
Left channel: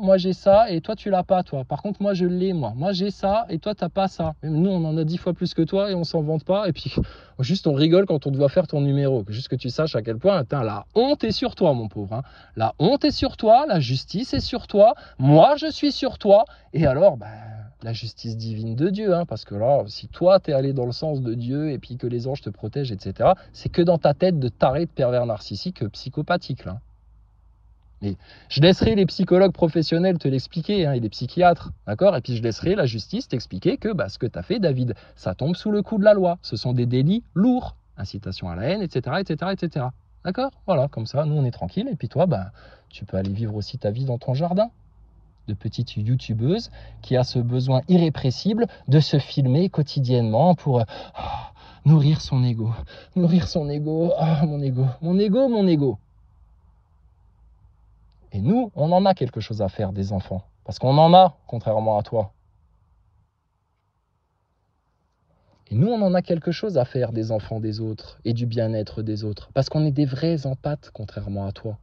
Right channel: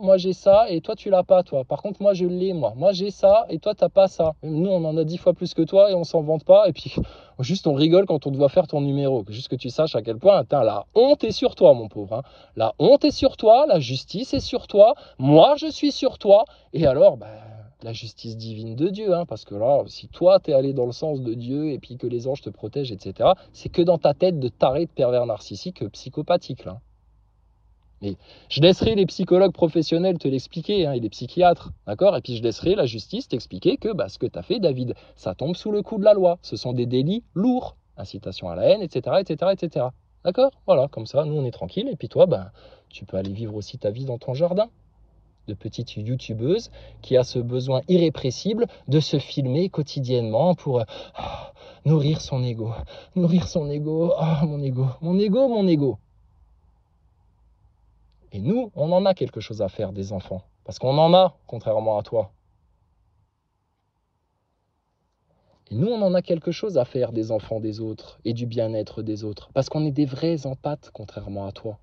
et toi tu l'as pas, toi. Par contre, moi je l'ai, moi j'ai ça, et toi t'as pas ça. Et nous, on en a 10 fois plus que toi et on s'en vante pas. Et puis juste on rigole quand on doit faire ton numéro. Juste que tu saches à quel point, attends, la honte est sur toi, mon pauvre. Hein. La honte est sur toi, la justice est sur toi, moi je suis sur toi. Et alors, bah, la justice divine de Dieu, hein, parce que là, si toi, t'es allé dans le sens de Dieu et puis que les anges te protègent, etc., c'est que dans ta tête de taré, de pervers narcissique, psychopathique, là. Mais je laisserai les psychologues professionnels te l'expliquer, hein, et les psychiatres, d'accord? Et puis je laisserai la justice t'expliquer que bah, ce que tu as fait, David, ça tombe sous le coup de la loi. Ce sont des délits lourds, incitation à la haine, etc., etc., etc. D'accord? Voilà, comme ça, nous, on est tranquille. Et puis toi, bah, tu peux aller vivre aussi ta vie dans ton jardin de petite youtubeuse qui a ce besoin irrépressible de se filmer quotidiennement pour nourrir son ego. Nourrir son ego. Oh, mon ego. Mon ego, mon ego. Et nous, on en a quelque chose à faire des enfants. Parce qu'on en a, contrairement à toi. Et nous, on en a quelque chose à faire des enfants des autres et du bien-être des autres. Parce qu'on est des vrais empathes, contrairement à toi.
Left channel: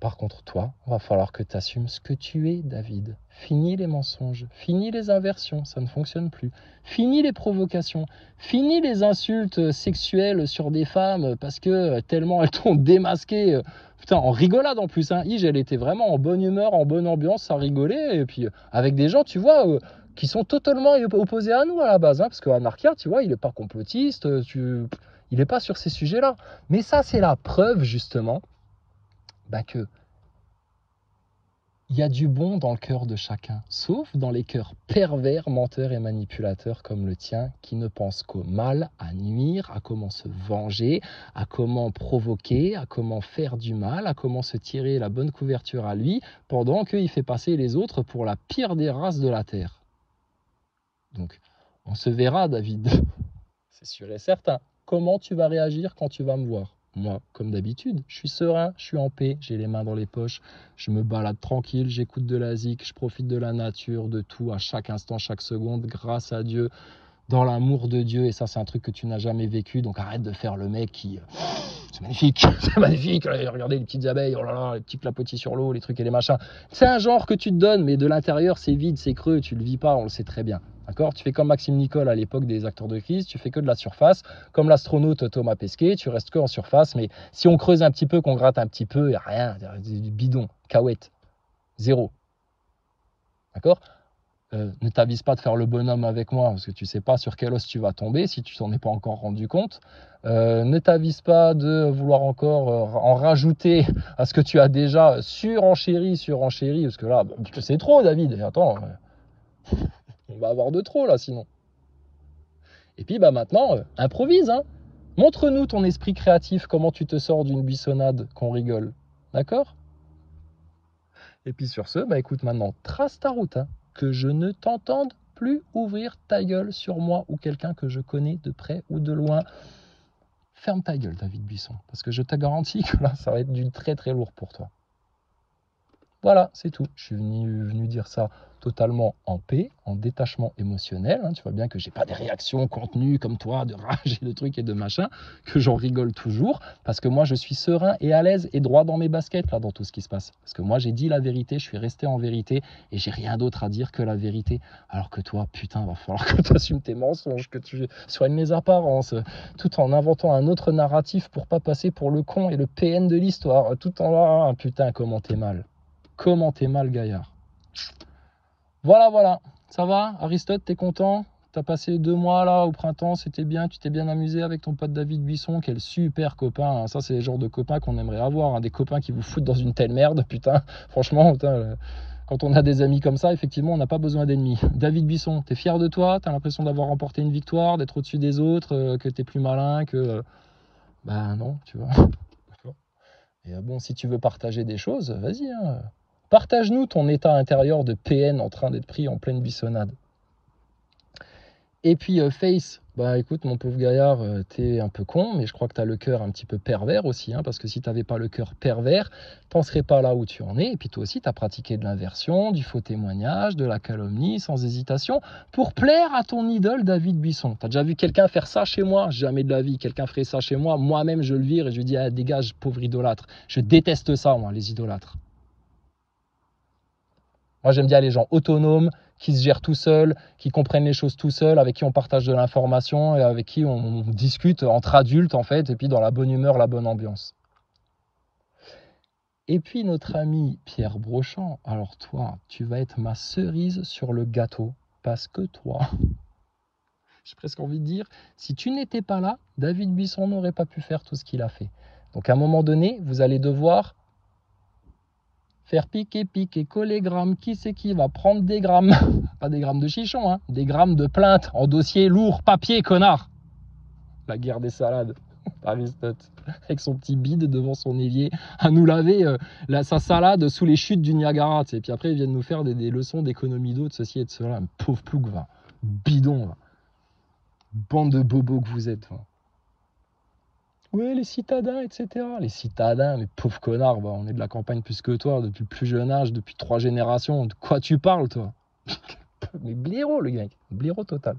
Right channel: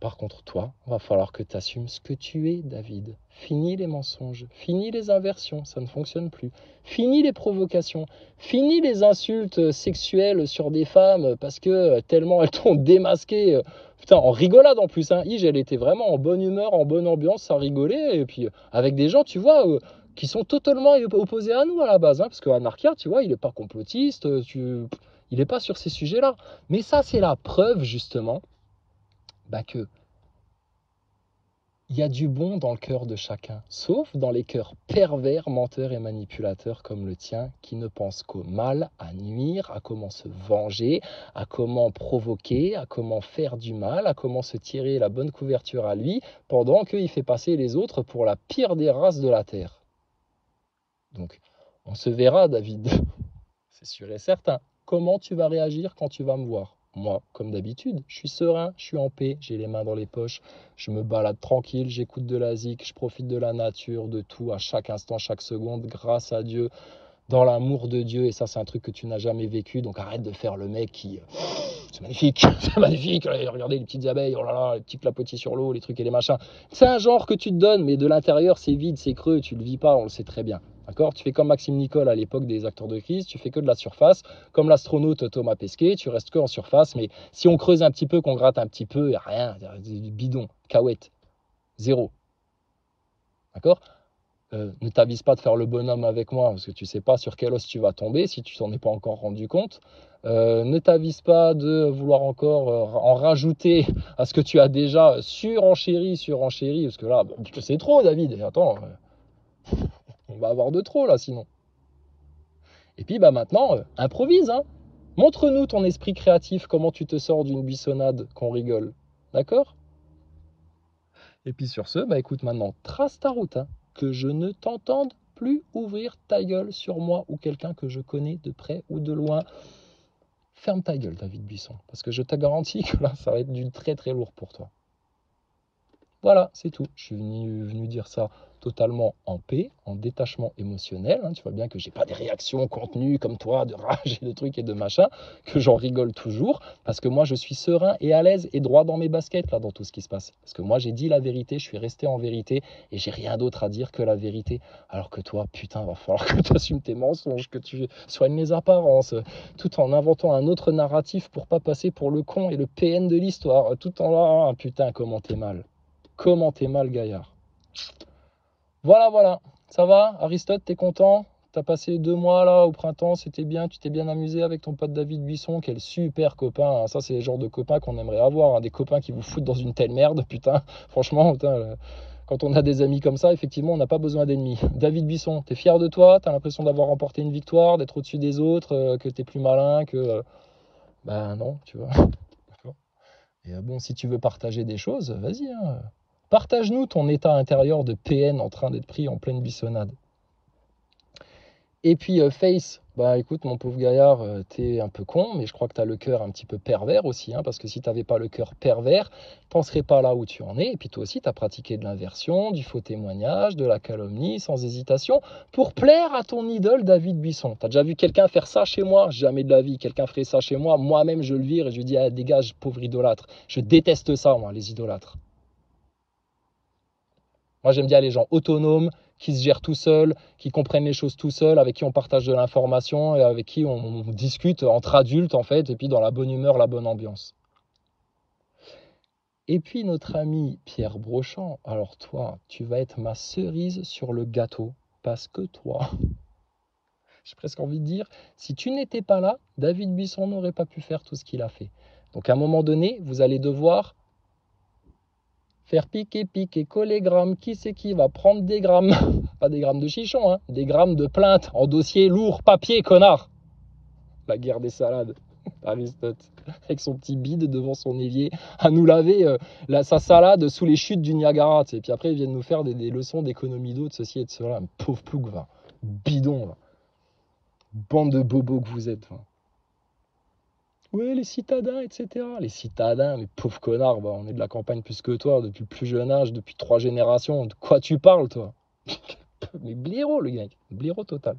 Par contre, toi, il va falloir que tu assumes ce que tu es, David. Fini les mensonges, fini les inversions, ça ne fonctionne plus. Fini les provocations, fini les insultes sexuelles sur des femmes parce que tellement elles t'ont démasqué. Putain, en rigolade en plus, hein. Ige, elle était vraiment en bonne humeur, en bonne ambiance, ça rigolait. Et puis avec des gens, tu vois, qui sont totalement opposés à nous à la base. Hein, parce que Anarchia, tu vois, il n'est pas complotiste, il n'est pas sur ces sujets-là. Mais ça, c'est la preuve, justement, bah que il y a du bon dans le cœur de chacun, sauf dans les cœurs pervers, menteurs et manipulateurs comme le tien, qui ne pensent qu'au mal, à nuire, à comment se venger, à comment provoquer, à comment faire du mal, à comment se tirer la bonne couverture à lui, pendant qu'il fait passer les autres pour la pire des races de la Terre. Donc, on se verra, David, c'est sûr et certain. Comment tu vas réagir quand tu vas me voir ? Moi, comme d'habitude, je suis serein, je suis en paix, j'ai les mains dans les poches, je me balade tranquille, j'écoute de la zik, je profite de la nature, de tout, à chaque instant, chaque seconde, grâce à Dieu, dans l'amour de Dieu. Et ça, c'est un truc que tu n'as jamais vécu, donc arrête de faire le mec qui... C'est magnifique, c'est magnifique, regardez les petites abeilles, oh là là, les petits clapotis sur l'eau, les trucs et les machins. C'est un genre que tu te donnes, mais de l'intérieur, c'est vide, c'est creux, tu le vis pas, on le sait très bien. D'accord? Tu fais comme Maxime Nicole à l'époque des acteurs de crise, tu fais que de la surface, comme l'astronaute Thomas Pesquet, tu restes que en surface, mais si on creuse un petit peu, qu'on gratte un petit peu, il n'y a rien, du bidon, cahuète, zéro. D'accord? Ne t'avise pas de faire le bonhomme avec moi, parce que tu ne sais pas sur quel os tu vas tomber, si tu t'en es pas encore rendu compte. Ne t'avise pas de vouloir encore en rajouter à ce que tu as déjà surenchéri, parce que là, c'est trop, David, attends... On va avoir de trop là sinon. Et puis bah maintenant, improvise, hein. Montre-nous ton esprit créatif, comment tu te sors d'une buissonnade qu'on rigole. D'accord? Et puis sur ce, bah écoute maintenant, trace ta route, hein, que je ne t'entende plus ouvrir ta gueule sur moi ou quelqu'un que je connais de près ou de loin. Ferme ta gueule, David Buisson, parce que je te garantis que là, ça va être du très très lourd pour toi. Voilà, c'est tout. Je suis venu dire ça totalement en paix, en détachement émotionnel. Hein. Tu vois bien que j'ai pas des réactions contenues comme toi, de rage et de trucs et de machin, que j'en rigole toujours, parce que moi je suis serein et à l'aise et droit dans mes baskets là dans tout ce qui se passe. Parce que moi j'ai dit la vérité, je suis resté en vérité et j'ai rien d'autre à dire que la vérité. Alors que toi, putain, va falloir que tu assumes tes mensonges, que tu soignes les apparences, tout en inventant un autre narratif pour pas passer pour le con et le PN de l'histoire, tout en ah, putain comment t'es mal. Comment t'es mal, gaillard. Voilà, ça va, Aristote, t'es content? T'as passé 2 mois là au printemps, c'était bien, tu t'es bien amusé avec ton pote David Buisson, quel super copain, hein. Ça c'est le genre de copain qu'on aimerait avoir, hein. Des copains qui vous foutent dans une telle merde, putain, franchement, putain, quand on a des amis comme ça, effectivement, on n'a pas besoin d'ennemis. David Buisson, t'es fier de toi, t'as l'impression d'avoir remporté une victoire, d'être au-dessus des autres, que t'es plus malin, que... ben non, tu vois. Et bon, si tu veux partager des choses, vas-y, hein. Partage-nous ton état intérieur de PN en train d'être pris en pleine bissonnade. Et puis Face, bah écoute mon pauvre gaillard, t'es un peu con, mais je crois que t'as le cœur un petit peu pervers aussi, hein, parce que si t'avais pas le cœur pervers, t'en serais pas là où tu en es, et puis toi aussi t'as pratiqué de l'inversion, du faux témoignage, de la calomnie, sans hésitation, pour plaire à ton idole David Buisson. T'as déjà vu quelqu'un faire ça chez moi? Jamais de la vie, quelqu'un ferait ça chez moi, moi-même je le vire et je lui dis, ah, dégage pauvre idolâtre, je déteste ça moi, les idolâtres. Moi, j'aime bien les gens autonomes, qui se gèrent tout seuls, qui comprennent les choses tout seuls, avec qui on partage de l'information et avec qui on discute entre adultes, en fait, et puis dans la bonne humeur, la bonne ambiance. Et puis, notre ami Pierre Brochant, alors toi, tu vas être ma cerise sur le gâteau, parce que toi, j'ai presque envie de dire, si tu n'étais pas là, David Buisson n'aurait pas pu faire tout ce qu'il a fait. Donc, à un moment donné, vous allez devoir faire piquer, coller grammes. Qui c'est qui va prendre des grammes? Pas des grammes de chichon, hein, des grammes de plainte en dossier lourd, papier, connard. La guerre des salades. Aristote, avec son petit bide devant son évier, à nous laver sa salade sous les chutes du Niagara. Et puis après, ils viennent nous faire des leçons d'économie d'eau, de ceci et de cela. Pauvre plouc, va. Bidon, va. Bande de bobos que vous êtes. Va. Ouais, les citadins, etc. Les citadins, mais pauvre connard, bah, on est de la campagne plus que toi, depuis le plus jeune âge, depuis 3 générations. De quoi tu parles, toi? Mais blaireau, le gars, blaireau total.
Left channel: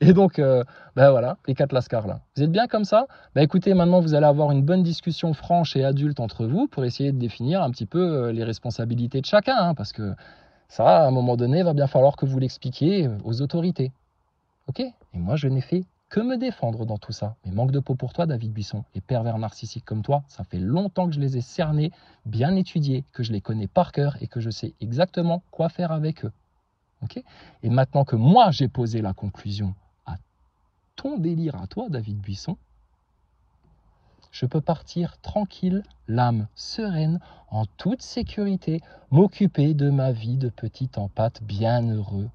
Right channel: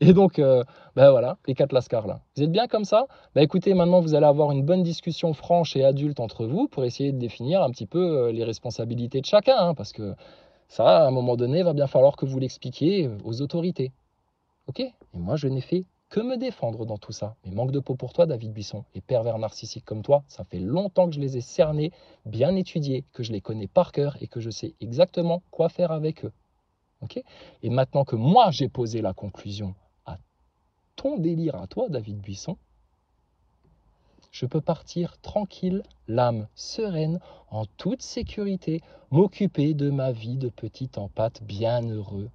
Et donc, ben voilà, les 4 lascars là. Vous êtes bien comme ça? Bah écoutez, maintenant vous allez avoir une bonne discussion franche et adulte entre vous pour essayer de définir un petit peu les responsabilités de chacun, hein, parce que ça, à un moment donné, va bien falloir que vous l'expliquiez aux autorités. Ok? Et moi, je n'ai fait que me défendre dans tout ça. Mais manque de peau pour toi, David Buisson, et pervers narcissique comme toi, ça fait longtemps que je les ai cernés, bien étudiés, que je les connais par cœur et que je sais exactement quoi faire avec eux. Okay? Et maintenant que moi, j'ai posé la conclusion à ton délire à toi, David Buisson, je peux partir tranquille, l'âme sereine, en toute sécurité, m'occuper de ma vie de petit empâte bien heureux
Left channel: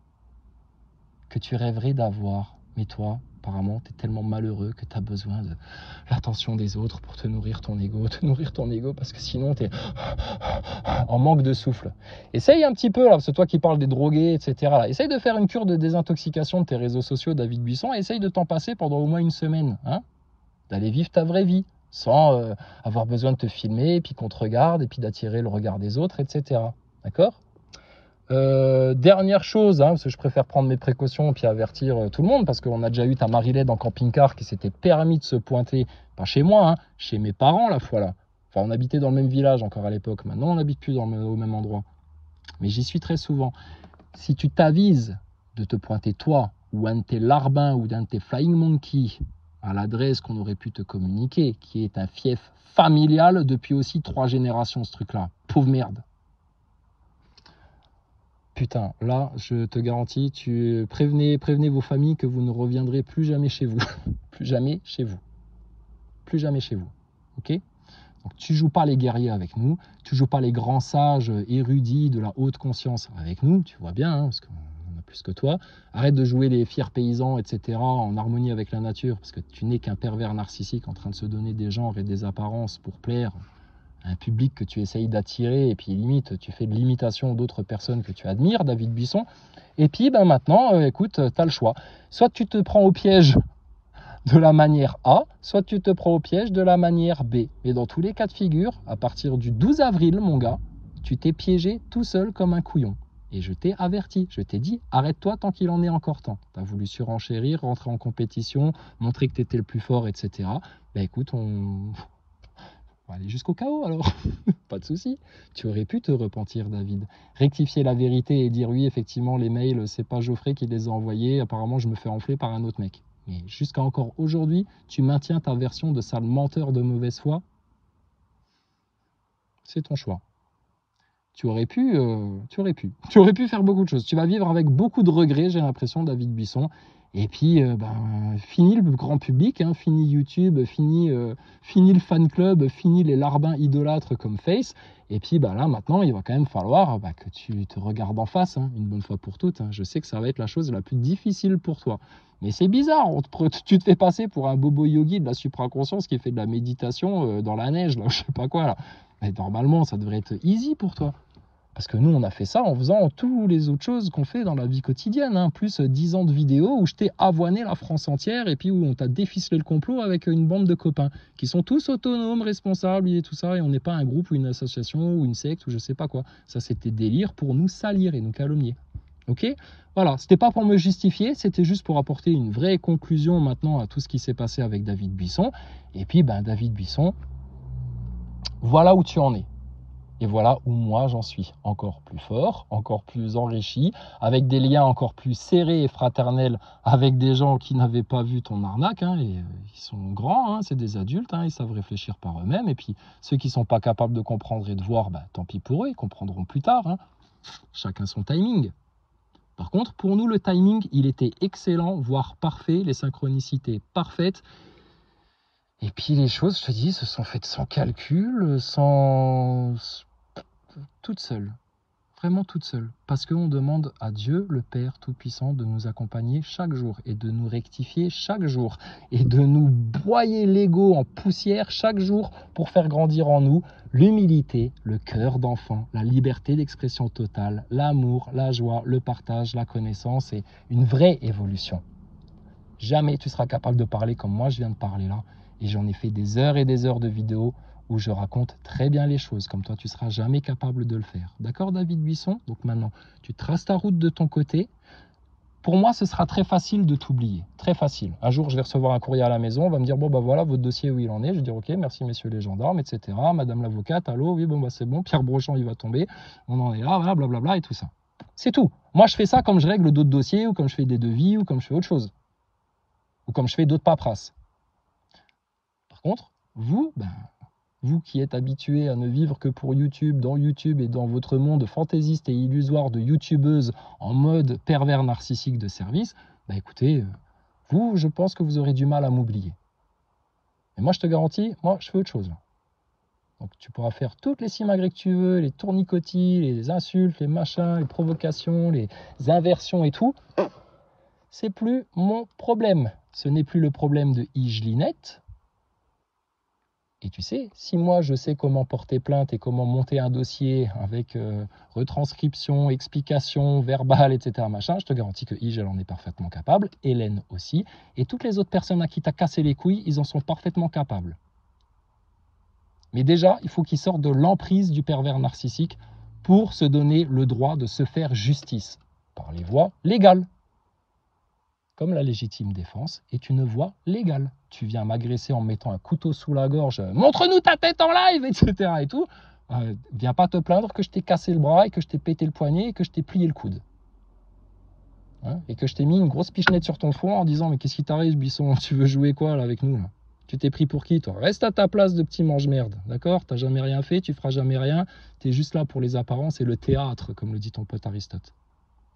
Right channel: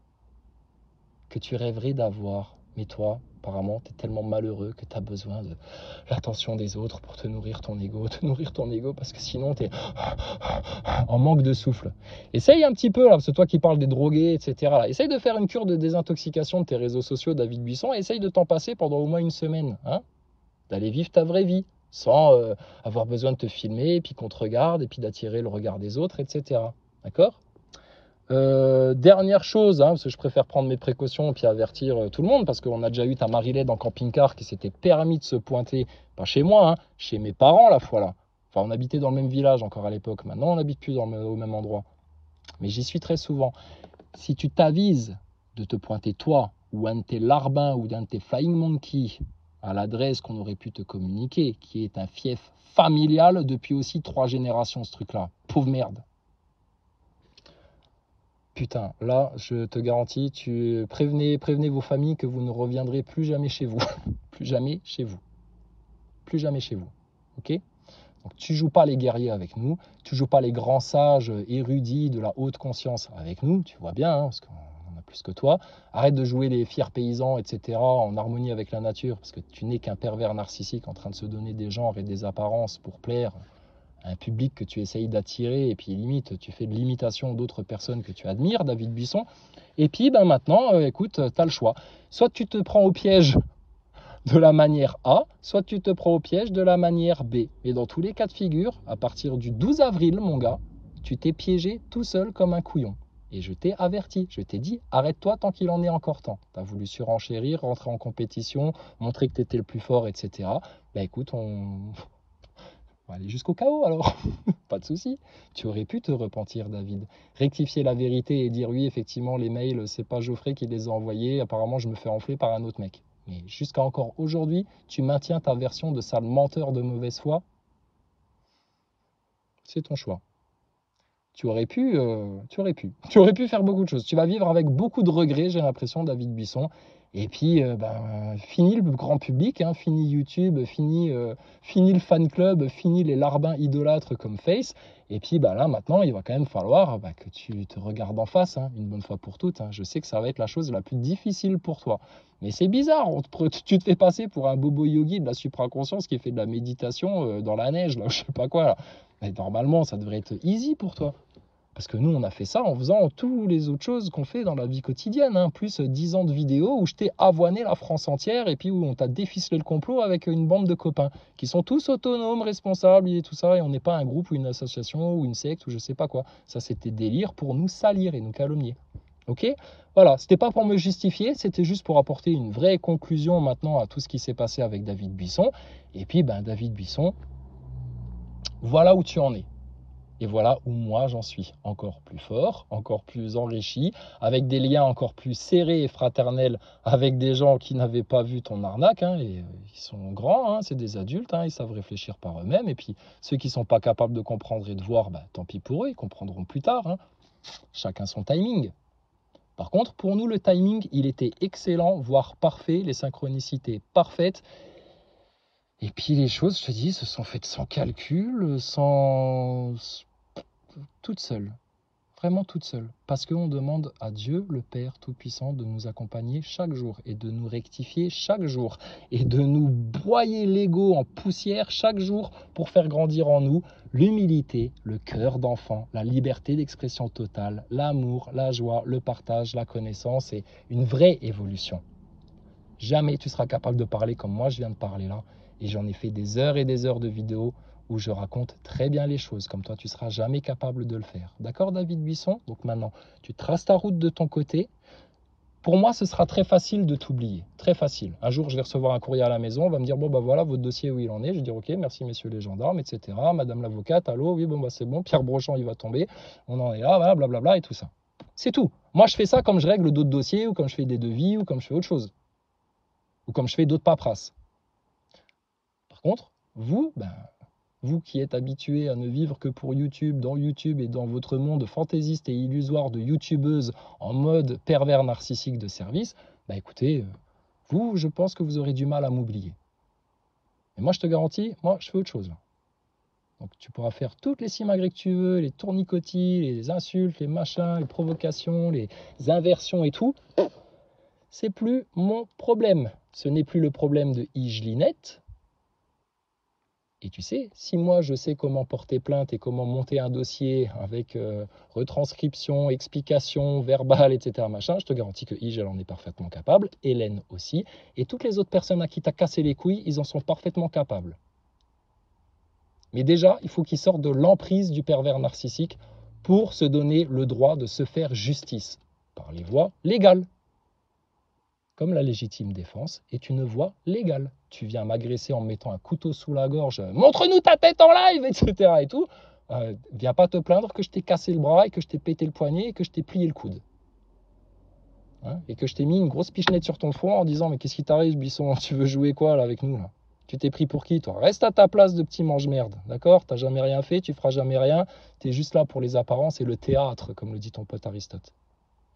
que tu rêverais d'avoir. Mais toi, apparemment, tu es tellement malheureux que tu as besoin de l'attention des autres pour te nourrir ton ego, parce que sinon tu es en manque de souffle. Essaye un petit peu, là, c'est toi qui parles des drogués, etc. Là. Essaye de faire une cure de désintoxication de tes réseaux sociaux, David Buisson, et essaye de t'en passer pendant au moins une semaine, hein, d'aller vivre ta vraie vie, sans avoir besoin de te filmer, et puis qu'on te regarde, et puis d'attirer le regard des autres, etc. D'accord ? Dernière chose, hein, parce que je préfère prendre mes précautions et puis avertir tout le monde, parce qu'on a déjà eu ta Marilène en camping-car qui s'était permis de se pointer, pas chez moi, hein, chez mes parents la fois là. Enfin, on habitait dans le même village encore à l'époque, maintenant on n'habite plus au même endroit. Mais j'y suis très souvent. Si tu t'avises de te pointer toi, ou un de tes larbins, ou d'un de tes flying monkeys, à l'adresse qu'on aurait pu te communiquer, qui est un fief familial depuis aussi 3 générations, ce truc-là. Pauvre merde. Putain, là, je te garantis, prévenez vos familles que vous ne reviendrez plus jamais chez vous. Plus jamais chez vous. Plus jamais chez vous. Ok? Donc, tu joues pas les guerriers avec nous. Tu joues pas les grands sages érudits de la haute conscience avec nous. Tu vois bien, hein, parce qu'on en a plus que toi. Arrête de jouer les fiers paysans, etc. en harmonie avec la nature, parce que tu n'es qu'un pervers narcissique en train de se donner des genres et des apparences pour plaire un public que tu essayes d'attirer, et puis limite, tu fais de l'imitation d'autres personnes que tu admires, David Buisson. Et puis ben maintenant, écoute, tu as le choix. Soit tu te prends au piège de la manière A, soit tu te prends au piège de la manière B. Et dans tous les cas de figure, à partir du 12 avril, mon gars, tu t'es piégé tout seul comme un couillon. Et je t'ai averti, je t'ai dit, arrête-toi tant qu'il en est encore temps. Tu as voulu surenchérir, rentrer en compétition, montrer que tu étais le plus fort, etc. Ben écoute, on va aller jusqu'au chaos alors. Pas de souci. Tu aurais pu te repentir, David. Rectifier la vérité et dire oui, effectivement, les mails, c'est pas Geoffrey qui les a envoyés. Apparemment, je me fais enfler par un autre mec. Mais jusqu'à encore aujourd'hui, tu maintiens ta version de sale menteur de mauvaise foi. C'est ton choix. Tu aurais pu, tu aurais pu faire beaucoup de choses. Tu vas vivre avec beaucoup de regrets, j'ai l'impression, David Buisson. Et puis, fini le grand public, hein, fini YouTube, fini le fan club, fini les larbins idolâtres comme Face. Et puis, là, maintenant, il va quand même falloir que tu te regardes en face, hein, une bonne fois pour toutes. Hein. Je sais que ça va être la chose la plus difficile pour toi. Mais c'est bizarre, tu te fais passer pour un bobo yogi de la supraconscience qui fait de la méditation dans la neige, là, je sais pas quoi. Là. Mais normalement, ça devrait être easy pour toi. Parce que nous, on a fait ça en faisant toutes les autres choses qu'on fait dans la vie quotidienne. Hein. Plus 10 ans de vidéos où je t'ai avoiné la France entière et puis où on t'a déficelé le complot avec une bande de copains qui sont tous autonomes, responsables et tout ça. Et on n'est pas un groupe ou une association ou une secte ou je sais pas quoi. Ça, c'était délire pour nous salir et nous calomnier. Ok? Voilà, c'était pas pour me justifier, c'était juste pour apporter une vraie conclusion maintenant à tout ce qui s'est passé avec David Buisson. Et puis, David Buisson, voilà où tu en es. Et voilà où moi j'en suis, encore plus fort, encore plus enrichi, avec des liens encore plus serrés et fraternels avec des gens qui n'avaient pas vu ton arnaque, hein, et ils sont grands, hein, c'est des adultes, hein, ils savent réfléchir par eux-mêmes, et puis ceux qui ne sont pas capables de comprendre et de voir, tant pis pour eux, ils comprendront plus tard, hein. Chacun son timing. Par contre, pour nous, le timing, il était excellent, voire parfait, les synchronicités parfaites. Et puis les choses, je te dis, se sont faites sans calcul, toute seule, vraiment toute seule, parce qu'on demande à Dieu, le Père Tout-Puissant, de nous accompagner chaque jour et de nous rectifier chaque jour et de nous broyer l'ego en poussière chaque jour pour faire grandir en nous l'humilité, le cœur d'enfant, la liberté d'expression totale, l'amour, la joie, le partage, la connaissance et une vraie évolution. Jamais tu seras capable de parler comme moi je viens de parler là, et j'en ai fait des heures et des heures de vidéos où je raconte très bien les choses, comme toi tu seras jamais capable de le faire. D'accord, David Buisson? Donc maintenant, tu traces ta route de ton côté. Pour moi, ce sera très facile de t'oublier, très facile. Un jour, je vais recevoir un courrier à la maison, on va me dire, bon, voilà, votre dossier, où il en est. Je vais dire, ok, merci, messieurs les gendarmes, etc. Madame l'avocate, allô, oui, bon, c'est bon, Pierre Brochant, il va tomber, on en est là, voilà, blablabla, et tout ça. C'est tout. Moi, je fais ça comme je règle d'autres dossiers, ou comme je fais des devis, ou comme je fais autre chose. Ou comme je fais d'autres paperasses. Par contre, vous, vous qui êtes habitués à ne vivre que pour YouTube, dans YouTube et dans votre monde fantaisiste et illusoire de youtubeuse en mode pervers narcissique de service, écoutez, vous, je pense que vous aurez du mal à m'oublier. Mais moi, je te garantis, moi, je fais autre chose. Donc, tu pourras faire toutes les simagrées que tu veux, les tournicotis, les insultes, les machins, les provocations, les inversions et tout. C'est plus mon problème. Ce n'est plus le problème de Igelinette. Et tu sais, si moi je sais comment porter plainte et comment monter un dossier avec retranscription, explication, verbale, etc., machin, je te garantis que Ige, elle en est parfaitement capable, Hélène aussi, et toutes les autres personnes à qui t'as cassé les couilles, ils en sont parfaitement capables. Mais déjà, il faut qu'ils sortent de l'emprise du pervers narcissique pour se donner le droit de se faire justice par les voies légales. Comme la légitime défense est une voie légale. Tu viens m'agresser en me mettant un couteau sous la gorge, montre-nous ta tête en live, etc. et tout. Viens pas te plaindre que je t'ai cassé le bras et que je t'ai pété le poignet et que je t'ai plié le coude. Hein, et que je t'ai mis une grosse pichenette sur ton front en disant, mais qu'est-ce qui t'arrive, Buisson? Tu veux jouer quoi là avec nous là? Tu t'es pris pour qui, toi? Reste à ta place de petit mange-merde, d'accord? T'as jamais rien fait, tu feras jamais rien. T'es juste là pour les apparences et le théâtre, comme le dit ton pote Aristote.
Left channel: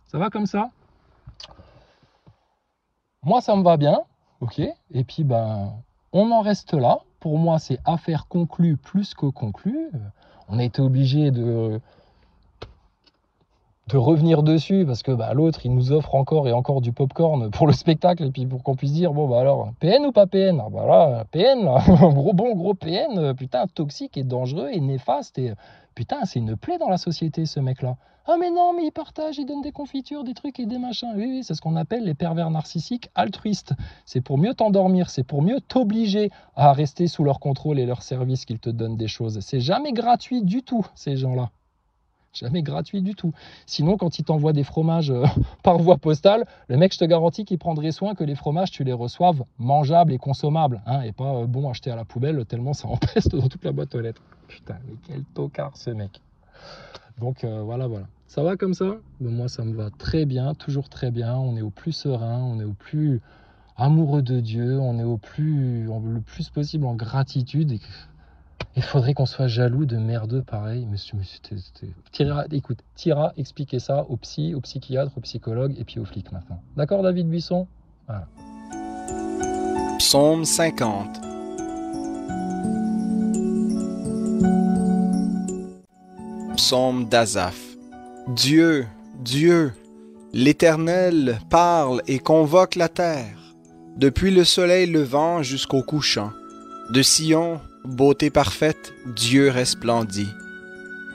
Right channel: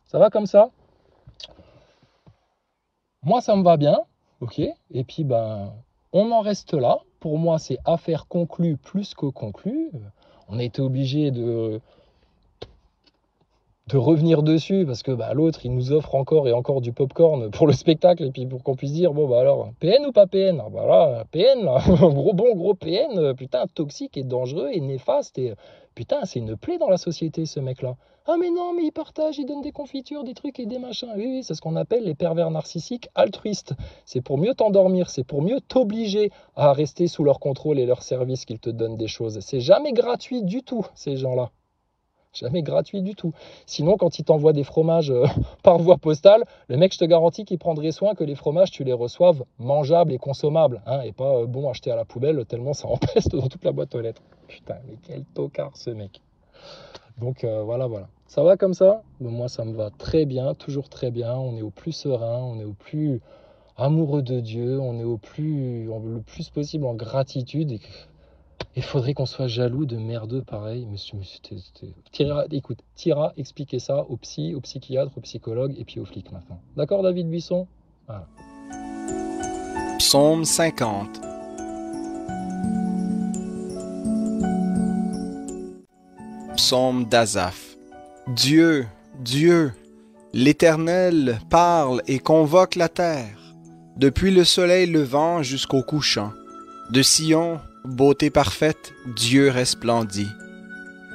Ça va comme ça? Moi, ça me va bien, ok? Et puis, on en reste là. Pour moi, c'est affaire conclue plus que conclue. On a été obligé de revenir dessus parce que l'autre, il nous offre encore et encore du popcorn pour le spectacle et puis pour qu'on puisse dire, bon, alors, PN ou pas PN? Voilà, PN, là. gros PN, putain, toxique et dangereux et néfaste et putain, c'est une plaie dans la société, ce mec-là. Ah mais non, mais il partage, il donne des confitures, des trucs et des machins. Oui, c'est ce qu'on appelle les pervers narcissiques altruistes. C'est pour mieux t'endormir, c'est pour mieux t'obliger à rester sous leur contrôle et leur service qu'ils te donnent des choses. C'est jamais gratuit du tout, ces gens-là. Jamais gratuit du tout. Sinon, quand il t'envoie des fromages par voie postale, le mec, je te garantis qu'il prendrait soin que les fromages, tu les reçoives mangeables et consommables. Hein, et pas bon acheté à la poubelle tellement ça empeste dans toute la boîte aux lettres. Putain, mais quel tocard ce mec. Donc voilà. Ça va comme ça? Bon, moi, ça me va très bien, toujours très bien. On est au plus serein, on est au plus amoureux de Dieu, on est le plus possible en gratitude. Il faudrait qu'on soit jaloux de merdeux pareil. Monsieur, écoute, t'iras expliquer ça au psy, au psychiatre, au psychologue et puis aux flics maintenant. D'accord, David Buisson? Voilà. Psaume 50. Psaume d'Asaph. Dieu, Dieu, l'Éternel parle et convoque la terre, depuis le soleil levant jusqu'au couchant. De Sion, beauté parfaite, Dieu resplendit.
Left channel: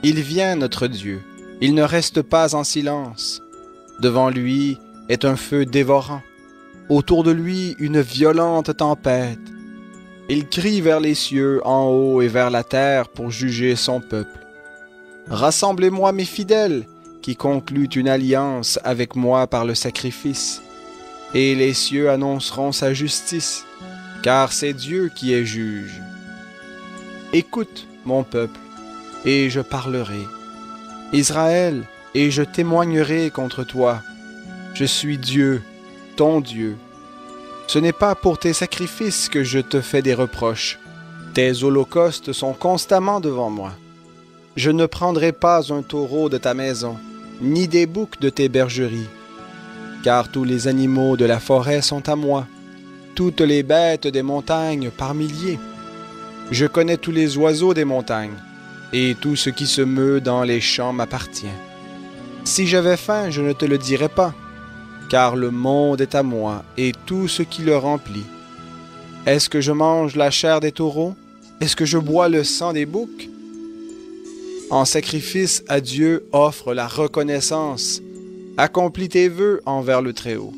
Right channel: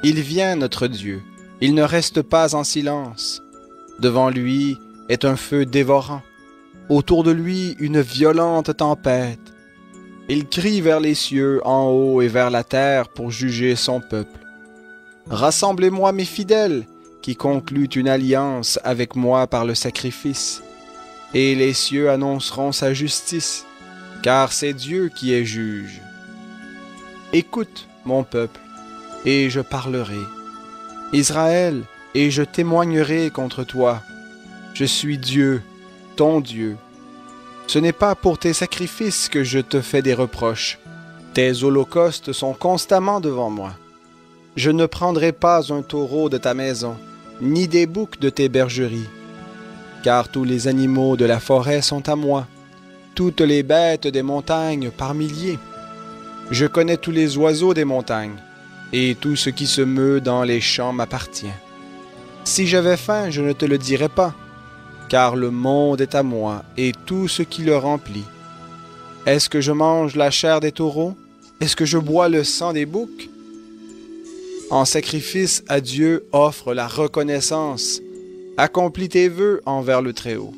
Il vient, notre Dieu, il ne reste pas en silence. Devant lui est un feu dévorant, autour de lui une violente tempête. Il crie vers les cieux en haut et vers la terre pour juger son peuple. Rassemblez-moi mes fidèles, qui concluent une alliance avec moi par le sacrifice. Et les cieux annonceront sa justice, car c'est Dieu qui est juge. Écoute, mon peuple, et je parlerai. Israël, et je témoignerai contre toi. Je suis Dieu, ton Dieu. Ce n'est pas pour tes sacrifices que je te fais des reproches. Tes holocaustes sont constamment devant moi. Je ne prendrai pas un taureau de ta maison, ni des boucs de tes bergeries. Car tous les animaux de la forêt sont à moi, toutes les bêtes des montagnes par milliers. Je connais tous les oiseaux des montagnes, et tout ce qui se meut dans les champs m'appartient. Si j'avais faim, je ne te le dirais pas, car le monde est à moi, et tout ce qui le remplit. Est-ce que je mange la chair des taureaux? Est-ce que je bois le sang des boucs? En sacrifice à Dieu, offre la reconnaissance. Accomplis tes vœux envers le Très-Haut.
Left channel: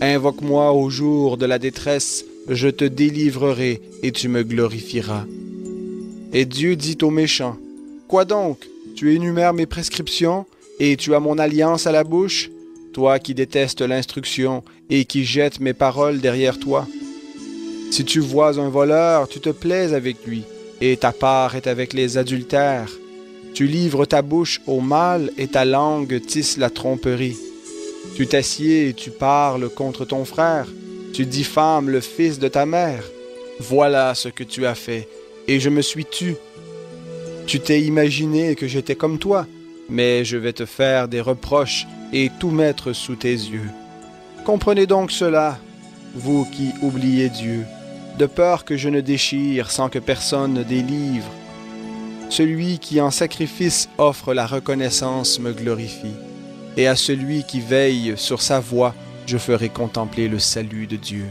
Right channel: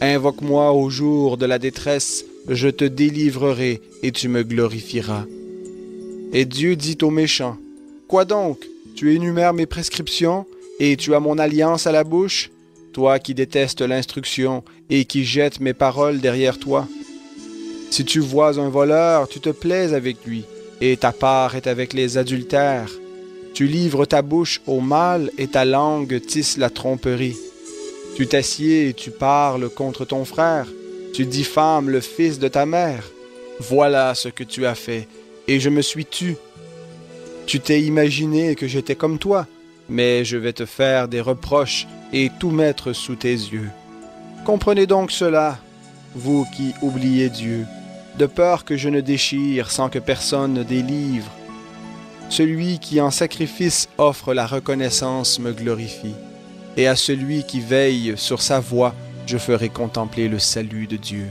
Invoque-moi au jour de la détresse, je te délivrerai et tu me glorifieras. Et Dieu dit aux méchants, « Quoi donc? Tu énumères mes prescriptions et tu as mon alliance à la bouche, toi qui détestes l'instruction et qui jettes mes paroles derrière toi. Si tu vois un voleur, tu te plais avec lui, et ta part est avec les adultères. Tu livres ta bouche au mal et ta langue tisse la tromperie. Tu t'assieds et tu parles contre ton frère. Tu diffames le fils de ta mère. Voilà ce que tu as fait, et je me suis tu. Tu t'es imaginé que j'étais comme toi, mais je vais te faire des reproches et tout mettre sous tes yeux. Comprenez donc cela, vous qui oubliez Dieu, de peur que je ne déchire sans que personne ne délivre. Celui qui en sacrifice offre la reconnaissance me glorifie, et à celui qui veille sur sa voie, je ferai contempler le salut de Dieu.